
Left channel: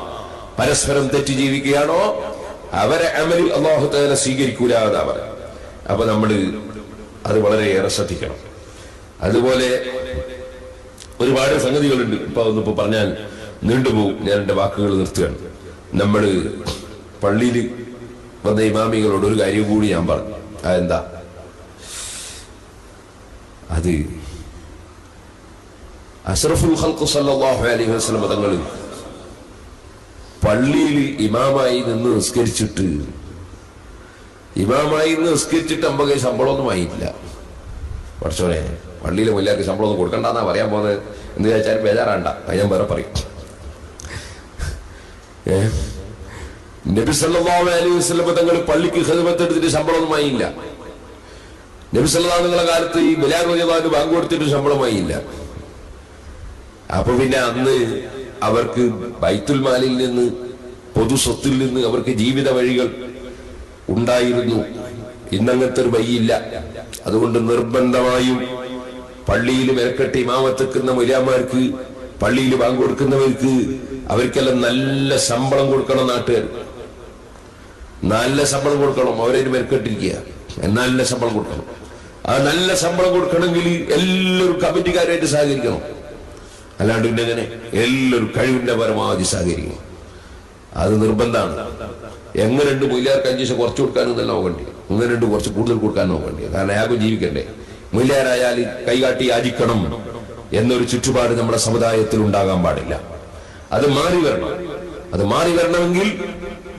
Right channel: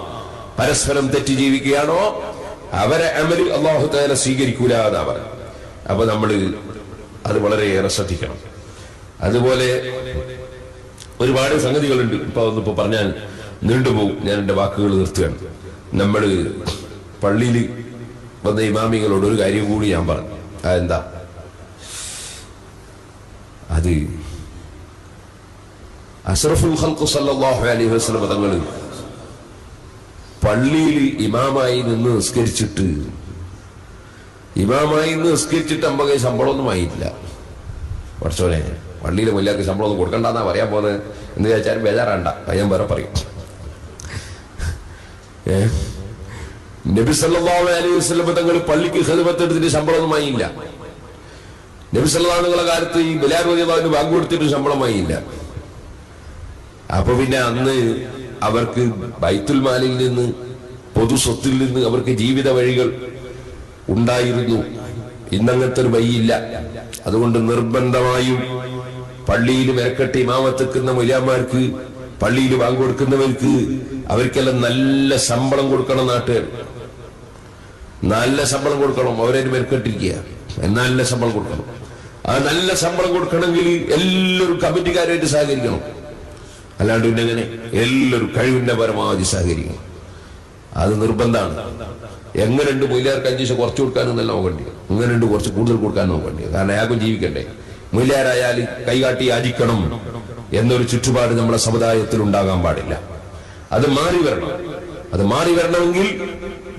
പരസ്പരം തെറ്റി ജീവിക്കുകയാണോ അവരെ അമല് അല്ലാഹു തആല സ്വീകരിക്കൂല എന്നാ പറയുന്നത്. അപ്പൊ നമ്മള് അത് വളരെയേറെ ശ്രദ്ധിക്കണം. അതുപോലെ ഒരുപാട് സംഗതികളുണ്ട്. ഇപ്പൊ പറഞ്ഞാൽ നീണ്ടുപോകും. ഞാൻ എന്റെ വാക്കുകൾ നിർത്തുകയാണ്. നമ്മൾ പള്ളിയിൽ വന്ന ഇമാമികളോട് ഒരു കാര്യം കൂടി ഞാൻ പറഞ്ഞു. അതെന്താ? അത് അഷ്റഫുൽ ഖൽഖ് സല്ലല്ലാഹു അലൈഹി വസല്ലം തങ്ങൾ പള്ളിയിൽ ഇമാമായി നിന്ന് നിസ്കരിച്ചിട്ട് അമ്പകൈ ശമ്പളമൊന്നും ആയിട്ടില്ല. പഠിച്ചോനെ, പള്ളിയിലെ മുല്ലാർക്ക് ശമ്പളമൊന്നും കൊടുക്കണ്ടെന്നാ പറയാൻ പോകുന്നത് എന്ന് വിചാരിച്ചാലും ബേജാറാണ്ട. അത് ഞാൻ വേറെ പറയും. നബി സല്ലല്ലാഹു അലൈഹി വസല്ലം തങ്ങൾ പള്ളിക്ക് ഖിദ്മത്ത് എടുത്തിട്ട് ശമ്പളമൊന്നും ആയില്ല. നബി സല്ലല്ലാഹു അലൈഹി കാലത്ത് ഈ ബിലാൽ റളിയല്ലാഹു അൻഹു ബാങ്ക് കൊടുത്തിട്ട് ശമ്പളമായില്ല. അപ്പൊ പിന്നെ അന്ന് അവർക്ക് ബൈത്തുൽ മാലിൽ നിന്ന്, പൊതു സ്വത്തിൽ നിന്ന് അവർക്ക് ജീവിത വഴികൾ ഉണ്ടായിരുന്നു. ഇന്നങ്ങനത്തെ ഒരു വഴിയില്ല. അതുകൊണ്ട് നിർബന്ധമായും പള്ളിയിൽ മെനക്കെട്ട് ഇമാമത്തെക്കുന്ന മൊയ്ലാന്മാർക്ക്, പള്ളിയിൽ ബാങ്ക് കൊടുക്കുന്നവർക്ക് അവർക്കെല്ലാം നല്ല ശമ്പളം കൊടുക്കണം. നാട്ടുകാർ നല്ല ശമ്പളം കൊടുക്കണം. അവരതിന് മെനക്കെട്ടിരിക്കുക. നല്ല ശമ്പളം കൊടുക്കണം. ആ നല്ല ശമ്പളം കൊടുക്കണമെങ്കിൽ എല്ലാവരും കമ്മിറ്റിക്കാരുമായിട്ട് സഹകരിക്കണം. അല്ലാണ്ട് പിന്നെ എങ്ങനെ? എല്ലാവരും കഴിവിന്റെ പരമാവധി സഹകരിക്കണം. അത് നിർബന്ധമാണ്. എങ്ങനെയുണ്ട് മൊയ്ലാർക്ക് 5 പൈസ കുറച്ച് കൊടുക്കാനൊന്നല്ല നോക്കേണ്ടി, എങ്ങനെയുണ്ട് കുറച്ച് കൂടുതൽ കൊടുക്കാൻ നോക്കേണ്ടി. കാരണം അയാൾക്കും ജീവിക്കണ്ടേ. മൊയ്ലാരായാൽ കൈകാട്ടി യാചിക്കണം എന്നൊരു ചുറ്റുപാട് നമ്മുടെ സമുദായത്തിൽ ഉണ്ടാകാൻ പാടില്ല. അത് മാറി വരണം. അത് മാറി വരണമെങ്കിൽ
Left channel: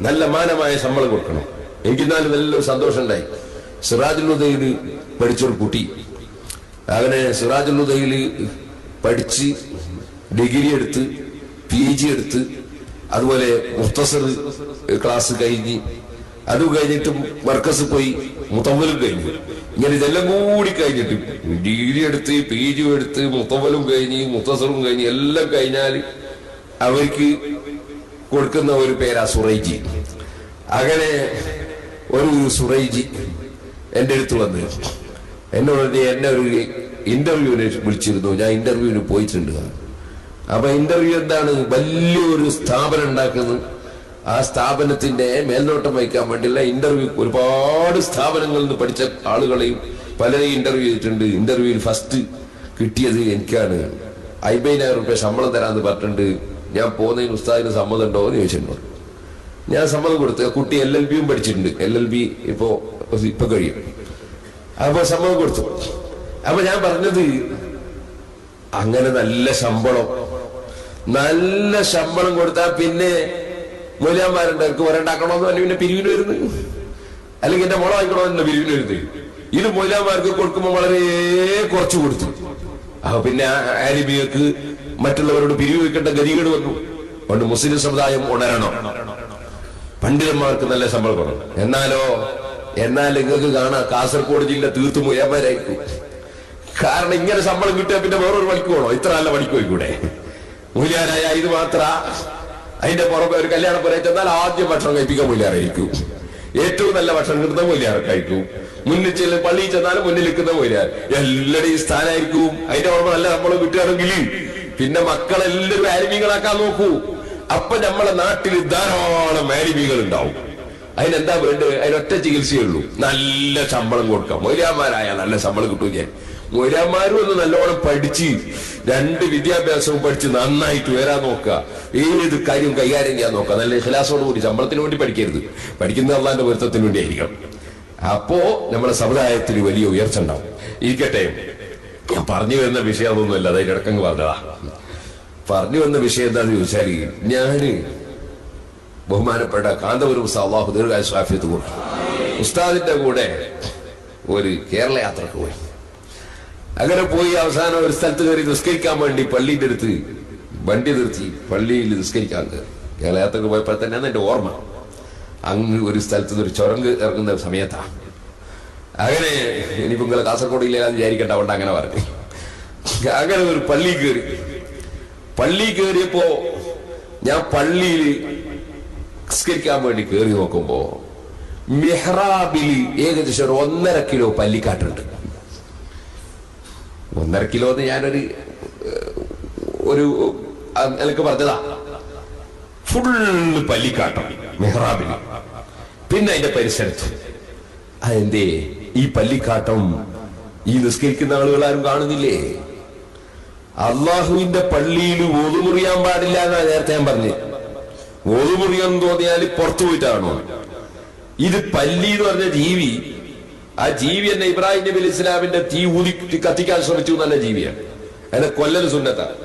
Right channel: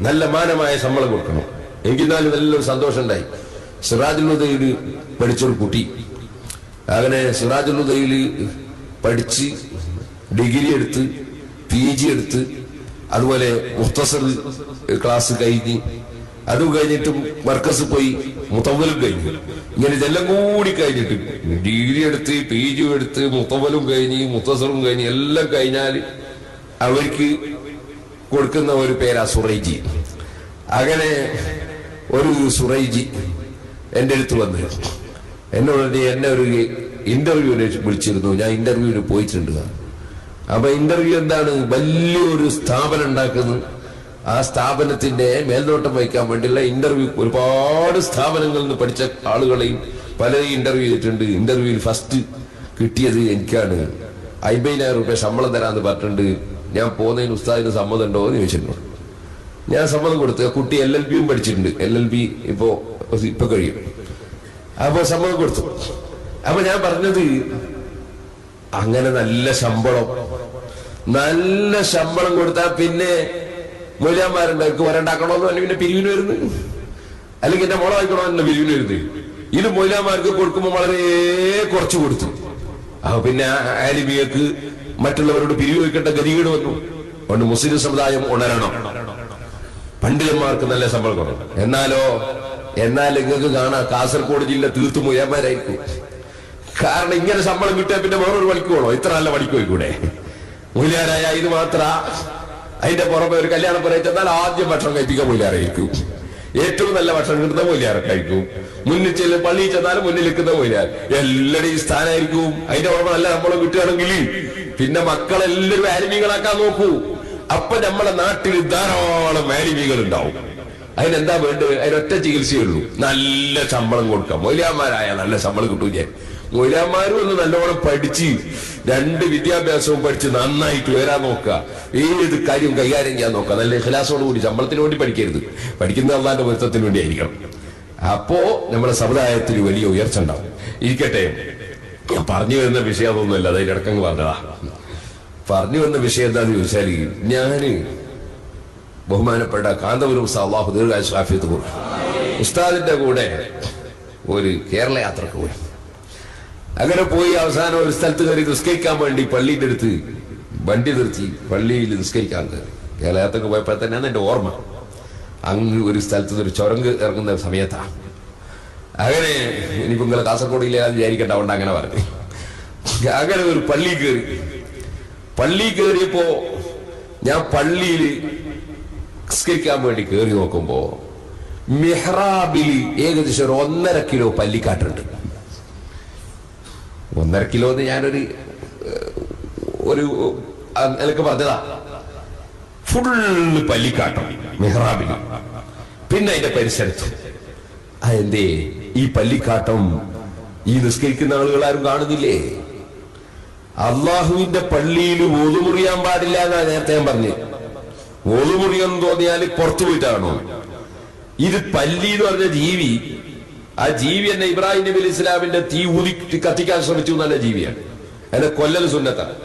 നല്ല മാനമായ ശമ്പളം കൊടുക്കണം. എനിക്കെന്നാലും നല്ലൊരു സന്തോഷം ഉണ്ടായി. സിറാജുൽ ഹുദയിൽ പഠിച്ചൊരു കുട്ടി, അങ്ങനെ സിറാജുൽ ഹുദയിൽ പഠിച്ച് ഡിഗ്രി എടുത്ത് PG എടുത്ത്, അതുപോലെ മുഖ്തസർ ക്ലാസ് കഴിഞ്ഞ്, അതും കഴിഞ്ഞിട്ടും മർക്കസ് പോയി, മുത്തവ്വലും കഴിഞ്ഞു. ഇങ്ങനെ ഇതെല്ലാം കൂടി കഴിഞ്ഞിട്ട് ഡിഗ്രി എടുത്ത് PG എടുത്ത് മുത്തവ്വലും കഴിഞ്ഞ് മുഖ്തസറും കഴിഞ്ഞ് എല്ലാം കഴിഞ്ഞാൽ അവർക്ക് കൊടുക്കുന്ന ഒരു പേരാ സുറൈജി. അങ്ങനെ ഒരു സുറൈജി എൻ്റെ അടുത്ത് വന്ന് എന്നോട് എന്നെ ഒരു ഇന്റർവ്യൂവിന് വിളിച്ചിരുന്നു. ഞാൻ ഇന്റർവ്യൂവിന് പോയിട്ടുണ്ട്. അപ്പൊ ഇന്റർവ്യൂ എന്താണ്? വലിയൊരു സ്ഥാപനം ഉണ്ടാക്കുന്നു, ആ സ്ഥാപനത്തിന്റെ മേൽനോട്ടം വഹിക്കാൻ വേണ്ടിയുള്ള ഇന്റർവ്യൂ ഒരുപാട് സ്ഥാപനങ്ങളിൽ നിന്ന് പഠിച്ച ആളുകളെയും പലരെയും ഇന്റർവ്യൂ ചെയ്തിട്ടുണ്ട്. ഇന്റർവ്യൂവിൽ ഫസ്റ്റ് കിട്ടിയത് എനിക്കാണ്. 50,000 രൂപ ശമ്പളം തരാന്ന് പറഞ്ഞിട്ടുണ്ട്. ഞാൻ പോകുന്നതിന് ഉസ്താദിന് സമ്മതം ഉണ്ടോ എന്ന് ചോദിച്ചിട്ടുണ്ട്. ഞാൻ സമ്മതം കൊടുത്തു. കുട്ടി LLBയും പഠിച്ചിട്ടുണ്ട്. LLB ഇപ്പൊ കഴിയും. അപ്പൊ സമ്മതം കൊടുത്തു. അപ്പൊ ഞാൻ പറഞ്ഞത്, അങ്ങനെ നല്ല ശമ്പളം കൊടുത്താൽ പിന്നെ മൂല്യന്മാരുണ്ട് അവർക്ക് വരണ്ടാക്കണമെന്ന് പറഞ്ഞ് പിന്നെ പിരിവിന് വരുന്നത്, അല്ലെങ്കിൽ എന്റെ മോളെ വായിക്കണമെന്നല്ല പിരിവിന് വരുന്നത്. ഇത് മൂല്യന്മാർക്ക് കൊടുക്കുമ്പോൾ വളരെ കുറച്ച് കൊടുത്തു. അപ്പൊ പിന്നെ ആലിമിയക്ക് മറ്റുള്ളവരോട് പിരിവ് വെക്കേണ്ട ഗതികേട് വന്നു. അതുകൊണ്ട് മുസ്ലിം സമുദായം ഉണരണം, പണ്ഡിതന്മാർക്ക് നല്ല ശമ്പളം കൊടുക്കണം. എന്നാൽ നിങ്ങൾക്ക് കാണാം കാസർഗോഡ് ജില്ല തീർത്തും മൂല്യന്മാരായിരിക്കും. കാരണം ഇങ്ങനെ ശമ്പളം കിട്ടിയാൽ പിന്നെ വേറൊരു പണിക്ക് പോകണോ? ഇത്ര നല്ല പണിക്ക് പോയിക്കൂടെ? മൂല്യാരായ ഇത് മാത്ര. അതിന്റെ പുറമെ ഒരു കല്യാണം പോലെ ചെന്നാൽ ആദ്യം ഭക്ഷണം കഴിപ്പിക്കാൻ മൂല്യാറായിരിക്കും. ഏറ്റവും നല്ല ഭക്ഷണം കിട്ടുന്ന മൂല്യാറെ കഴിക്കും. മുന്നിൽ ചെല്ലും പള്ളിയിൽ ചെന്നാലും മുന്നിൽ നിൽക്കുന്ന മൂല്യാർ എല്ലാവരുടെയും സ്ഥാനമായിരിക്കും. അതിന്റെ പുറമെ നല്ല ശമ്പളം കിട്ടുകയാണെങ്കിൽ പിന്നെ മക്കളെല്ലാവരും ആലിമീകളാക്കാൻ നോക്കൂ. അപ്പൊ നമ്മളെ നാട്ടിൽ ധാരാളം ആലിമീകൾ ഉണ്ടാവും. അതിനെന്താ വേണ്ടത്? അതിനൊറ്റ ചികിത്സയുള്ളൂ, നല്ല ശമ്പളം കൊടുക്കാം. മൊയ്ലാന്മാരായ നല്ല ശമ്പളം കിട്ടൂല. മൊയ്ലാന്മാരും ഒന്ന് നല്ലോണം പഠിച്ച് 2 വിദ്യാഭ്യാസവും പഠിച്ച് നന്നായിട്ട് വരാൻ നോക്കുക. ഏത് കാര്യം കൈകാര്യം ചെയ്യാൻ നോക്കുക. നല്ല ഇഖ്ലാസോടുകൂടി. ശമ്പളത്തിന് വേണ്ടി പഠിക്കരുത്. പഠിക്കുന്ന അള്ളാന്റെ പൊരുത്തത്തിന് വേണ്ടി ആയിരിക്കണം. അപ്പോ നമ്മുടെ സമുദായത്തിന് വലിയ ഉയർച്ച ഉണ്ടാവും. ഇരിക്കട്ടെ, ഞാൻ പറഞ്ഞു വരുന്ന വിഷയം അതൊന്നുമല്ല. അതിന്റെ ഇടക്കങ്ങ് പറഞ്ഞതാ. പറഞ്ഞു വന്ന വിഷയം എന്താന്ന് ചോദിച്ചാല്, ഞാന് ബഹുമാനപ്പെട്ട കാന്തപുരം അല്ലാഹു ദീർഘായുസ്സും ആഫിയത്തും കൊടുക്കും ഉസ്താദിന്റെ കൂടെ ഒരു കേരള യാത്രക്ക് പോയി. അങ്ങനെ പോയി അവസാനം ഒരു സ്ഥലത്ത് കയറി നിസ്കരിക്കാൻ വേണ്ടി പള്ളിയുടെ അടുത്ത് വണ്ടി നിർത്തി പള്ളിയിൽ നിസ്കരിക്കാൻ കയറി. കേരള യാത്രക്ക് പോയപ്പോൾ തന്നെയാണ് എന്റെ ഓർമ്മ. അങ്ങ് ഒരു സ്ഥലത്ത് ഒരു ചുരങ്ക് ഇറങ്ങുന്ന സമയത്താണ്. അങ്ങനെ ഇനിയിപ്പോ നിങ്ങളെ കാസർഗോഡ് ഇല്ലാതെ വിചാരിക്കണ്ട, അതുകൊണ്ട് അങ്ങനെ പറഞ്ഞു. അങ്ങനെ ഒരു പള്ളി കയറിയപ്പോ ഞാൻ പള്ളിയിൽ നിസ്കരിക്കാൻ വേണ്ടി കയറി നോക്കുമ്പോ മെഹ്റാബില് ഏകദേശം ഒരു 1.5 കിലോ പല്ലിക്കാട്ടുണ്ട്. 1.5 കിലോ എന്ന് ഞാനൊരു എനിക്ക് പറഞ്ഞതാ. ഫുള്ള് പല്ലിക്കാട്ടം മെഹ്റാബില്. പിന്നെ അതിന്റെ പരിസരത്ത് അതെന്തേ ഈ പല്ലിക്കാട്ടം ഈ നിസ്കരിക്കുന്ന ആളുകൾ ആരും കാണുന്നില്ലേ? അള്ളാഹുവിന്റെ പള്ളിയിൽ വോളു മുറിയാൻ പാടില്ല എന്നാ നേരത്തെ ഞാൻ പറഞ്ഞു. വോളു മുറിയെന്ന് തോന്നിയാൽ പുറത്തു പോയിട്ടാണോ? ഇത് പല്ലി എന്ന് പറഞ്ഞ ജീവി, ആ ജീവി തന്നെ ഇബ്രാഹിം നബി ഇസ്ലാമിന്റെ തീ ഊതി കത്തിക്കാൻ ശ്രമിച്ചു നല്ല ജീവിയാണ്. അതിനെ കൊല്ലൽ സുന്നത്താണ്.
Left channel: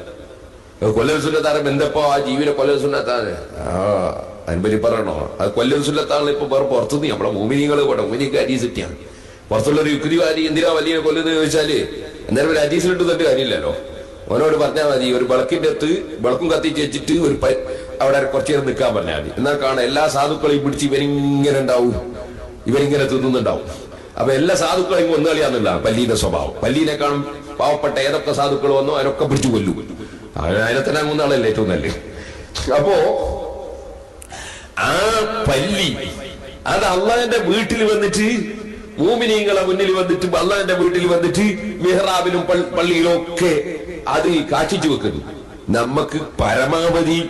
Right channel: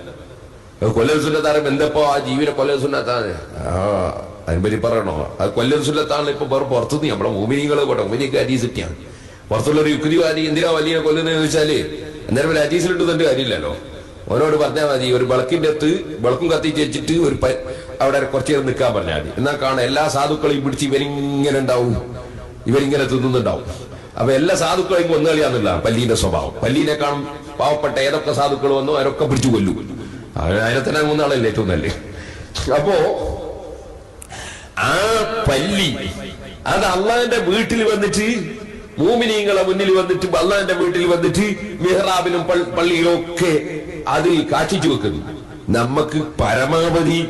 കൊല്ലൽ സുന്നത്താറ് എന്തപ്പോ ആ ജീവിനെ കൊല്ലൽ സുന്നത്താണ്. അതിനെപ്പറ്റി പറയണോ? അത് കൊല്ലൽ സുന്നത്താണ്. ഇപ്പൊ വേറെ പുറത്തുനിന്ന് നമ്മളെ മുഅ്മിനീങ്ങൾ പോട്ടെ, മുഅ്മിനീക്ക് ഹദീസിട്ടാണ്. പുറത്തുള്ളൊരു യുക്തിവാദി എന്തിനാ വലിയ കൊല്ലുന്നത് ചോദിച്ചാല് അന്നേരം ഒരു ഹദീസിലിട്ട് തന്റെ കാര്യമില്ലല്ലോ. ഓനോട് പറഞ്ഞാൽ മതി, ഒരു വിളക്കിന്റെ അടുത്ത് വിളക്കും കത്തിച്ച് വെച്ചിട്ട് അവിടെ കുറച്ചു നേരം നിൽക്കാൻ പറഞ്ഞാൽ മതി. എന്നാൽ കാണാം എല്ലാ സാധുക്കളെയും പിടിച്ച് ഇവരിങ്ങനെ ഉണ്ടാവും, ഇവരിങ്ങനെ തിന്നുന്നുണ്ടാവും. അപ്പൊ എല്ലാ സാധുക്കളെയും കൊന്നു കളിയാന്നില്ല പല്ലീന്റെ സ്വഭാവം. പല്ലീനെ കാണും പാവപ്പെട്ട ഏതൊക്കെ സാധുക്കൾ വന്നോ അവരൊക്കെ പിടിച്ചു കൊല്ലു. അതിനെ തന്നെ കൊന്നാളല്ലേ ഏറ്റവും നല്ല. അപ്പോ ആ പല്ലി അത് അള്ളാഹിന്റെ വീട്ടിൽ വന്നിട്ട്, മൂമിനീങ്ങളെ മുന്നിൽ വന്നിട്ട്, അള്ളാഹിന്റെ വീട്ടിൽ വന്നിട്ട് മിഹ്റാബിലും പള്ളിയിലും ഒക്കെ അതിൽ കാക്ഷിച്ചു വെക്കുന്നു. നമുക്ക് പരമാവധി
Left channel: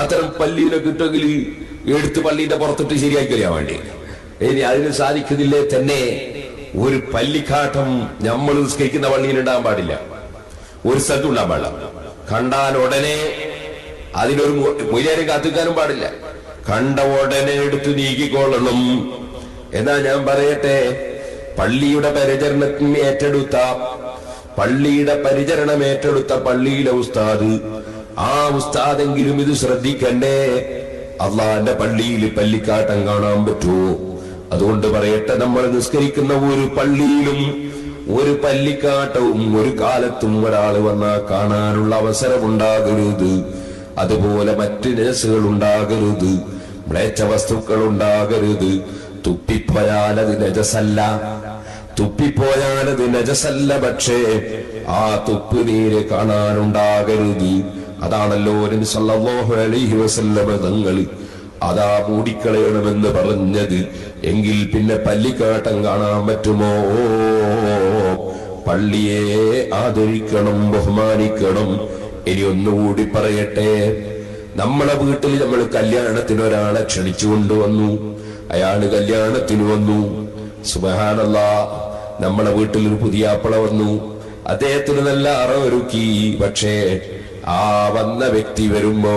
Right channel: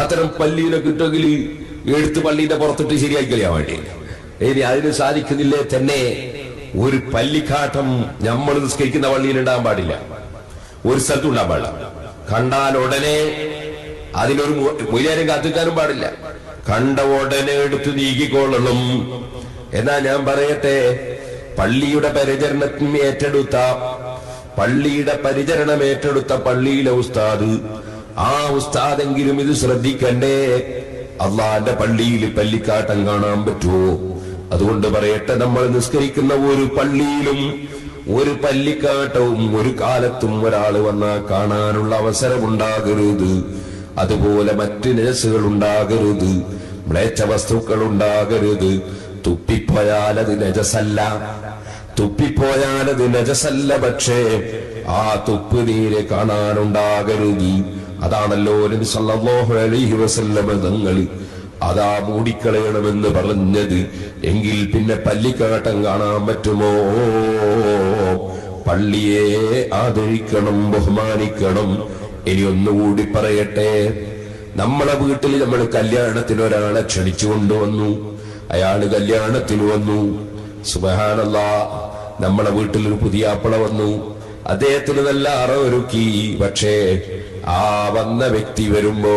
അത്തരം പള്ളിയിലെ കിട്ടുമെങ്കിൽ എടുത്ത് പള്ളിന്റെ പുറത്തിട്ട് ശരിയാക്കി കളയാൻ വേണ്ടി. ഇനി അതിന് സാധിക്കുന്നില്ലേ തന്നെ ഒരു പല്ലിക്കാട്ടം നമ്മൾ നിസ്കരിക്കുന്ന പള്ളിയിൽ ഉണ്ടാകാൻ പാടില്ല, ഒരു സ്ഥലത്തും ഉണ്ടാകാൻ പാടില്ല. കണ്ടാൽ ഉടനെ അതിനൊരു മൊയ്ലാരും കാത്തിക്കാനും പാടില്ല. കണ്ട ഉടനെ എടുത്ത് നീക്കിക്കൊള്ളണം. എന്നാ ഞാൻ പറയട്ടെ, പള്ളിയുടെ പരിചരണം ഏറ്റെടുത്ത പള്ളിയിലെ ഉസ്താദ്, ആ ഉസ്താദെങ്കിലും ഇത് ശ്രദ്ധിക്കണ്ടേ. അള്ളാന്റെ പള്ളിയിൽ പല്ലിക്കാട്ടം കാണാൻ പറ്റുമോ? അതുകൊണ്ട് പറയട്ടെ, നമ്മൾ നിസ്കരിക്കുന്ന ഒരു പള്ളിയിലും ഒരു പല്ലിക്കാട്ടവും ഒരു കാലത്തും ഒരാൾ വന്നാൽ കാണാനുള്ള അവസരമുണ്ടാകരുത്. അതുപോലെ മറ്റ് നജസുകൾ ഉണ്ടാകരുത്, മ്ലേച്ഛ വസ്തുക്കൾ ഉണ്ടാകരുത്. തുപ്പിപ്പോയാലത് നജസല്ല, പക്ഷേ ആ തുപ്പ് നീര് കാണാനുണ്ടാകരുത്. അതാണല്ലോ നബി സല്ലല്ലാഹു അലൈഹി വസല്ലം തങ്ങൾ അതാ മൂടിക്കളയണമെന്ന് പറഞ്ഞത്. എങ്കിൽ പിന്നെ പല്ലിക്കാട്ടം കാണാൻ പറ്റുമോ? പള്ളിയെ ആദരിക്കണം, ബഹുമാനിക്കണം. ഇനി ഒന്നുകൂടി പറയട്ടെ, നമ്മളെ വീട്ടിൽ നമ്മൾ കല്യാണത്തിന് ഒരാളെ ക്ഷണിച്ചു കൊണ്ടുവന്നു, അയാള് കല്യാണത്തിന് വന്നു. സുബ്ഹാനല്ലാഹ്, നമ്മളെ വീട്ടിൽ ഒരു പുതിയ ആപ്പിള വന്നു, അദ്ദേഹത്തിന് നല്ല അറവൊരുക്കി. പക്ഷേ ആ വന്ന വ്യക്തി വരുമ്പോ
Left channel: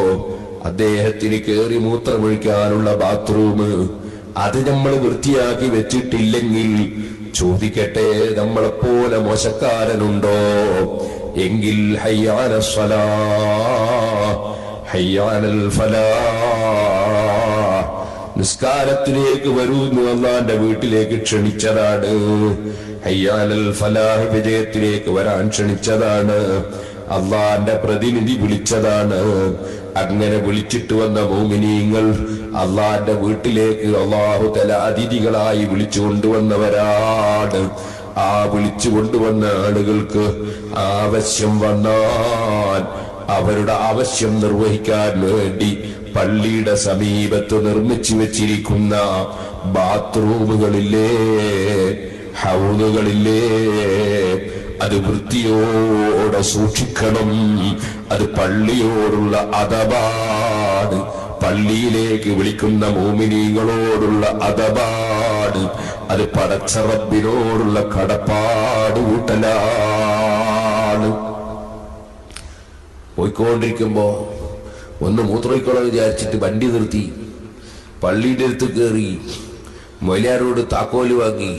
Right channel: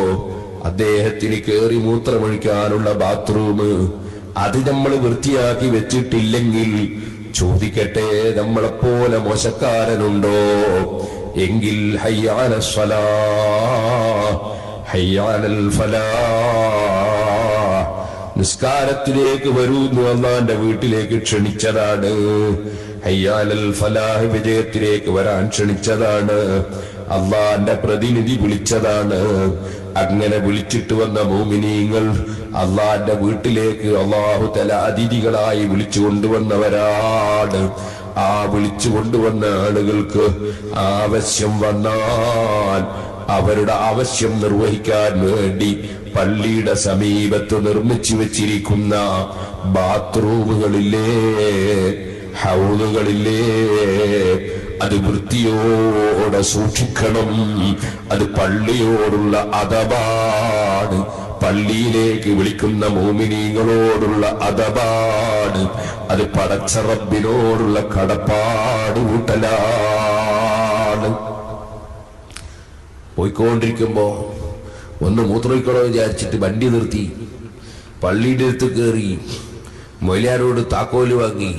അദ്ദേഹത്തിന് കേറി മൂത്രമൊഴിക്കാനുള്ള ബാത്റൂം അത് നമ്മൾ വൃത്തിയാക്കി വെച്ചിട്ടില്ലെങ്കിൽ ചോദിക്കട്ടെ, നമ്മളെപ്പോലെ മോശക്കാരനുണ്ടോ? എങ്കിൽ ഹയ്യാല സ്വലാഹ് ഹയ്യാലൽ ഫലാഹ്, നിസ്കാരത്തിലേക്ക് വരൂ എന്ന് അല്ലാഹുവിന്റെ വീട്ടിലേക്ക് ക്ഷണിച്ചതാണ്. ഹയ്യാലൽ ഫലാഹ്, വിജയത്തിലേക്ക് വരാൻ ക്ഷണിച്ചതാണ്. അള്ളാന്റെ പ്രതിനിധി വിളിച്ചതാണ്. അങ്ങനെ വിളിച്ചിട്ട് വന്ന മുഅ്മിനീങ്ങൾ അള്ളാന്റെ വീട്ടിലേക്ക് അല്ലാഹു തആല അതിഥികളായി വിളിച്ചു കൊണ്ടുവന്നവരാണ്. ആ വിളിച്ചു കൊണ്ടുവന്ന ആളുകൾക്ക് ആവശ്യം വന്നാൽ അവരുടെ ആവശ്യം നിർവഹിക്കാൻ വേണ്ടി പള്ളിയുടെ സമീപത്ത് നിർമ്മിച്ചു വെച്ചിരിക്കുന്ന ബാത്റൂമുകളില്ലേ, ഹൗലുകളില്ലേ, അത് വൃത്തിയോടെ സൂക്ഷിക്കണം. അത് പള്ളിയോടുള്ള അദബാണ്, പള്ളിയിലേക്ക് വിളിക്കുന്ന മുഅ്മിനീങ്ങളോടുള്ള അദബാണ്, അത് പടച്ച റബ്ബിനോടുള്ള കടപ്പാട് കൂട്ടലാണ്. പോയിക്കൊണ്ടിരിക്കുമ്പോ ഒന്ന് മൂത്രമൊഴിക്കണോ വിചാരിച്ചിട്ട് വണ്ടി നിർത്തി, പള്ളിയുടെ അടുത്ത് കയറി, മൊയ്ലാരോട് താക്കോല് വാങ്ങി,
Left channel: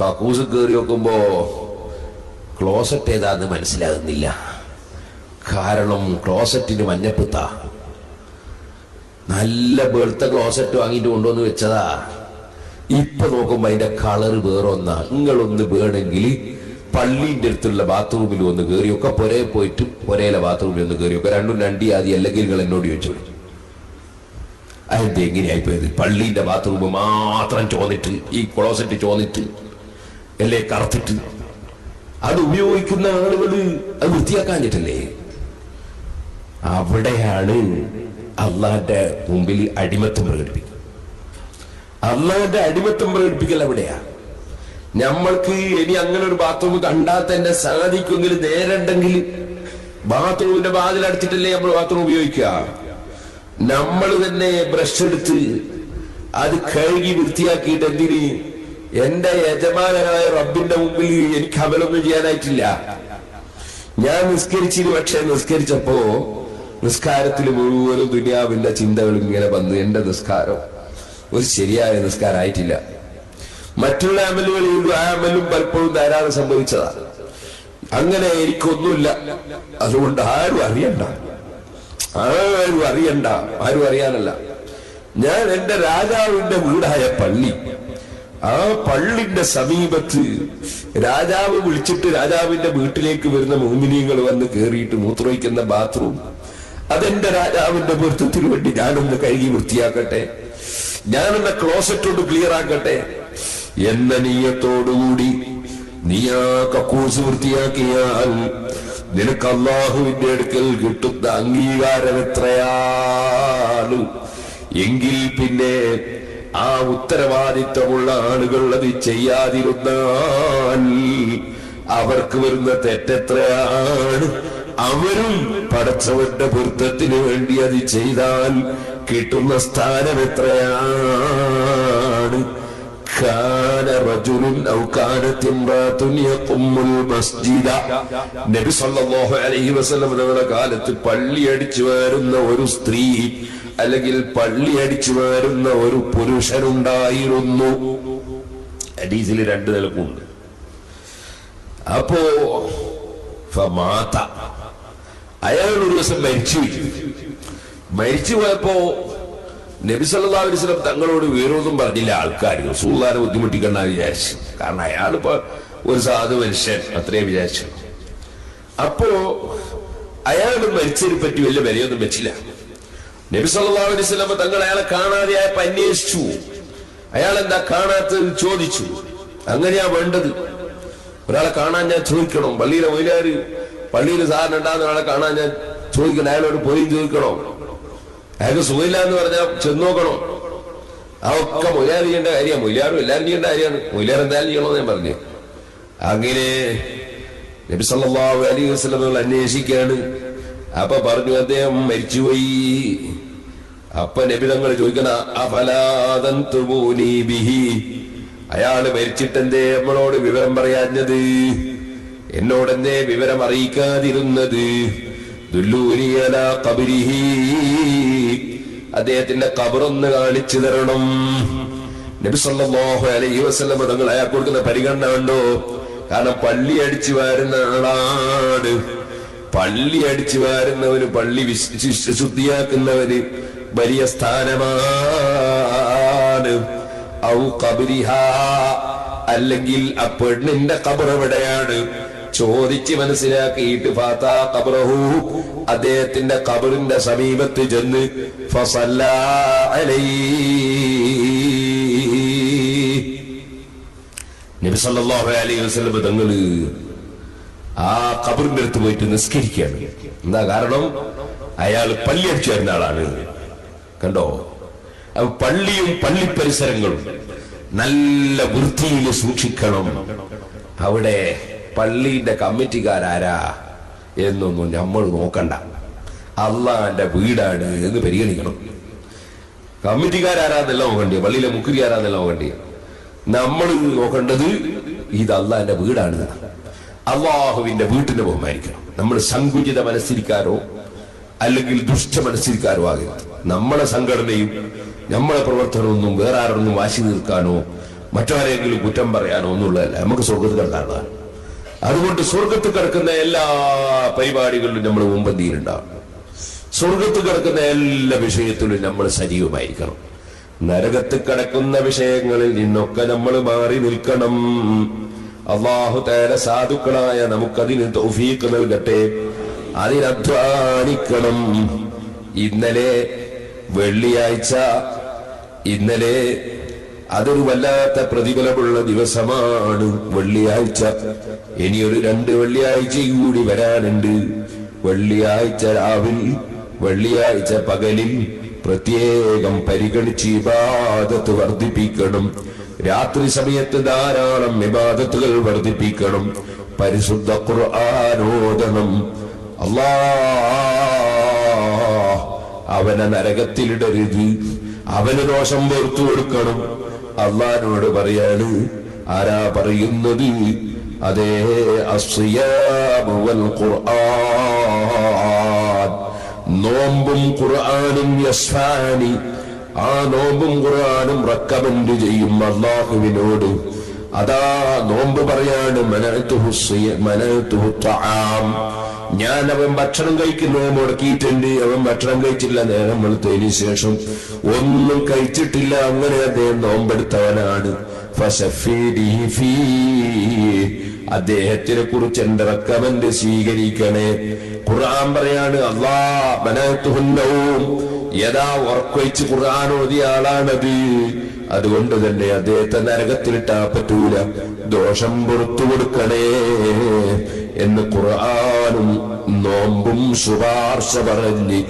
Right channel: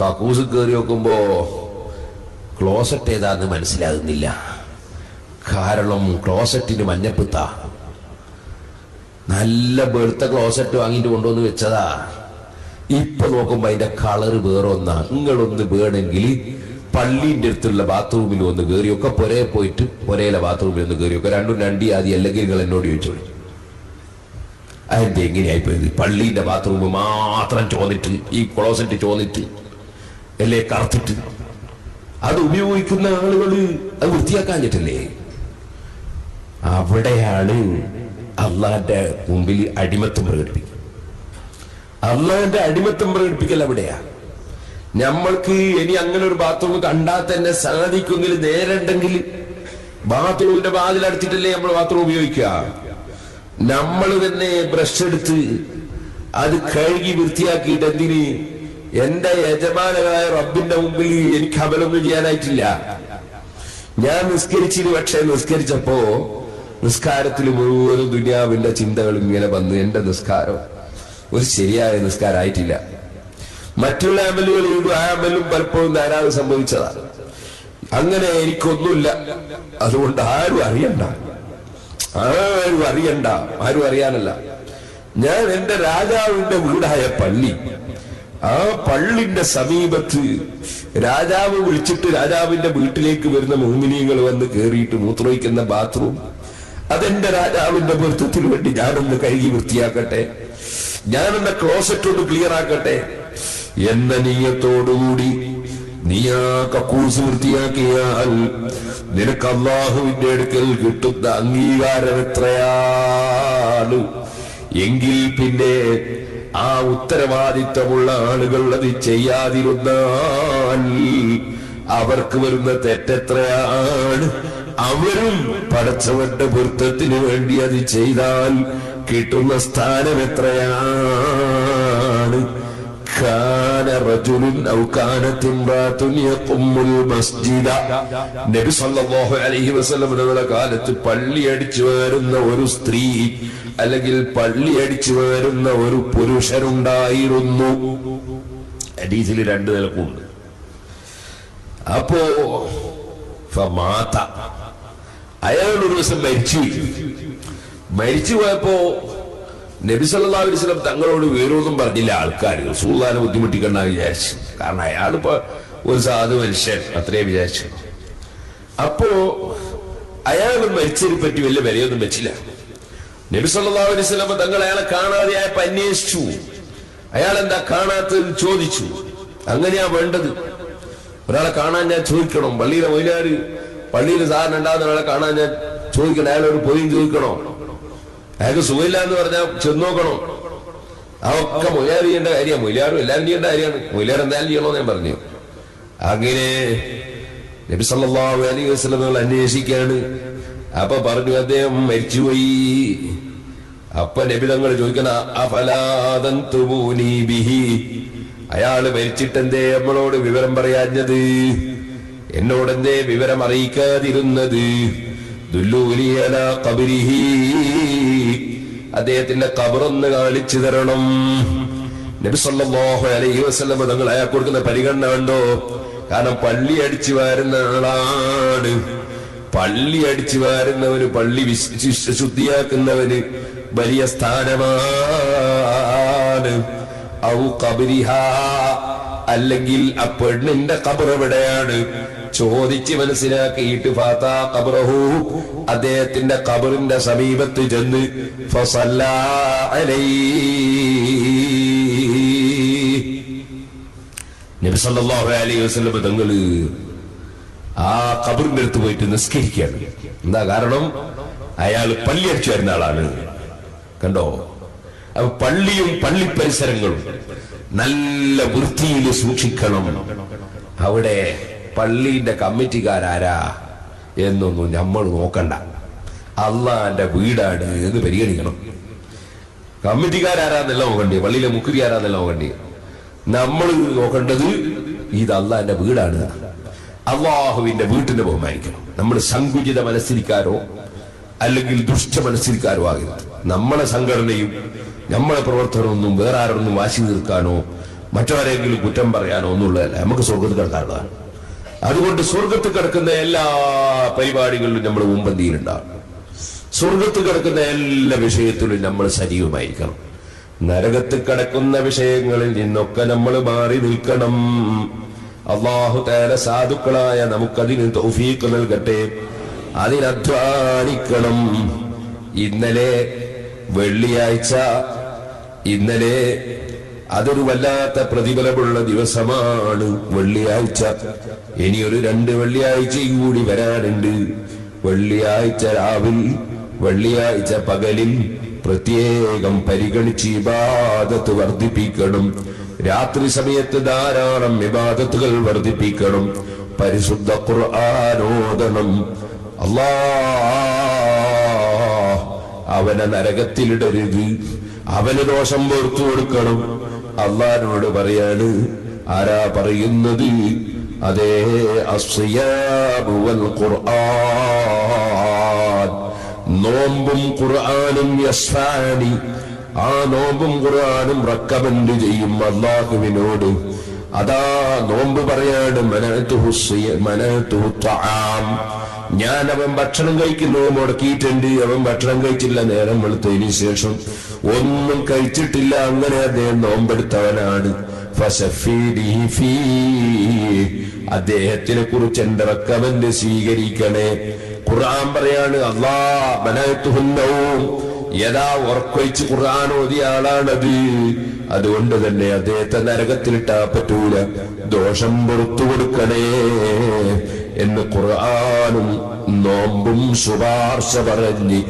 കക്കൂസ് കയറി നോക്കുമ്പോ ക്ലോസറ്റ് ഏതാന്ന് മനസ്സിലാകുന്നില്ല. കാരണം ക്ലോസറ്റിന് മഞ്ഞപ്പിത്ത. നല്ല വെളുത്ത ക്ലോസറ്റ് വാങ്ങിയിട്ട് കൊണ്ടുവന്ന് വെച്ചതാ. ഇപ്പൊ നോക്കുമ്പോ അതിന്റെ കളറ് വേറൊന്നാ. നിങ്ങളൊന്ന് വേണമെങ്കിൽ പള്ളിന്റെ അടുത്തുള്ള ബാത്റൂമിൽ ഒന്ന് കയറിയൊക്കെ പൊരേ പോയിട്ട് പൊരയിലെ ബാത്റൂമിൽ ഒന്ന് കയറിയൊക്കെ രണ്ടും രണ്ടി ആദ്യം, അല്ലെങ്കിൽ നിങ്ങൾ എന്നോട് ചോദിച്ചോളൂ അതെന്ത് എങ്ങനെയായി പോയത്? പള്ളിന്റെ ബാത്റൂം മാത്രം ചോന്നിട്ട്, ഈ ക്ലോസറ്റ് ചോന്നിട്ട് അല്ലേ കറുത്തിട്ട്, അത് ഉപയോഗിക്കുന്ന ആളുകൾ അത് വൃത്തിയാക്കാൻ പറ്റില്ലേ? അവിടെയാണ് അള്ളാന്റെ മുമ്പിൽ അടിമത്തം പ്രകടിപ്പിക്കുക. അള്ളാന്റെ അടിമത്തം പ്രകടിപ്പിക്കൽ അവിടെയാ. നമ്മൾക്ക് ഇനി അങ്ങനെ ഒരു ബാത്റൂം കണ്ടാൽ തന്നെ സാധിക്കുമെങ്കിൽ, നേരുണ്ടെങ്കിൽ ബാത്റൂമിന്റെ വാതിലടച്ചിട്ടല്ലേ നമ്മൾ ബാത്റൂം ഉപയോഗിക്കുക. നമ്മൾ തന്നെ ബ്രഷ് എടുത്ത് അത് കഴുകി വൃത്തിയാക്കിയിട്ട് എന്തിന്? എന്റെ യജമാനായ റബ്ബിന്റെ മുമ്പിൽ എനിക്ക് അമലൊന്നും ചെയ്യാനായിട്ടില്ല. ഞാൻ നിസ്കരിച്ചിന്, പക്ഷെ നിസ്കരിച്ചപ്പോ നിസ്കാരത്തിൽ മുഴുവനും ദുനിയാവിന്റെ ചിന്തകൾ ഇങ്ങനെ വന്നു. എന്റെ നിസ്കാരം ഒരു ശരിയായ നിസ്കാരമായിട്ടില്ല. മറ്റുള്ള അമലുകൾ ആ അമലും പലപ്പോഴും ധാരാളം സംഭവിച്ചതാണ്. അങ്ങനെ എനിക്കൊന്നുമില്ല, അതുകൊണ്ട് ആരും അറിയണ്ട, ആരും അറിയാനല്ല. ഞാൻ എന്റെ രാജാവിന്റെ വീടായ പള്ളി, ആ പള്ളിന്റെ സമീപത്ത് രാജാവ് വിളിച്ചിട്ട് രാജാവിന്റെ വീട്ടിലേക്ക് വരുന്ന മുഅ്മിനീങ്ങൾ വന്ന് കേറിയിട്ട് മൂത്രമൊഴിക്കുന്ന ബാത്റൂം, അതെന്റെ രാജാവിന്റെ പൊരുത്തത്തിന് വേണ്ടി ഞാനൊന്ന് കഴുകി വൃത്തിയാക്കട്ടെ, ഞാനെന്ന ക്ലോസറ്റോട് ക്ലിയർ ആക്കട്ടെ എന്ന നീയത്തോടുകൂടി നീ ആ കക്കൂസ് വൃത്തിയാക്കിയാൽ നിനക്ക് അല്ലാഹുവിന്റെ അടുക്കൽ കിട്ടുന്ന അംഗീകാരം എത്രയാണ്? എങ്കിൽ പിന്നെ ആ ഉത്തരവാദിത്തമുള്ള ആളുകൾ അത് ചെയ്യാതിരുന്നാൽ അവർക്ക് വരുന്ന തെറ്റെത്രയാണ്? അവരും പടച്ചവന്റെ പൊരുത്തത്തിന് വേണ്ടി അത് ചെയ്താൽ കിട്ടുന്ന സ്ഥാനം എത്രയാണ്? നബി സല്ലല്ലാഹു അലൈഹി വസല്ലം തങ്ങളുടെ കാലത്ത് പള്ളി അടിച്ചു വരുന്ന ഒരു സ്ത്രീ അല്ലെങ്കിൽ പള്ളി അടിച്ചു വരുന്ന ഒരു പുരുഷനുണ്ടായിരുന്നു. ഹദീസിൽ രണ്ട് നിലക്കുണ്ട്. അപ്പോ അയാൾ ഒരു ദിവസം മരിച്ചു പോയപ്പോ നബി സല്ലല്ലാഹു അലൈഹി വസല്ലം തങ്ങളോട് വേറൊന്നും പറഞ്ഞില്ല. ആൾക്കാർ റസൂലുള്ളാഹിനെ ബുദ്ധിമുട്ടിക്കണ്ട വിചാരിച്ചു. കാരണം അയാളിപ്പോ ഒരു സാധു മനുഷ്യൻ അത്രേ വിചാരിച്ചു. അപ്പോ അയാൾ മരിച്ചതിനെ പറ്റി വലിയ വിലയൊന്നും വെച്ചില്ല. നബി സല്ലല്ലാഹു അലൈഹി വസല്ലം തങ്ങൾ അയാളെ കാണാതെയായപ്പോ അന്വേഷിച്ചു. അയാൾ എന്താ കാണാത്തത് ചോദിച്ചു. അങ്ങനെയാ വേണ്ടത്. ഒരാളെ കാണാൻ ഞാൻ ചോദിക്കണം. പള്ളിയിലെ മൊയ്ലാര് പള്ളിയിൽ സാധനം ഉണ്ടാകുന്ന ആളെ കാണാൻ ഞാൻ ചോദിക്കണം. അയാളോട് പോയി ചോദിക്കണോ? അയാൾക്ക് സുഖമില്ല എന്ന് പറഞ്ഞാൽ ചെന്ന് നോക്കണോ? ആ ഒക്കെ മൊയ്ലാർ ചെയ്യേണ്ട കാര്യമാണ്. മൊയ്ലാറും എല്ലാവരും ചെയ്യേണ്ട കാര്യമാണ്. മൊയ്ലാർ എന്തായാലും ചെയ്യണമെന്ന് ഞാൻ പറഞ്ഞു. അങ്ങനെ നബി സല്ലല്ലാഹു അലൈഹി വസല്ലം അന്വേഷിക്കാണ്. അപ്പൊ പറഞ്ഞു അദ്ദേഹം മരിച്ചുപോയി. അപ്പൊ നബി തങ്ങൾ ചോദിക്കണ അഫലാദന്തുമൂനി ബിഹി, അയാള് മരിച്ചിട്ടെന്തേ നമ്മളോട് വിവരം പറയാഞ്ഞത്, എന്നോടെന്തേ വിവരം അറിയിക്കാതിരുന്നത്? ദുല്ലൂനി അലാ ഖബരിഹി, അദ്ദേഹത്തിന്റെ ഖബറൊന്ന് കാണിച്ചു തരണം. നബി സല്ലല്ലാഹു അലൈഹി വസല്ലം തങ്ങൾ അയാൾക്ക് കൊടുക്കുന്ന പരിഗണന കണ്ടോ? കാരണം പള്ളി അടിച്ചു വാരുന്ന ആളാണ്. പള്ളി അടിച്ചു വാരുന്നവന്, പള്ളി ശുദ്ധിയാക്കുന്നവന് വലിയ സ്ഥാനമാണ്. ഔ ഖബരിഹാ, അല്ലെങ്കിൽ ആ പെണ്ണിന്റെ ഖബർ എവിടെയാണ് ചോദിച്ച് മനസ്സിലാക്കിയിട്ട് ഫാത്താ ഖബറഹു, അദ്ദേഹത്തിന്റെ ഖബറിന്റെ സമീപത്ത് ചെന്ന് ഫസല്ലാ അലൈഹി, നബി സല്ലല്ലാഹു അലൈഹി വസല്ലം തങ്ങള് ആ ഖബറിന്റെ അടുത്ത് പോയിട്ട് നിസ്കരിക്കുകയാണ്. എന്താ കാരണം? അയാൾ പള്ളി അടിച്ചു വരുന്ന ആളാണ്. കണ്ടോ? അപ്പൊ പള്ളിയും പള്ളി പരിസരങ്ങളും നല്ല വൃത്തിയിൽ സൂക്ഷിക്കണം. അവിടെ പള്ളിയുടെ കമ്മിറ്റിക്കാരാരാ എന്നൊന്നും നമ്മൾ നോക്കണ്ട. അള്ളാന്റെ വീടാണ് എന്ന് പരിഗണിക്കണം. കമ്മിറ്റിക്കാരാരാന്നല്ല നോക്കണ്ടേ, പള്ളിയിലെ മുക്രിയാരാന്നല്ല നോക്കണ്ടേ. നമ്മൾ നോക്കേണ്ടത് ഇത് അള്ളാന്റെ വീടാണ്. അള്ളാഹുവിന്റെ വീട്ടിനെ ബഹുമാനിക്കണം. നമ്മൾ സങ്കുചിത മനസ്സിരിക്കാരോ അല്ലെങ്കിൽ ദുഷ്ട മനസ്സിരിക്കാരോ ആകരുത്. നമ്മളെ സംഘടനയും നമ്മളെ പ്രവർത്തനമൊന്നും വേറെ ആരൊന്നും വാശി തീർക്കാനോ മറ്റാരെങ്കിലും കുറ്റം പറയാനോ ഒന്നുള്ളതല്ല. നമുക്ക് സ്വർഗത്തിൽ കിടക്കാനുള്ളതാണ്. അതുകൊണ്ട് സ്വർഗത്ത് കിടക്കുന്ന എല്ലാ പരിപാടികളിലും നമ്മൾ മുമ്പന്തിയിലുണ്ടാകും. സ്വർഗത്ത് കിടക്കുന്ന എല്ലാ വിഷയത്തിലും നമ്മൾ സജീവമായിരിക്കണം. നരകത്ത് കിടക്കുന്ന വിഷയങ്ങളിൽ നിന്നൊക്കെ നമ്മൾ മാറി നിൽക്കണം. അല്ലാഹു തആല സാധുക്കളായ നമുക്കതിന് തൗഫീഖ് നൽകട്ടെ. അതിനധ്വാനിക്കണം. ഇന്നലെ വെള്ളിയാഴ്ച, ഇന്നലെ അതൊരു വല്ലാത്ത പ്രതിഫലമുള്ള ദിവസമാണ് വെള്ളിയാഴ്ച. ഇനിയൊരു 2 വെള്ളിയാഴ്ചയും കൂടി വരാനുണ്ട്. വെള്ളിയാഴ്ച രാവിൽ, വെള്ളിയാഴ്ച പകലിൽ പ്രത്യേകം പരിഗണിച്ച് ഇബാദത്ത് വർദ്ധിപ്പിക്കണം. രാത്രി സമയത്ത് ധാരാളം ഇബാദത്തുകൾ വർദ്ധിപ്പിക്കണം. പരിശുദ്ധ ഖുർആനോദനം. അല്ലാഹ് അവനെ നരകത്തിലിടരുത്, അവന് ദോഷം പുറത്തു കൊടുക്കണം. അള്ളാഹിനോട് പറയാണ്. ആരാ പറയുന്നത്? അതേ അസ്സിയാമു വൽ ഖുർആൻ, നോമ്പും ഖുർആനും യസ്ഫാനി, ആ നോമ്പും ഖുർആനും റെക്കമെൻഡ് ചെയ്യും അല്ലാഹുവിനോട്. അതാ നോമ്പ് പറയാണ് മനഅതുഹു തആം, ഞാൻ അവൻ ഭക്ഷണം കഴിക്കുന്നത് മുടക്കിയിട്ടുണ്ട്. അവൻ ഭക്ഷണം കഴിച്ചില്ല, നേരം വെളുത്തതിന് ശേഷം ഒന്നും കഴിച്ചിട്ടില്ല. അങ്ങനെ അദ്ദേഹം നോമ്പെടുത്തവനാണ്. അദ്ദേഹത്തിനെ കുറിച്ച് എന്റെ റെക്കമെൻഡ് സ്വീകരിക്കണേ. ഖുർആൻ പറയാണ് യഥാ ഉറക്കൊഴിച്ച് ഖുർആൻ ഓതിയ ആളാണത്. അതുകൊണ്ട് തന്നെ അദ്ദേഹത്തെ നരകത്തിലിട്ടാ പറ്റൂല. ദോഷം പുറത്തു കൊടുക്കണേ എന്ന് ഖുർആനും നോമ്പും ശുപാർശ പറഞ്ഞ്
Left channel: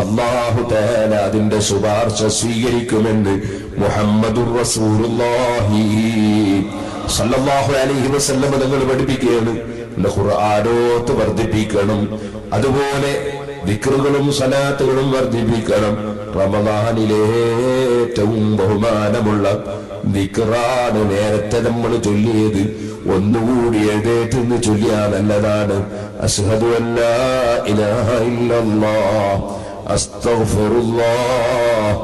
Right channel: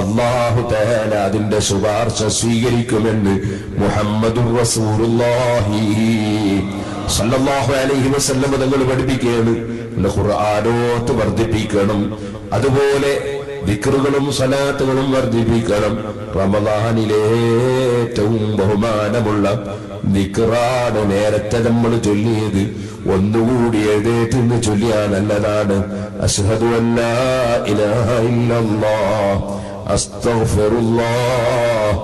അല്ലാഹു തആല അതിന്റെ ശുപാർശ സ്വീകരിക്കുമെന്ന് മുഹമ്മദുർ റസൂലുള്ളാഹി സല്ലല്ലാഹു അലൈഹി വസല്ലം തങ്ങൾ പഠിപ്പിക്കുകയാണ്. ഖുർആനോത്ത് വർദ്ധിപ്പിക്കണം. അതുപോലെ ദിക്റുകളും സലാത്തുകളും വർദ്ധിപ്പിക്കണം. റമദാനിലെ ഏറ്റവും ബഹുമാനമുള്ള ദിക്റാണ് നേരത്തെ നമ്മൾ ചൊല്ലിയത്. ഒന്നുകൂടി എഴുന്നേറ്റ് ചൊല്ലിയാൽ നല്ലതാണ്. അശ്ഹദു അല്ലാ ഇലാഹ ഇല്ലല്ലാഹ് അസ്തഗ്ഫിറുല്ലാഹ്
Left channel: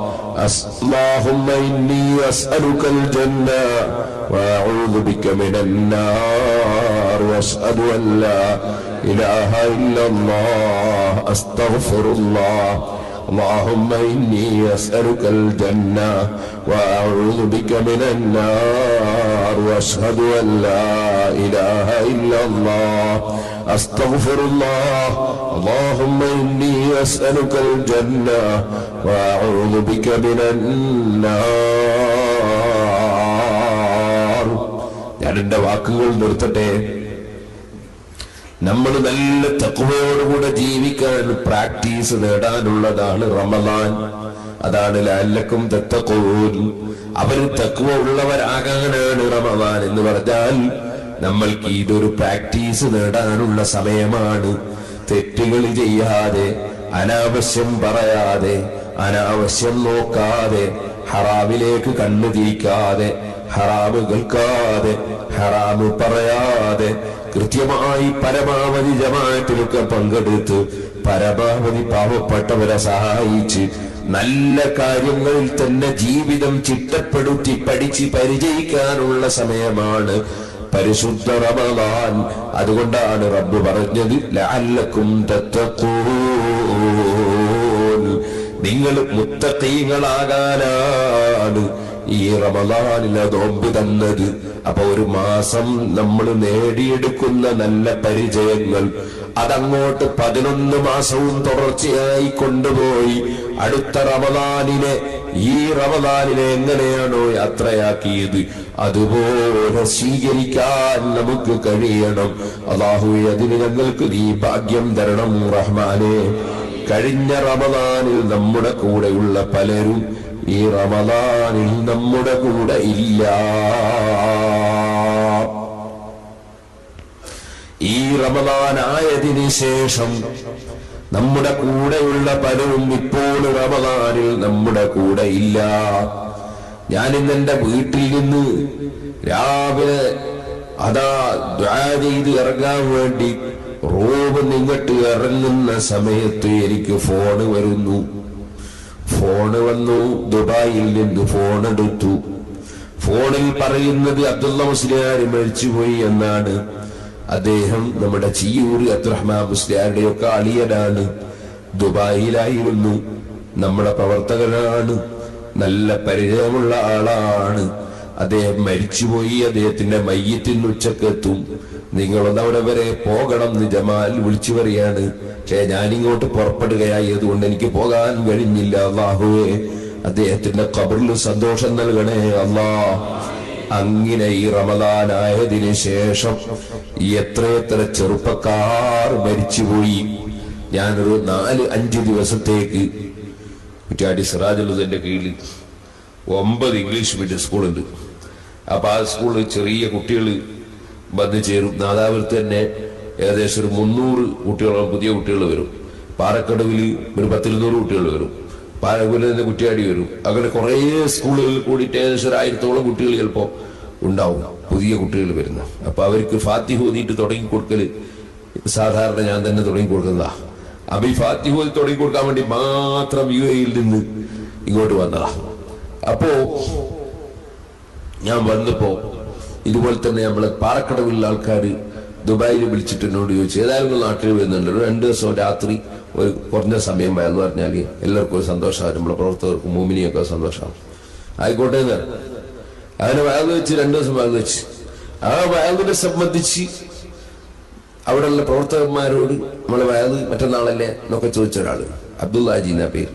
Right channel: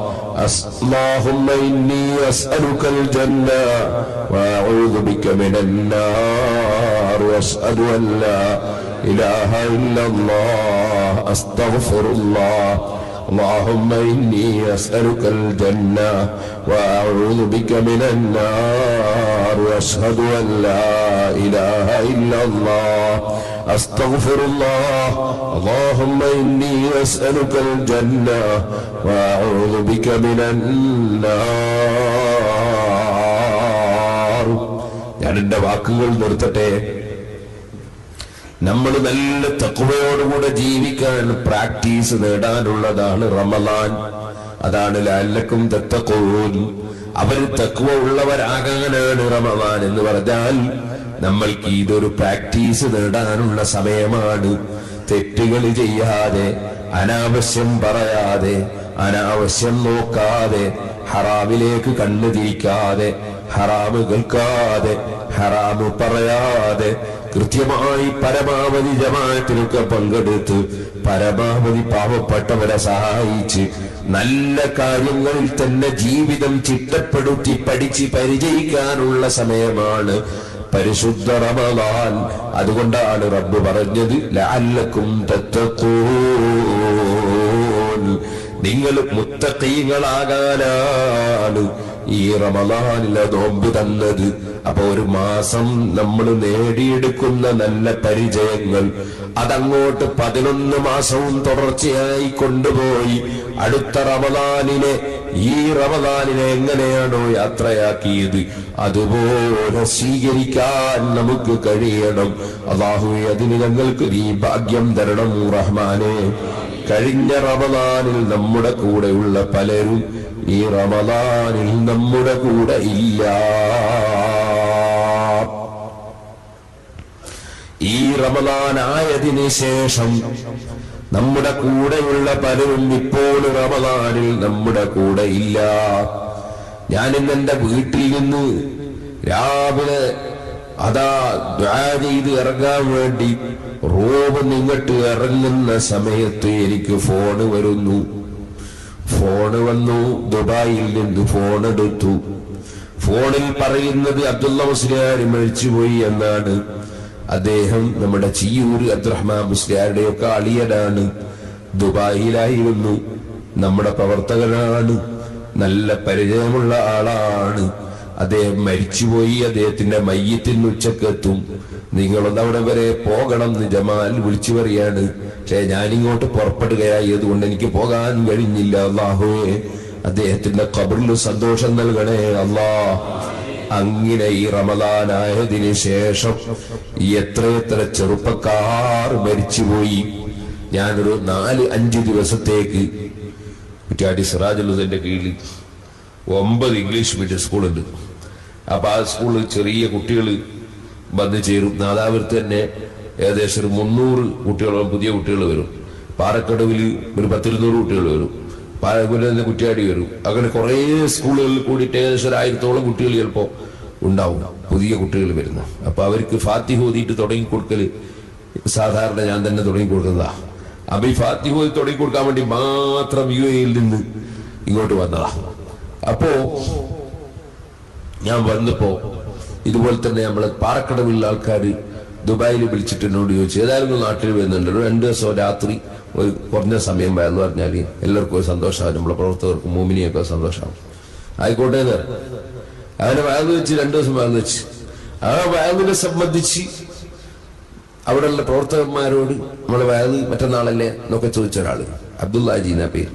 اللهم إني أسألك الجنة وأعوذ بك من النار وأشهد أن لا إله إلا الله أستغفر الله اللهم إني أسألك الجنة وأعوذ بك من النار وأشهد أن لا إله إلا الله أستغفر الله اللهم إني أسألك الجنة وأعوذ بك من النار. ഞാൻ എന്റെ വാക്കുകൾ നിർത്തട്ടെ. നമ്മൾ നല്ല തഖ്വയോടുകൂടെ ജീവിക്കാൻ പ്രാക്ടീസ് നേടാനുള്ളതാണ് റമദാൻ. അതാണ് ലഅല്ലക്കും തത്തഖൂൻ. അവർ തഖ്വ ഉള്ളവരാകാനാണ് റമദാൻ എന്ന് പറഞ്ഞാൽ നമ്മൾക്ക് ഇതൊരു പ്രാക്ടീസ് നേടാനുള്ള സമയമാണ്. തെറ്റുകൾ ചെയ്യാതെ, അനാവശ്യം പറയാതെ, അനാവശ്യം നോക്കാതെ, ഹറാമിലേക്ക് കണ്ണു തിരിക്കാതെ, ഹറാമ് കേൾക്കാതെ, ഹറാമ് പറയാതെ, കൃത്യമായി പരമാവധി ജമാഅത്തിലൊക്കെ പങ്കെടുത്ത് പരമാവധി പാവപ്പെട്ടവരെ സഹായിച്ച് നല്ല കാര്യങ്ങളിൽ തന്നെ ജീവിതം ചിട്ടപ്പെടുത്തി പഠിച്ച് പരിചയിക്കാനുള്ള സമയമാണ് പരിശുദ്ധ റമദാൻ. അതുകൊണ്ടാണ് റബ്ബ് പറഞ്ഞത് ലഅല്ലക്കും തത്തഖൂൻ, നിങ്ങൾ മുത്തഖീങ്ങളാകാനാണ് ഈ റമദാനിലെ നോമ്പ് തന്നത്. അപ്പൊ ഒരു മാസം നമ്മൾ നേടിയെടുക്കുന്ന നല്ല പരിചയങ്ങൾ അതങ്ങോട്ട് 11 മാസവും തുടർച്ചയായി കൊണ്ടുപോയി അടുത്ത റമദാനിനെ, ഈ റമദാനിനെ എങ്ങനെയാണോ യാത്രയാക്കിയത് അതുപോലെ സ്വീകരിക്കാൻ നമുക്ക് കഴിയണം. അല്ലാഹുവേ, അതിന് ഞങ്ങൾക്ക് നീ ഭാഗ്യം തരണം റഹ്മാനെ. കഴിഞ്ഞ റമദാനിൽ നമ്മുടെ കൂടെയുള്ള പലരും ഈ റമദാനിൽ നമ്മുടെ കൂടെ ഇല്ല. ഈ റമദാൻ ആയതിനു ശേഷം നമ്മുടെ കൂടെയുള്ള പലരും ഇപ്പോൾ റമദാനിൽ നമ്മുടെ കൂടെ ഇല്ല. ഞാനിന്ന് എന്റെ വീട്ടിൽ നിന്ന് രാവിലെ അതാ ദുആ ചെയ്ത് ഇറങ്ങാൻ വേണ്ടി റൂമിൽ നിന്നിട്ട് ഇറങ്ങുന്ന സമയത്ത് എനിക്ക് ഫോണ് വന്നു. ദുബായിൽ നിന്ന് ഫോൺ എടുത്തു. ഫോണിൽ പറയുന്നത് അബ്ദുള്ള മുസ്ലിയാർ മരിച്ചുപോയി എന്നാണ്. അദ്ദേഹം നമ്മുടെ ചിയൂർ അബ്ദുറഹ്മാൻ മുസ്ലിയാരുടെയൊക്കെ അളിയനാണ്. ദുബായിലായിരുന്നു. നമ്മുടെ പ്രവർത്തകനാണ്. നല്ല പരിചയമുള്ള ആളാണ്. അദ്ദേഹം മരിച്ചുപോയി. അദ്ദേഹത്തിന്റെ മയ്യത്തിന് ഉച്ചക്കെത്തും. നിങ്ങളൊന്ന് അവിടെ വരെ പോകണം എന്ന് ജമാൽ വിളിച്ചു പറയാണ്. പക്ഷേ ഞാനിങ്ങോട്ട് പുറപ്പെടുകയായതുകൊണ്ട് എനിക്ക് പോകാൻ കഴിഞ്ഞില്ല. അല്ലാഹുവേ, അദ്ദേഹത്തിന്റെ ഖബറിൽ സന്തോഷം നൽകണേ അല്ലാ. അങ്ങനെ ഈ റമദാനായതിനു ശേഷം എത്രയെത്ര ചെറുപ്പക്കാർ മരിച്ചുപോയി. ഞാനൊരു 4-5 ദിവസത്തേക്ക് കുറ്റ്യാടി സിറാജുലുദന്റെ കീഴിൽ 9 ഇംഗ്ലീഷ് മീഡിയം സ്കൂളുണ്ട്. അപ്പൊ ആ സ്കൂളിൽ ചെറിയ കുട്ടികൾ വന്നു ചേരും. നാദാപുരത്ത് തന്നെ ഏകദേശം ഒരു 300 കുട്ടികളോളം പുതിയ കുട്ടികൾ വരും. പാറക്കടവിൽ ഒരു 10-200 കുട്ടികൾ വരും. പാലക്കുല തന്നെ കുറ്റ്യാടി വരും. അങ്ങനെ കുറെ സ്കൂളുകളിൽ കൂടിയിട്ട് ഏകദേശം 1000-ഓളം കുട്ടികൾ ചിലപ്പോ ഉണ്ടാവും, പുതിയ കുട്ടികൾ വരുന്നു. അപ്പൊ അവർക്ക് ഫാത്തിഹ ഓതിയിട്ട് തുടങ്ങി കൊടുക്കല് സാധാരണ ഞാൻ തന്നെ തുടങ്ങി കൊടുക്കുന്നതാ. അപ്പൊ ഈ ഫാത്തിഹ ഓതി തുടങ്ങി കൊടുക്കാൻ വേണ്ടി മാത്രം UAE-യിൽ നിന്ന് ഇങ്ങോട്ട് വന്നതാ. അപ്പോ ഞാൻ വന്നപ്പോ ഇതുപോലെ തന്നെ നമ്മളെ പാറക്കടവിലുള്ള ആൾക്കാർ ദുബായിൽ വിളിച്ചിട്ട് എന്നോട് ചോദിച്ചു, ഏതായാലും നാട്ടിൽ വരുന്നുണ്ട്, 2 ദിവസം രാത്രി ഒരു കുറഞ്ഞ സമയം വയന്ന് പറഞ്ഞാൽ എല്ലാവർക്കും ഒരു സന്തോഷമാണ്, നമ്മളെ പ്രവർത്തകർക്കും മോമിനിയൊക്കെ സന്തോഷമാണ്. ആയിക്കോട്ടെ എന്ന് അങ്ങനെ വയന്ന് വെച്ച് 2 ദിവസം വയന്ന് വെച്ച് ആ വയന്നിനെ സംബന്ധിച്ച് അവിടെയുള്ള പ്രവർത്തകന്മാരോട് നമ്മളെ വയന്ന് മറ്റന്നാളല്ലേ എന്നൊക്കെ ചോദിച്ച ഒരാള് അബ്ദുല്ലാജി എന്ന പേര്,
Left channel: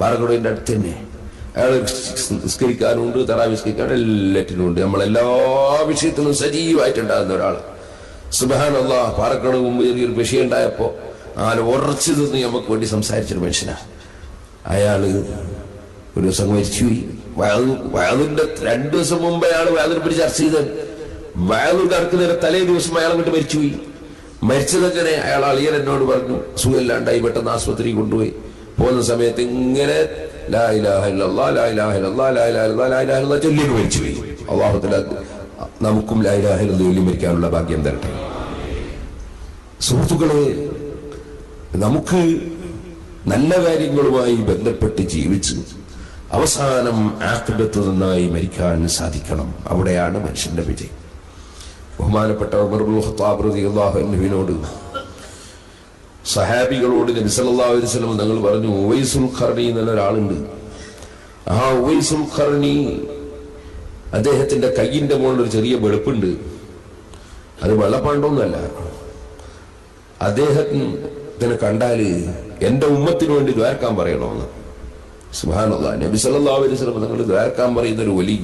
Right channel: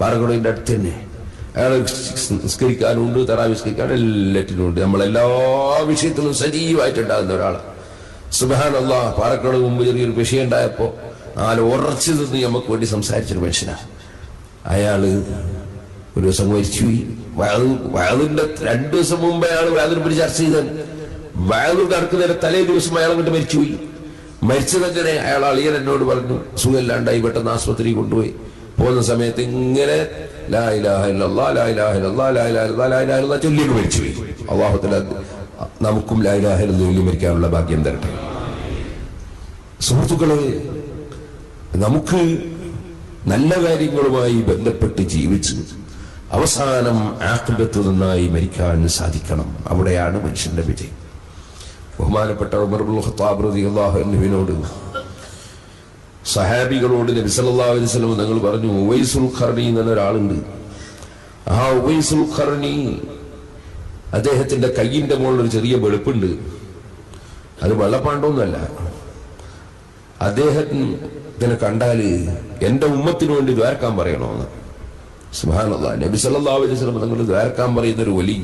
പാറക്കടവിന്റെ അടുത്ത് തന്നെ. അയാൾ നിസ്കരിക്കാനുണ്ട്, തറാവി നിസ്കരിക്കാൻ എല്ലാറ്റിനും ഉണ്ട്. നമ്മളെല്ലാ വിഷയത്തിലും സജീവമായിട്ടുണ്ടാകുന്ന ഒരാൾ. സുബ്ഹാനല്ലാഹ്, പാറക്കടവ് മുമ്പ് ചെറിയൊരു വിഷയം ഉണ്ടായപ്പോ ഉറച്ചു നിന്ന് നമുക്ക് വേണ്ടി സംസാരിച്ചൊരു മനുഷ്യനാണ്. അയാള് ഒരു ദിവസം മരിച്ചുപോയി. വയലിന്റെ 2 ദിവസം മുമ്പ് അയാൾ വയലിനെ പറ്റി ചർച്ച ചെയ്താൽ വയലിൽ കടക്കുന്നതിന്റെ തലേ ദിവസം അയാൾ അങ്ങോട്ട് മരിച്ചുപോയി. മരിച്ചതെങ്ങനെ അയാൾ അളിയൻ എന്നോട് പറഞ്ഞു, സുഖമില്ലാണ്ടായി, പെട്ടെന്ന് ആശുപത്രി കൊണ്ടുപോയി. പോകുന്ന സമയത്ത് ഇങ്ങനെ ലാ ഇലാഹ ഇല്ലല്ലാഹ് ലാ ഇലാഹ ഇല്ലല്ലാഹ് ലാ ഇലാഹ ഇല്ലല്ലാഹ് ലാ ഇലാഹ ഇല്ലല്ലാഹ് ചൊല്ലിയൊക്കെ മരിച്ചുപോയി. അല്ലാഹു തആല നമുക്കും ലാ ഇലാഹ ഇല്ലല്ലാഹ് ചൊല്ലി മരിക്കാനുള്ള ഭാഗ്യം തരട്ടെ. സുഹൃത്തുക്കളെ, നമുക്ക് നല്ല കാര്യങ്ങളുമായി ബന്ധപ്പെട്ട് ജീവിച്ച് അവസാനം ആഖിബത്ത് നന്നായി മരിക്കാൻ സാധിക്കണം. അവിടെയാണ് മനുഷ്യന്റെ വിജയം. ബഹുമാനപ്പെട്ട ഉമർ ഇബ്നുൽ ഖത്താബ് റളിയല്ലാഹു അൻഹുവിനോട് സഹാബികളോട് നബി സല്ലല്ലാഹു അലൈഹി വസല്ലം തങ്ങൾ പറഞ്ഞു, ഉവൈസുൽ ഖർനി എന്ന ഒരാളുണ്ട്. ആ ഉവൈസുൽ ഖർനി, അദ്ദേഹത്തിന്റെ കയ്യിന്റെ മുകളിൽ ഒരു ചെറിയ വെളുപ്പുണ്ട്. അത് വെള്ളപ്പാണ്ടൊന്നുമല്ല. അദ്ദേഹത്തിനെ കണ്ടാല് എന്റെ ഉമ്മത്തിന് വേണ്ടി ദ്വാരക്കാൻ പറയണമെന്ന്. സുബ്ഹാനല്ലാഹ്, നബി സല്ലല്ലാഹു അലൈഹി വസല്ലം തങ്ങൾ ദ്വാരക്കാൻ പറയുന്ന ഒരു വലി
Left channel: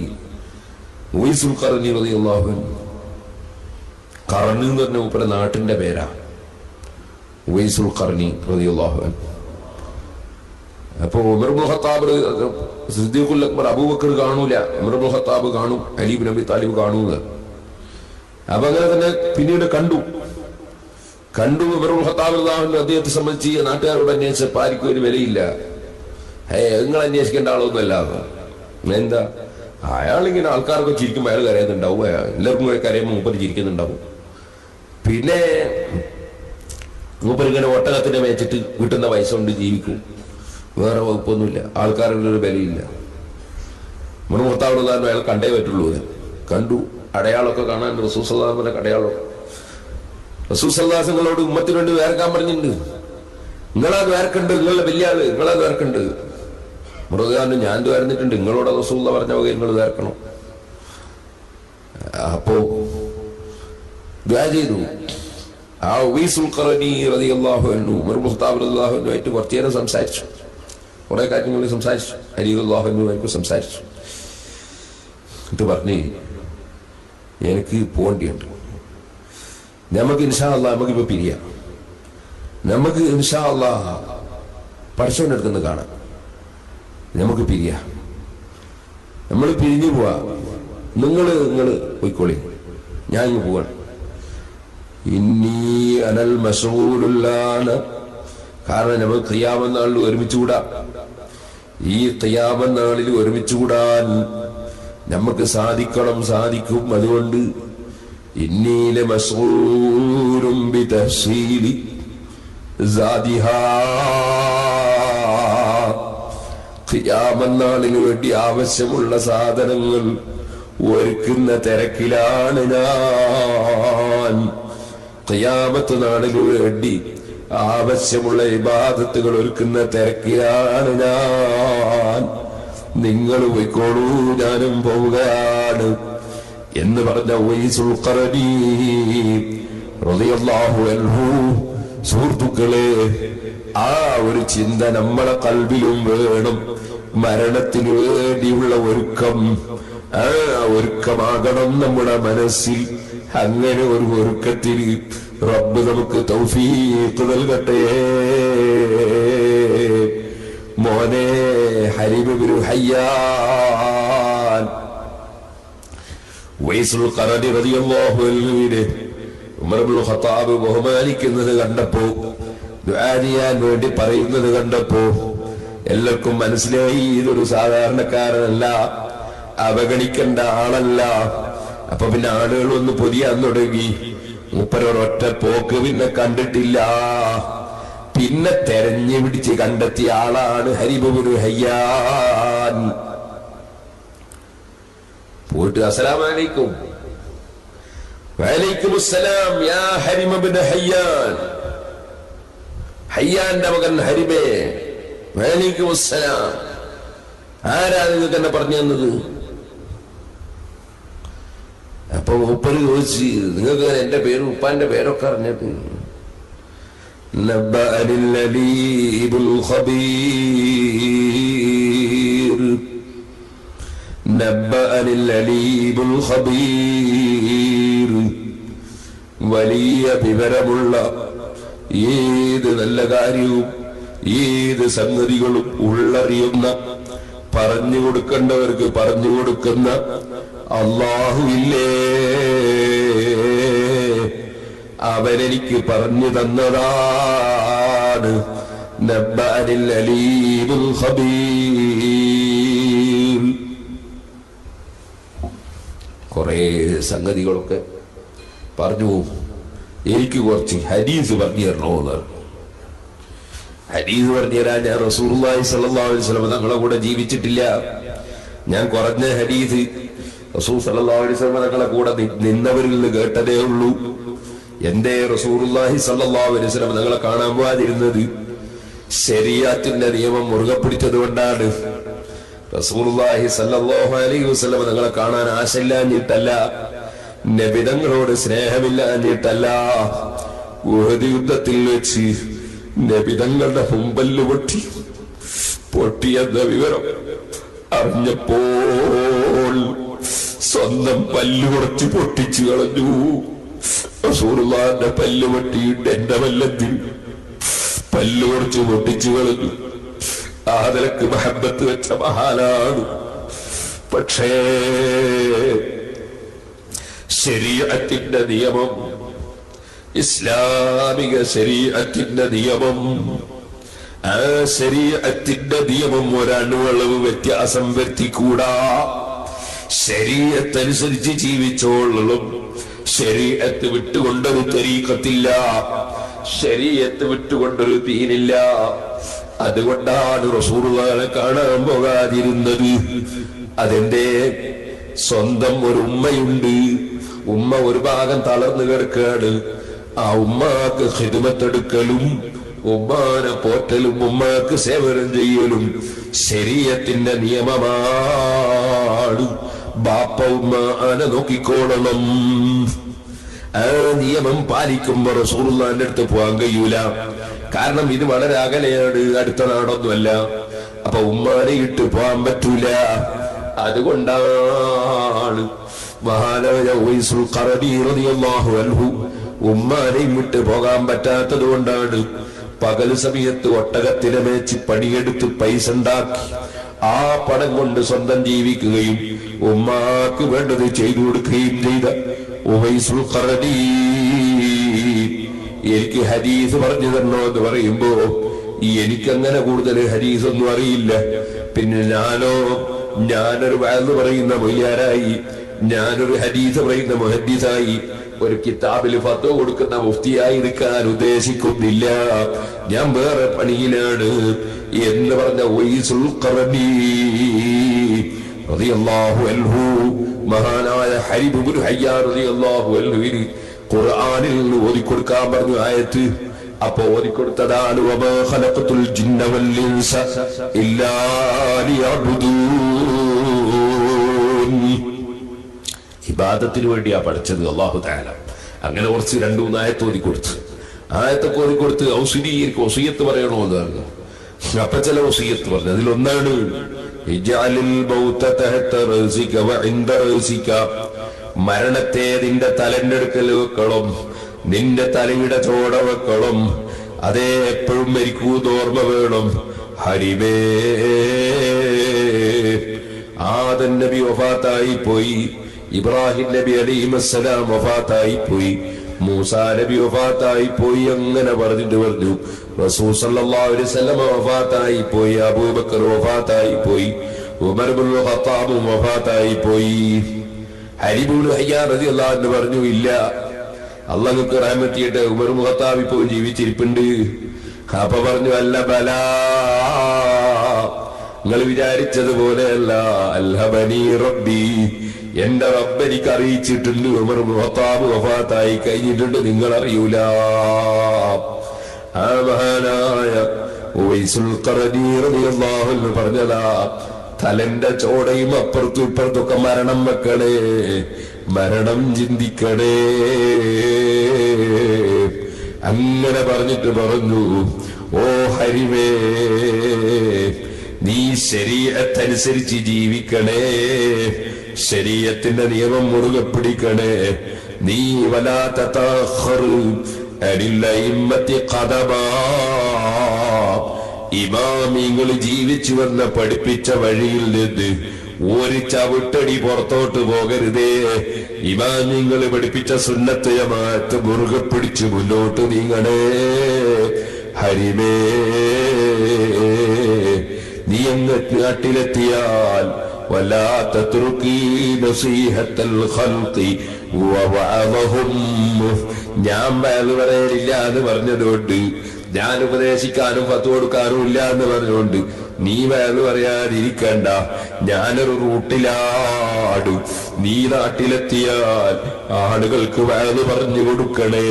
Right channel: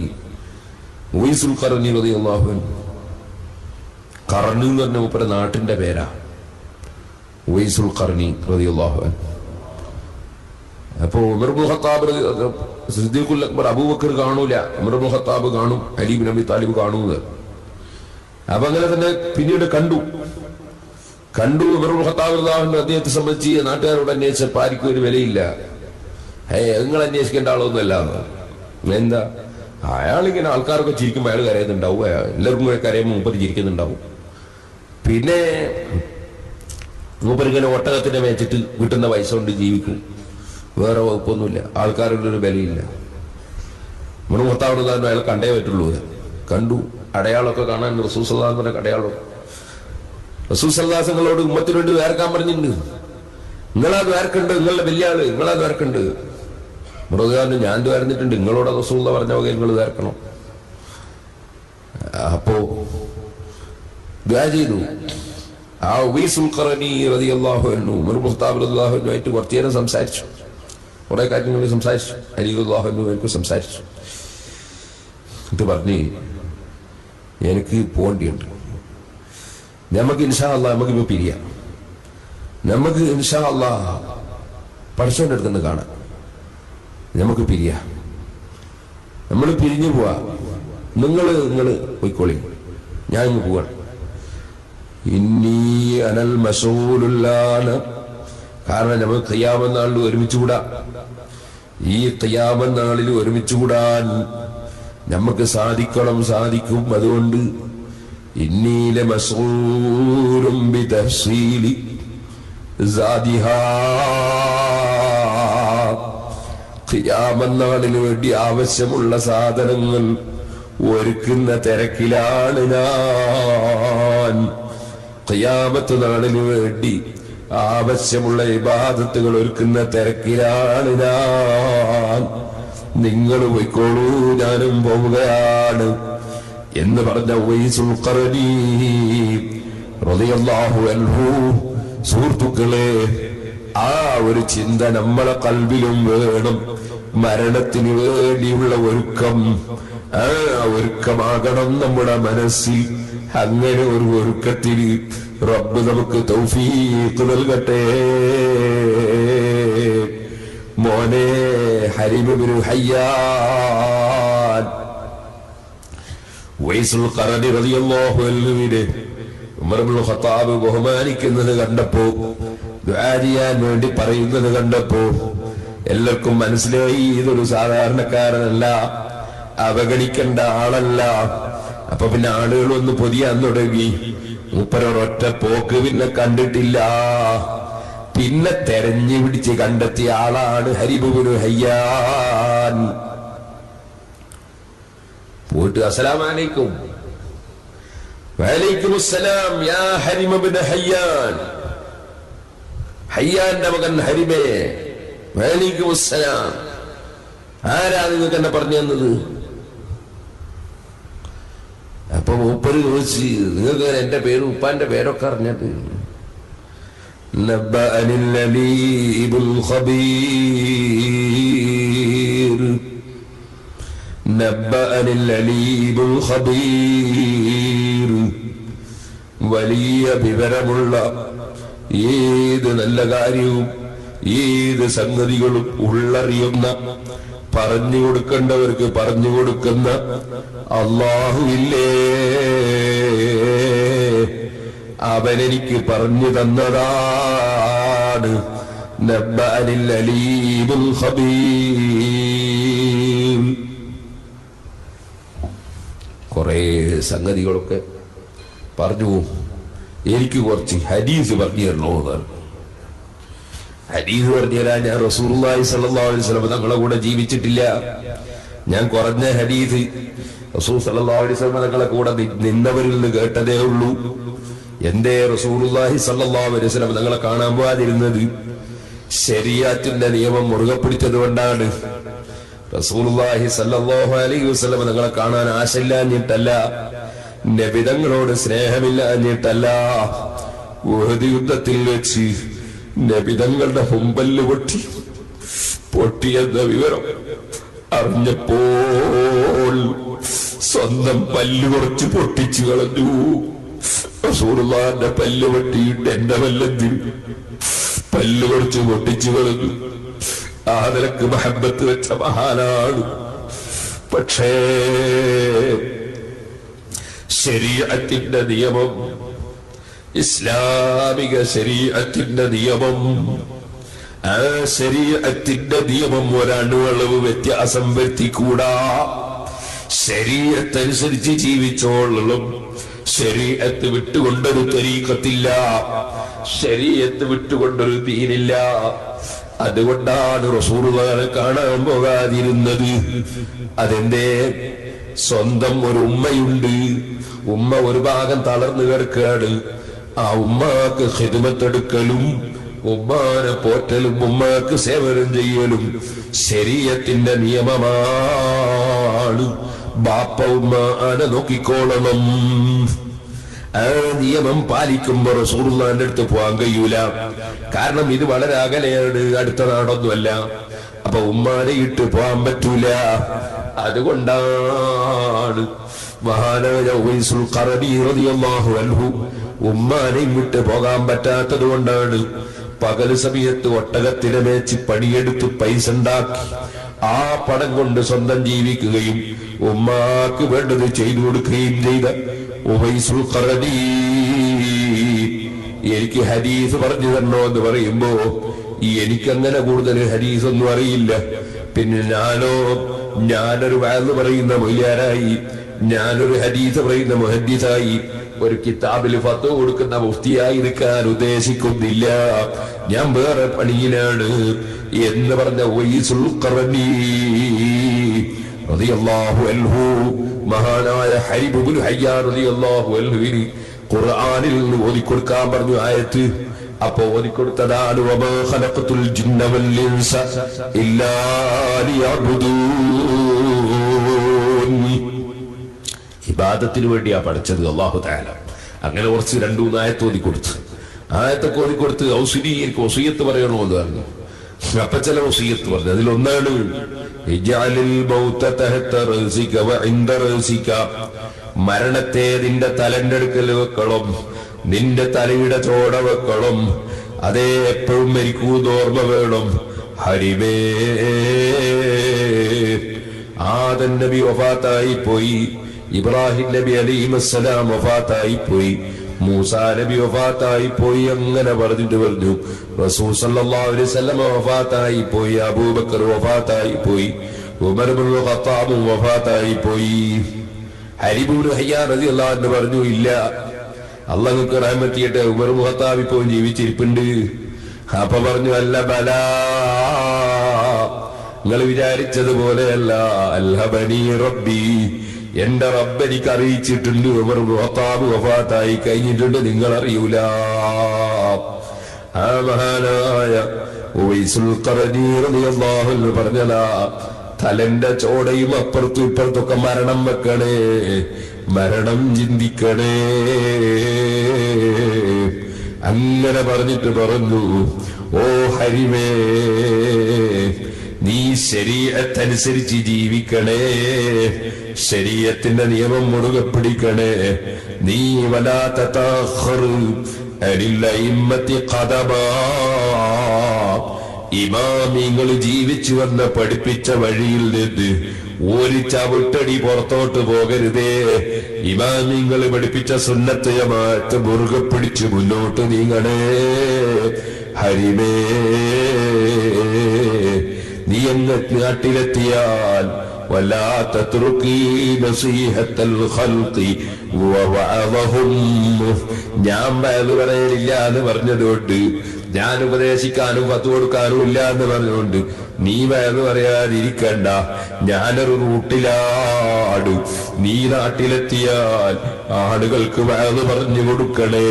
ഉവൈസുൽ ഖർനി റളിയല്ലാഹു അൻഹു. ഖർനി എന്ന് പറഞ്ഞ മൂപ്പരെ നാട്ടിന്റെ പേരാ ഉവൈസുൽ ഖർനി റളിയല്ലാഹു അൻഹു. അപ്പോ ഉമർ ഇബ്നുൽ ഖത്താബ് സിദ്ദീഖുൽ അക്ബർ അബൂബക്കർ കാണൂല, ഉമർ ഇബ്നുൽ ഖത്താബ് കാണും, അലി ഇബ്നു അബി താലിബ് കാണൂന്ന്. അപ്പൊ അങ്ങനെ തന്നെ പിന്നീട് കണ്ടു. കണ്ടു. ഉമർ ഖത്താബ് റളിയല്ലാഹു അദ്ദേഹത്തെ സംബന്ധിച്ച് നാട്ടുകാരോട് അന്വേഷിച്ചപ്പോൾ ആർക്കും ഒരു വിലയില്ല. നിങ്ങൾ അന്വേഷിക്കേണ്ട ആളൊന്നുമല്ല. എന്താ അയാളിങ്ങനെ ആൾക്കാരൊക്കെ ചിരിക്കുമ്പോൾ അയാൾ കരയുന്നുണ്ടാവും, എല്ലാവർക്കും കൂടെ കരയുമ്പോൾ മൂപ്പര് ചിരിക്കുന്നുണ്ടാവും. പിന്നെ മൂപ്പരിങ്ങനെ ഒട്ടകത്തിനെ മേച്ചിട്ട് കിട്ടുന്ന പൈസ കൊണ്ട് ജീവിക്കും, വേറെ വകുപ്പൊന്നുമില്ല, ആൾക്കാരുടെ ഒരു വിലയില്ല. ഉമർ ഖത്താബ് റളിയല്ലാഹു അയാൾ കണ്ടേ പറ്റുള്ളൂ. കണ്ടു, അടയാളമൊക്കെ കാണാൻ റസൂൽ സല്ലല്ലാഹു അലൈഹി വസല്ലം അടയാളം. റസൂൽ സല്ലല്ലാഹു അലൈഹി വസല്ലമയോട് ഉമ്മത്തിന് വേണ്ടി വേർക്കാൻ പറഞ്ഞിട്ടുണ്ട്. നിങ്ങളത് വേർക്കുണ്ട്, നിങ്ങളുടെ വലിയ ആള് നിങ്ങളത് വേർക്കുണ്ട്. മൃഗാന് ഞാൻ വേർന്നിട്ടുണ്ട്, നിങ്ങളോട് റസൂൽ പറഞ്ഞ വകയിൽ നിങ്ങൾ വേർക്കണം. അപ്പോ ദുആ ചെയ്തു. ആ ഉവൈസുൽ ഖറനി റളിയല്ലാഹു അൻഹു ഉമർ ഖത്താബ് റളിയല്ലാഹു അൻഹുമായിട്ട് കുറച്ചു നേരം സംസാരിച്ചു, കുറെ കാര്യങ്ങൾ സംസാരിച്ചു. അലി റളിയല്ലാഹു അൻഹുമായിട്ട് സംസാരിച്ചു. എന്നിട്ട് പറഞ്ഞു, എനിക്ക് പോകേണ്ടിയുണ്ട്, നമുക്ക് ഇൻഷാ അല്ലാഹ് നമുക്കിപ്പോ പിരിയാം, നമുക്ക് ഇൻഷാ അല്ലാഹ് പഠിച്ചവൻ്റെ അടുത്തുനിന്ന് കാണാം, നമുക്ക് പിരിയാം, നമ്മൾ പിരിഞ്ഞു പോവാ, നിങ്ങൾ പോയിക്കോളി, ഞാൻ ഇങ്ങ് പോവാണ്. ഇന്നീ അനൽ മശൂലുല്ലാന, കാരണം നമ്മൾ ഖിയാമത്ത് നാളിൽ ഒരുമിച്ചുകൂടാ. ഈ ഖിയാമത്ത് നാളിൽ ഒരുമിച്ചുകൂടാൻ നമുക്ക് സാധിക്കും. അതുകൊണ്ട് ഇന്നീല മസ്ഊലും ബിതഹ്സീലി സാദിഹാ, ഖിയാമത്ത് നാളിന് വേണ്ടി ആവശ്യമുള്ള സാധനങ്ങൾ ഒരുക്കുന്ന തിരക്കിലാണ് ഞാൻ. ഖിയാമത്ത് നാളിന് വേണ്ടി ആവശ്യമുള്ള ഇബാദത്തുകൾ ഒരുക്കുന്ന തിരക്കിലാണ് ഞാൻ. നിങ്ങൾ പോയിക്കോളൂ, ഞാനും പോവുകയാണ് എന്ന് പറഞ്ഞ ഉവൈസുൽ ഖറനി റളിയല്ലാഹു അൻഹു. സുഹൃത്തുക്കളെ, ആ ഒരു ചിന്ത നമ്മളെ ഖൽബിലും വേണം. മരണത്തിന് വേണ്ടിയുള്ള ഒരുക്കം, ആ ഒരുക്കമാകണം നമ്മുടെ മനസ്സിൽ. അങ്ങനെ ഒരു ഒരുക്കത്തിന് റബ്ബ് നമുക്ക് തൗഫീഖ് നൽകട്ടെ. മോനെ ഹരീബ് ഇബ്നു ഹയ്യാൻ ഉവൈസുൽ ഖറനി റളിയല്ലാഹു അൻഹുവിനെ ഉമർ ഇബ്നുൽ ഖത്താബ് ബഹുമാനിക്കുന്നത് കണ്ടപ്പോ, ദുആ ചെയ്യാൻ വേണ്ടി പറയുന്നത് കണ്ടപ്പോ എല്ലാവർക്കും മനസ്സിലായി ഇതൊരു സാധാരണക്കാരനല്ല, അവഗണിക്കേണ്ട ആളല്ല. അപ്പൊ പിന്നെ ആളുകൾ ഒന്ന് പൊതിയാൻ തുടങ്ങി. മൂപ്പരൊരൊറ്റ പോക്ക് പിന്നെ കണ്ടിട്ടില്ല, പിന്നെ തെരഞ്ഞു പിടിച്ച് കണ്ടെത്തിയ ആളാണ് ഹരീബ് ഇബ്നു ഹയ്യാൻ. പോയിട്ട് അസ്സലാമു അലൈക്കും. വഅലൈക്കും അസ്സലാം യാ ഹരീബ് ഇബ്നു ഹയ്യാൻ, ഹയ്യാന്റെ മകൻ ഹരീബേ. വഅലൈക്കും അസ്സലാം. ആരാ നിങ്ങൾക്ക് എന്നെ പറഞ്ഞു തന്നത്? അപ്പൊ മൂപ്പര് ചോദിച്ച്, നിങ്ങൾക്ക് എന്റെ പേരും ഉപ്പാന്റെ പേരൊക്കെ അറിഞ്ഞത്? നബ്ബഅനിൽ അലീമുൽ ഖബീർ, നബ്ബഅനിൽ അലീമുൽ ഖബീർ. വലിയ വിവരമുള്ള ഏത് നല്ല കാര്യവും ഏത് സംഗതികളും ഉള്ളറിയുന്ന, പറഞ്ഞു കൊടുക്കേണ്ടവർക്ക് പറഞ്ഞു കൊടുക്കുന്ന അല്ലാഹുവില്ലേ, അവനെനിക്ക് പറഞ്ഞു തന്നതാണ്. നബ്ബഅനിൽ അലീമുൽ ഖബീർ. കുറെ സംഗതികളൊക്കെ പറഞ്ഞു. എനിക്ക് കുറച്ച് ഹദീസ് പറഞ്ഞു തരണോ എന്നാണ്. ഹദീസ് പറഞ്ഞു തരാൻ ഞാൻ റസൂലുള്ളാഹി സ്വല്ലല്ലാഹു അലൈഹി വസല്ലം തങ്ങളെ കൂടെ ജീവിച്ചിട്ടില്ല. ഞാൻ കുറഞ്ഞ ഹദീസ് റസൂൽ സ്വല്ലല്ലാഹു അലൈഹി വസല്ലം തങ്ങളെ കൂടെ നിന്നവരിൽ നിന്ന് കേട്ടതേ ഉള്ളൂ. എന്തേ റസൂലുള്ളാഹി സ്വല്ലല്ലാഹു അലൈഹി വസല്ലം തങ്ങളെ കാണാൻ പോകാതിരുന്നത്? ശരീഅത്തിന്റെ നിയമം മുറുകെ പിടിച്ചത് കൊണ്ടാണ്. റസൂലുള്ളാഹി സ്വല്ലല്ലാഹു അലൈഹി വസല്ലം തങ്ങളെ കാണാൻ ആശയില്ലാഞ്ഞിട്ടല്ല, നബി തങ്ങളോട് സ്നേഹമില്ലാഞ്ഞിട്ടല്ല. ഉഹദ് യുദ്ധത്തിൽ വെച്ച് നബി തങ്ങളുടെ ഹുമ്പല് പൊട്ടിയെന്ന വിവരം അറിഞ്ഞപ്പോൾ സ്വന്തം പല്ല് കുറച്ച് പൊട്ടിച്ചു കളഞ്ഞു. റസൂലുള്ളാഹിന്റെ പല്ല് പൊട്ടിയിട്ട് എന്റെ പല്ലെന്തിൽ പല്ല് കുറച്ച് പൊട്ടിച്ചു കളഞ്ഞു. ആ നിലക്ക് മഹബത്ത് വെച്ച മഹാനാണ്. പക്ഷേ ശരീഅത്തിന്റെ നിയമം ഇസ്ലാമിക ശരീഅത്തിന്റെ നിയമം, ആ ശരീഅത്തിന്റെ നിയമം ഒരണുവളവ് വ്യത്യാസം വരുത്തിക്കൂടാ. ശരീഅത്തനുസരിച്ച് ജീവിച്ചോളും. ശരീഅത്ത് വിട്ടുകൊണ്ടൊരു തരീഖത്തില്ല, ശരീഅത്ത് വിട്ടുകൊണ്ടൊരു ദീനില്ല. അതുകൊണ്ടാണ് റസൂലുള്ളാഹിനെ കാണാൻ പോകാതിരുന്നത്. അതെന്റെ സ്വന്തം ഒരു ഉമ്മയുണ്ട്, ഉമ്മ ഒരു ഭാഗം തളർന്നു കിടക്കുകയാണ്. ആ ഉമ്മാക്ക് ഖിദ്മത്തെടുക്കലും ഉമ്മാനെ പോറ്റലും ഉമ്മാക്ക് സേവനം ചെയ്യലും ശരീഅത്തിന്റെ നിയമമാണ്. ബാപ്പ ഉമ്മ ആനെ നോക്കിക്കോളണം. ആ നിയമം പാലിക്കുമ്പോ റസൂലുള്ളാഹിന്റെ അടുത്ത് പോകാൻ കഴിയൂല. കാരണം ഇത് വളരെ അകലെയാണ്, അടുത്ത നാടൊന്നുമല്ല. അപ്പൊ ഉമ്മാനെ ഇട്ട് പോകാൻ പറ്റൂല. അതുകൊണ്ടാണ് മഹാനായ ഉവൈസുൽ ഖറനി റളിയല്ലാഹു അൻഹു ഉമ്മാനെയും വിട്ട് പോകാൻ പറ്റാത്തത് കൊണ്ടാണ് പകൽ സമയത്ത് ഒട്ടകത്തിനെ മേച്ച് പണിയെടുത്ത് പൈസ ഉണ്ടാക്കി ആ പണം കൊണ്ട് സ്വന്തം ജീവിക്കുകയും ഉമ്മാക്ക് വേണ്ടത് ചെയ്തു കൊടുക്കുകയും ചെയ്ത ഉവൈസുൽ ഖറനി എനിക്ക് ഹദീസ് പറഞ്ഞു തരണോ എന്ന് പറയുമ്പോ എനിക്കങ്ങനെ കൂടുതൽ ഹദീസ് ഒന്നും അറിയില്ല. പിന്നെ ഞാനൊരു വാഴ്ന്നു പറയുന്ന മൊയ്യാരായി, ഞാനൊരു ഹദീസ് പറയുന്ന മുഹദ്ദിസായി, ഒരു കിതാബിൽ ഫത്വ കൊടുക്കുന്ന മുഫ്തിയായി നിൽക്കാൻ ഉദ്ദേശിക്കുന്നില്ല. ഞാൻ വേറെ പണിയിലാണ് എന്ന് പറഞ്ഞ ഉവൈസുൽ ഖറനി റളിയല്ലാഹു അൻഹു മഹാനായ ഹരീബ് ഇബ്നു ഹയ്യാൻ റളിയല്ലാഹു അൻഹുവിന് ഖുർആനിൽ ഓതിക്കൊടുക്കാൻ പറഞ്ഞു ആയത്ത്. അപ്പോ ഓതിക്കൊടുത്തതാണ് വമാ ഖലഖതുൽ ജിന്ന വൽ ഇൻസ ഇല്ലാ ലിയഅ്ബുദൂൻ. ഇബാദത്തിന് വേണ്ടിയാ പഠിച്ചത് അല്ലാഹു തആല. അങ്ങനെ കുറച്ച് 2-3 ആയത്ത് ഓതിക്കൊടുത്ത്, ആയത്തൊക്കെ ഓതിക്കൊടുത്ത് ഔസിനി എനിക്ക് വസിയത്ത് പറയണോ എന്ന് പറഞ്ഞു. അപ്പൊ ചില വസിയത്ത് പറഞ്ഞു. അതിലൊന്നാണ് ഇജ്അലിൽ മൗത തഹത റസിക വഇൻദ റസിക, മരണത്തെ നിന്റെ തലന്റെ അടുക്കൽ വെക്കണം, നിന്റെ തലയുടെ ചോട വെക്കണം. അതേ എപ്പോഴും മരിക്കൂന്ന് ഓർമ്മ വേണം. ഹരിമേ ആദം നബി വഫാത്തായി പോയി, ഇബ്രാഹിം നബി അലൈഹിസ്സലാം വഫാത്തായി പോയി, മൂസാ നബി വഫാത്തായി പോയി. അങ്ങനെ പറഞ്ഞു റസൂൽ സല്ലല്ലാഹു അലൈഹി വസല്ലം വഫാത്തായി പോയി, അബൂബക്കർ വഫാത്തായി പോയി, ഉമർ ഇബ്നുൽ ഖത്താബ് വഫാത്തായി പോയി. ഹരീബ് ഇബ്നു ഹയ്യാൻ റളിയല്ലാഹു അൻഹു പറഞ്ഞു ഇല്ല, അല്ലാഹുക്ക് റഹ്മത്ത് ചെയ്യട്ടെ, ഉമർ ഇബ്നുൽ ഖത്താബ് ഇപ്പോൾ ജീവിച്ചിരിപ്പുണ്ട്. അപ്പൊ പറഞ്ഞു അല്ല ബലാ, നിങ്ങൾ വിചാരിച്ചതുപോലെയല്ല. അൽഹബനി റബ്ബി, എന്റെ റബ്ബ് എനിക്ക് അറിയിച്ചിട്ടുണ്ട് ഉമർ ഇബ്നുൽ ഖത്താബ് വഫാത്തായി കഴിഞ്ഞിട്ടുണ്ട്, നിങ്ങൾ അറിയൂല. ആ മഹാനായ ഉവൈസുൽ ഖറനി റളിയല്ലാഹു അൻഹു പറഞ്ഞതാ, തലന്റെ ചോടയും അപ്പുറത്തും ഇപ്പുറത്തൊക്കെ മരണം വെക്കണേ, മരണം ചിന്തിക്കണേ. അങ്ങനെ പറഞ്ഞിട്ട് പറഞ്ഞു, ഓ ഹരിമേ, നീ ശരീഅത്തനുസരിച്ച് ജീവിക്കണേ, ശരീഅത്തിന്റെ നിയമം മുറുകെ പിടിക്കണേ. നീ വലാ തതഖർ അനിൽ അഇമ്മത്തി ഖദമാ, ഇമാമിങ്ങൾ ജീവിച്ചു വന്ന പഠിപ്പിച്ച വഴിയിൽ നിന്ന് ഒരു ചവിട്ടടി പുറത്തോട്ട് പോകരുതേ. ഇമാമിങ്ങൾ പഠിപ്പിച്ച സുന്നത്ത് ജമാഅത്ത് മുറുകെ പിടിച്ച് മുന്നോട്ട് നീങ്ങണേ. ഹരിമേ, നീ അങ്ങ് നാട്ടിലെത്തിയാൽ വലാ തത്റുകീ നസീഹത്തൽ ഖൽഖി വവഅദഹും, ഞാൻ പറയലില്ല എന്ന് പറഞ്ഞതുകൊണ്ട്, ഞാൻ ഉപദേശിക്കാനും ഫത്വ കൊടുക്കാനും ഇല്ല എന്ന് പറഞ്ഞുകൊണ്ട് നീ വയറ് പറയാതിരിക്കണ്ട. ഞാനൊരു റൂട്ടിലാണ്, നീ നാട്ടിലെത്തിയാൽ ആളുകൾക്ക് വയറ് പറഞ്ഞു കൊടുക്കണേ,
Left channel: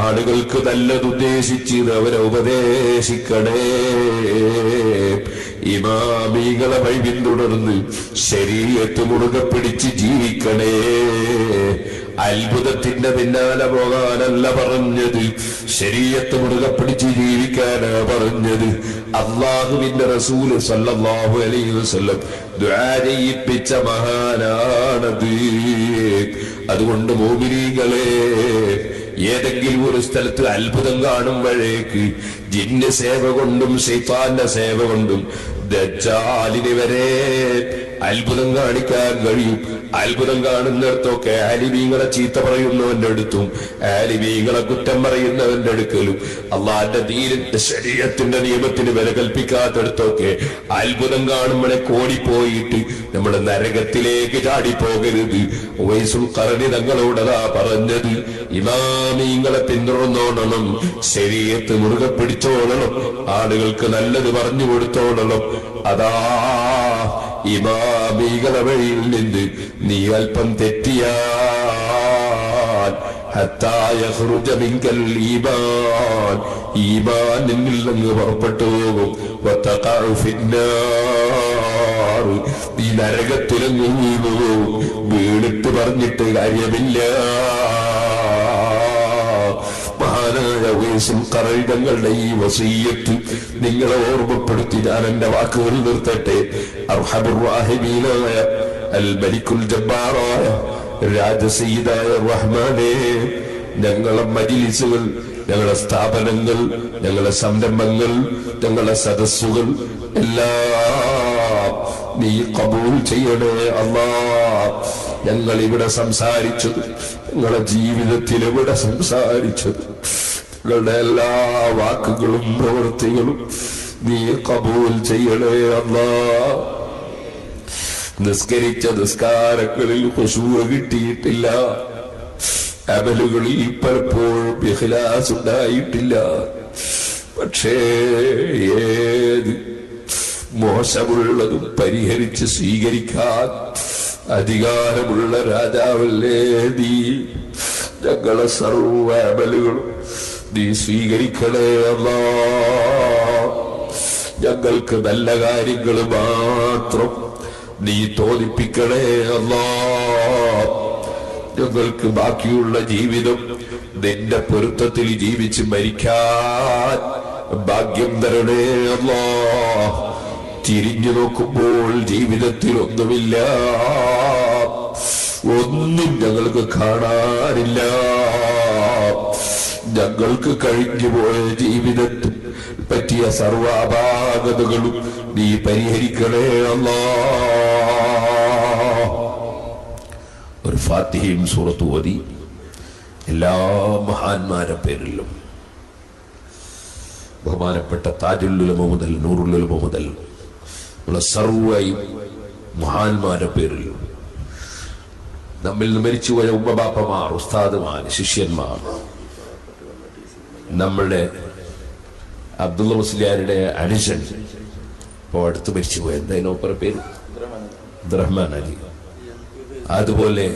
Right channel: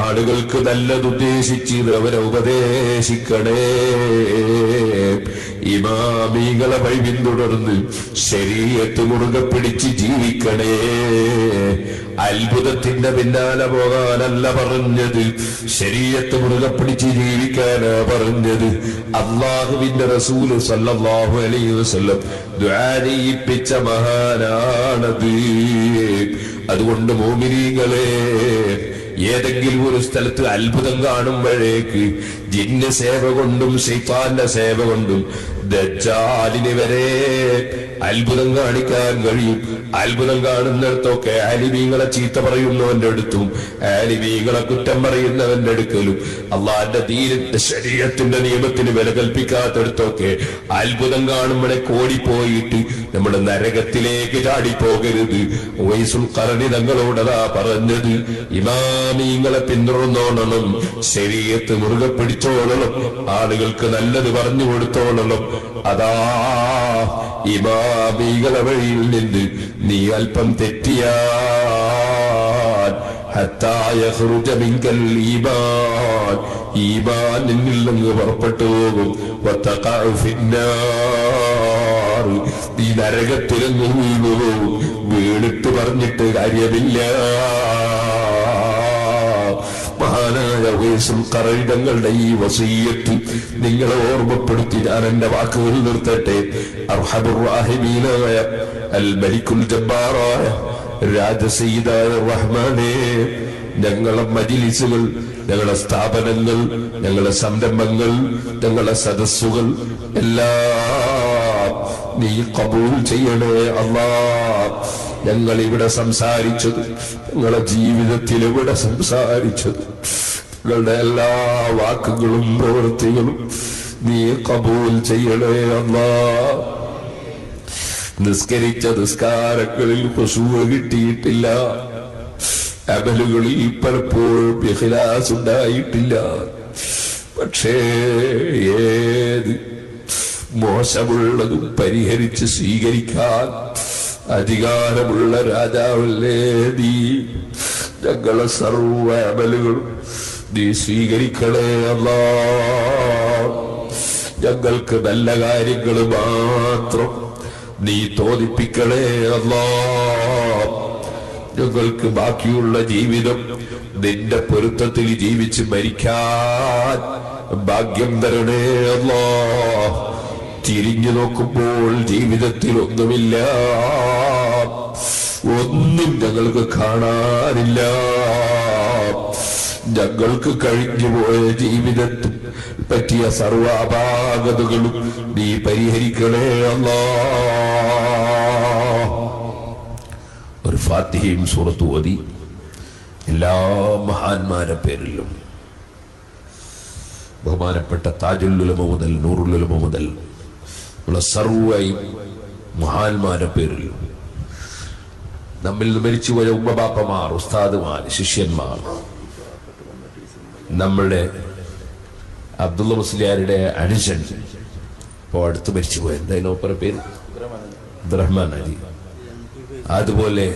ആളുകൾക്ക് നല്ലതുദ്ദേശിച്ച് അവരെ ഉപദേശിക്കണേ. ഇമാമികളെ വഴി പിന്തുടർന്ന് ശരീഅത്ത് മുറുകെ പിടിച്ച് ജീവിക്കണേ. അത്ഭുതത്തിന്റെ പിന്നാലെ പോകാനല്ല പറഞ്ഞത്, ശരീഅത്ത് മുറുകെ പിടിച്ച് ജീവിക്കാനാ പറഞ്ഞത്. അല്ലാഹുവിന്റെ റസൂല് സല്ലല്ലാഹു അലൈഹി വസല്ലം ദുആ ചെയ്യിപ്പിച്ച മഹാനാണത്. അതുകൊണ്ട് മോമിനീങ്ങളെ, ഏതെങ്കിലും ഒരു സ്ഥലത്ത് അത്ഭുതം കാണുമ്പോഴേക്ക് ജിന്ന് സേവ കൊണ്ടും ശൈത്താന്റെ സേവ കൊണ്ടും ദജ്ജാലിന് വരെ അത്ഭുതം കാണിക്കാൻ കഴിയും. അത്ഭുതം കാണുന്നിടത്തൊക്കെ ആലിമീങ്ങളെ ചീത്ത പറയുന്നവന്റെ അടുത്തും ആലിമീങ്ങളെ കുറ്റം പറയുന്നവന്റെ അടുക്കലും അള്ളാന്റെ ദീനിന്റെ ശരീഅത്തിന്റെ നിയമത്തിന് വില കൽപ്പിക്കാത്തടത്തൊക്കെ അത്ഭുതം കാണുമ്പോഴെ കോടിപ്പോയിട്ട് നമ്മുടെ നരകത്തിലേക്ക് ചാടിപ്പോകരുത്. ഉവൈസുൽ ഖർനി തങ്ങളോടതാ പറഞ്ഞത്, ഇമാമീങ്ങളെ പിന്തുടർന്നോളണം, ശരീഅത്ത് മുറുകെ പിടിച്ചോളണം, ആളുകൾക്ക് നല്ലത് പറഞ്ഞു കൊടുത്തോളണം. അതാ ഇമാമികളെ വഴിയിൽ നിന്ന് നീ അല്പം തെറ്റിയാൽ ഹത്താ യഖ്റുജ മിൻകൽ ഈമാൻ, ഈമാൻ നിന്നിൽ നിന്ന് പുറപ്പെട്ടു പോകും. വതഖഉ ഫിന്നാർ, നീ നരകത്തിലങ്ങ് വീണു. വീണിട്ട് പറഞ്ഞിട്ട് കാര്യമില്ല. മഹാനായ ഉവൈസുൽ ഖർനി തങ്ങളുടെ ഈ വസിയ്യത്ത് നിങ്ങളെ ഓർമ്മപ്പെടുത്തി ഞാൻ എന്റെ വാക്കുകൾ നിർത്തട്ടെ. അർഹമുർ റഹീമീനായ അൽ മലിക്കുൽ ജബ്ബാറായ രാജസയ്യിദായ റഹ്മാനേ, ഞങ്ങളെ മജ്ലിസുകൾ, ഞങ്ങളെ സ്ഥാപനങ്ങൾ, ഞങ്ങളെ സംരംഭങ്ങൾ, ഞങ്ങളെ സദസ്സുകൾ എല്ലാം നീ ഖബൂൽ ചെയ്യണേ അല്ലാഹ്. ഞങ്ങൾ ഇവിടെ സംസാരിച്ചത്, ഞങ്ങളുടെ ജീവിതത്തിൽ ഇവിടെ സംസാരിച്ചത്, ഞങ്ങളുടെ എല്ലാ വാക്കുകളും പ്രവൃത്തികളും നീ ഖബൂൽ ചെയ്യണേ അല്ലാഹ്. നിസ്കരിച്ച നിസ്കാരങ്ങളിൽ ഖുശൂഅ് കിട്ടിയിട്ടില്ല, അമലുകളിൽ പലപ്പോഴും ഇഖ്ലാസ് ഉണ്ടായിട്ടില്ല. പക്ഷേ ഏത് മോശമുള്ളതും പരിഹരിച്ച് സ്വീകരിക്കാൻ അധികാരമുള്ള രാജാവല്ലേ നീ. ഞങ്ങളെ സർവ്വ അമലുകളും നീ സ്വീകരിക്കണേ അല്ലാഹ്. ഞങ്ങൾക്ക് നല്ല കാര്യങ്ങൾ മാത്രം നീ തോന്നിപ്പിക്കണേ അല്ലാഹ്. ഞങ്ങൾക്ക് ബാക്കിയുള്ള ജീവിതം നിന്റെ പൊരുത്തത്തിൽ ജീവിച്ച് മരിക്കാൻ ഭാഗ്യം തരണേ അല്ലാഹ്. തിരിഞ്ഞു നോക്കുമ്പോൾ ജീവിതത്തിൽ ഒന്നുമില്ല, ഒന്നും ഞങ്ങൾക്ക് കാണാനില്ല. ഞങ്ങൾക്ക് കഴിഞ്ഞുപോയ ജീവിതത്തിൽ പറ്റിയ സർവ്വ അപാകതകളും നീ പരിഹരിക്കണേ അല്ലാഹ്. ഒരു ഫാത്തിഹയും സൂറത്തും ഓതി എല്ലാ മഹാന്മാരെ പേരിലും ബഹുമാനപ്പെട്ട താജുൽ ഉലമ മുതൽ നൂറുൽ ഉലമ മുതൽ ഉള്ള സർവ്വ മഹാന്മാരെ പേരിലും നമ്മിൽ നിന്ന് മരിച്ചുപോയ ഉമ്മബാപ്പമാർ, ഉസ്താദുമാർ, ശിഷ്യന്മാർ, നമ്മളുടെ അബ്ദുള്ള മുസ്ലിയാരുടെ അനുജൻ ഇപ്പോൾ അടുത്ത് മരിച്ചുപോയ എന്തായാലും പേര് അബ്ദുറഹ്മാൻ അലി, അതുപോലെ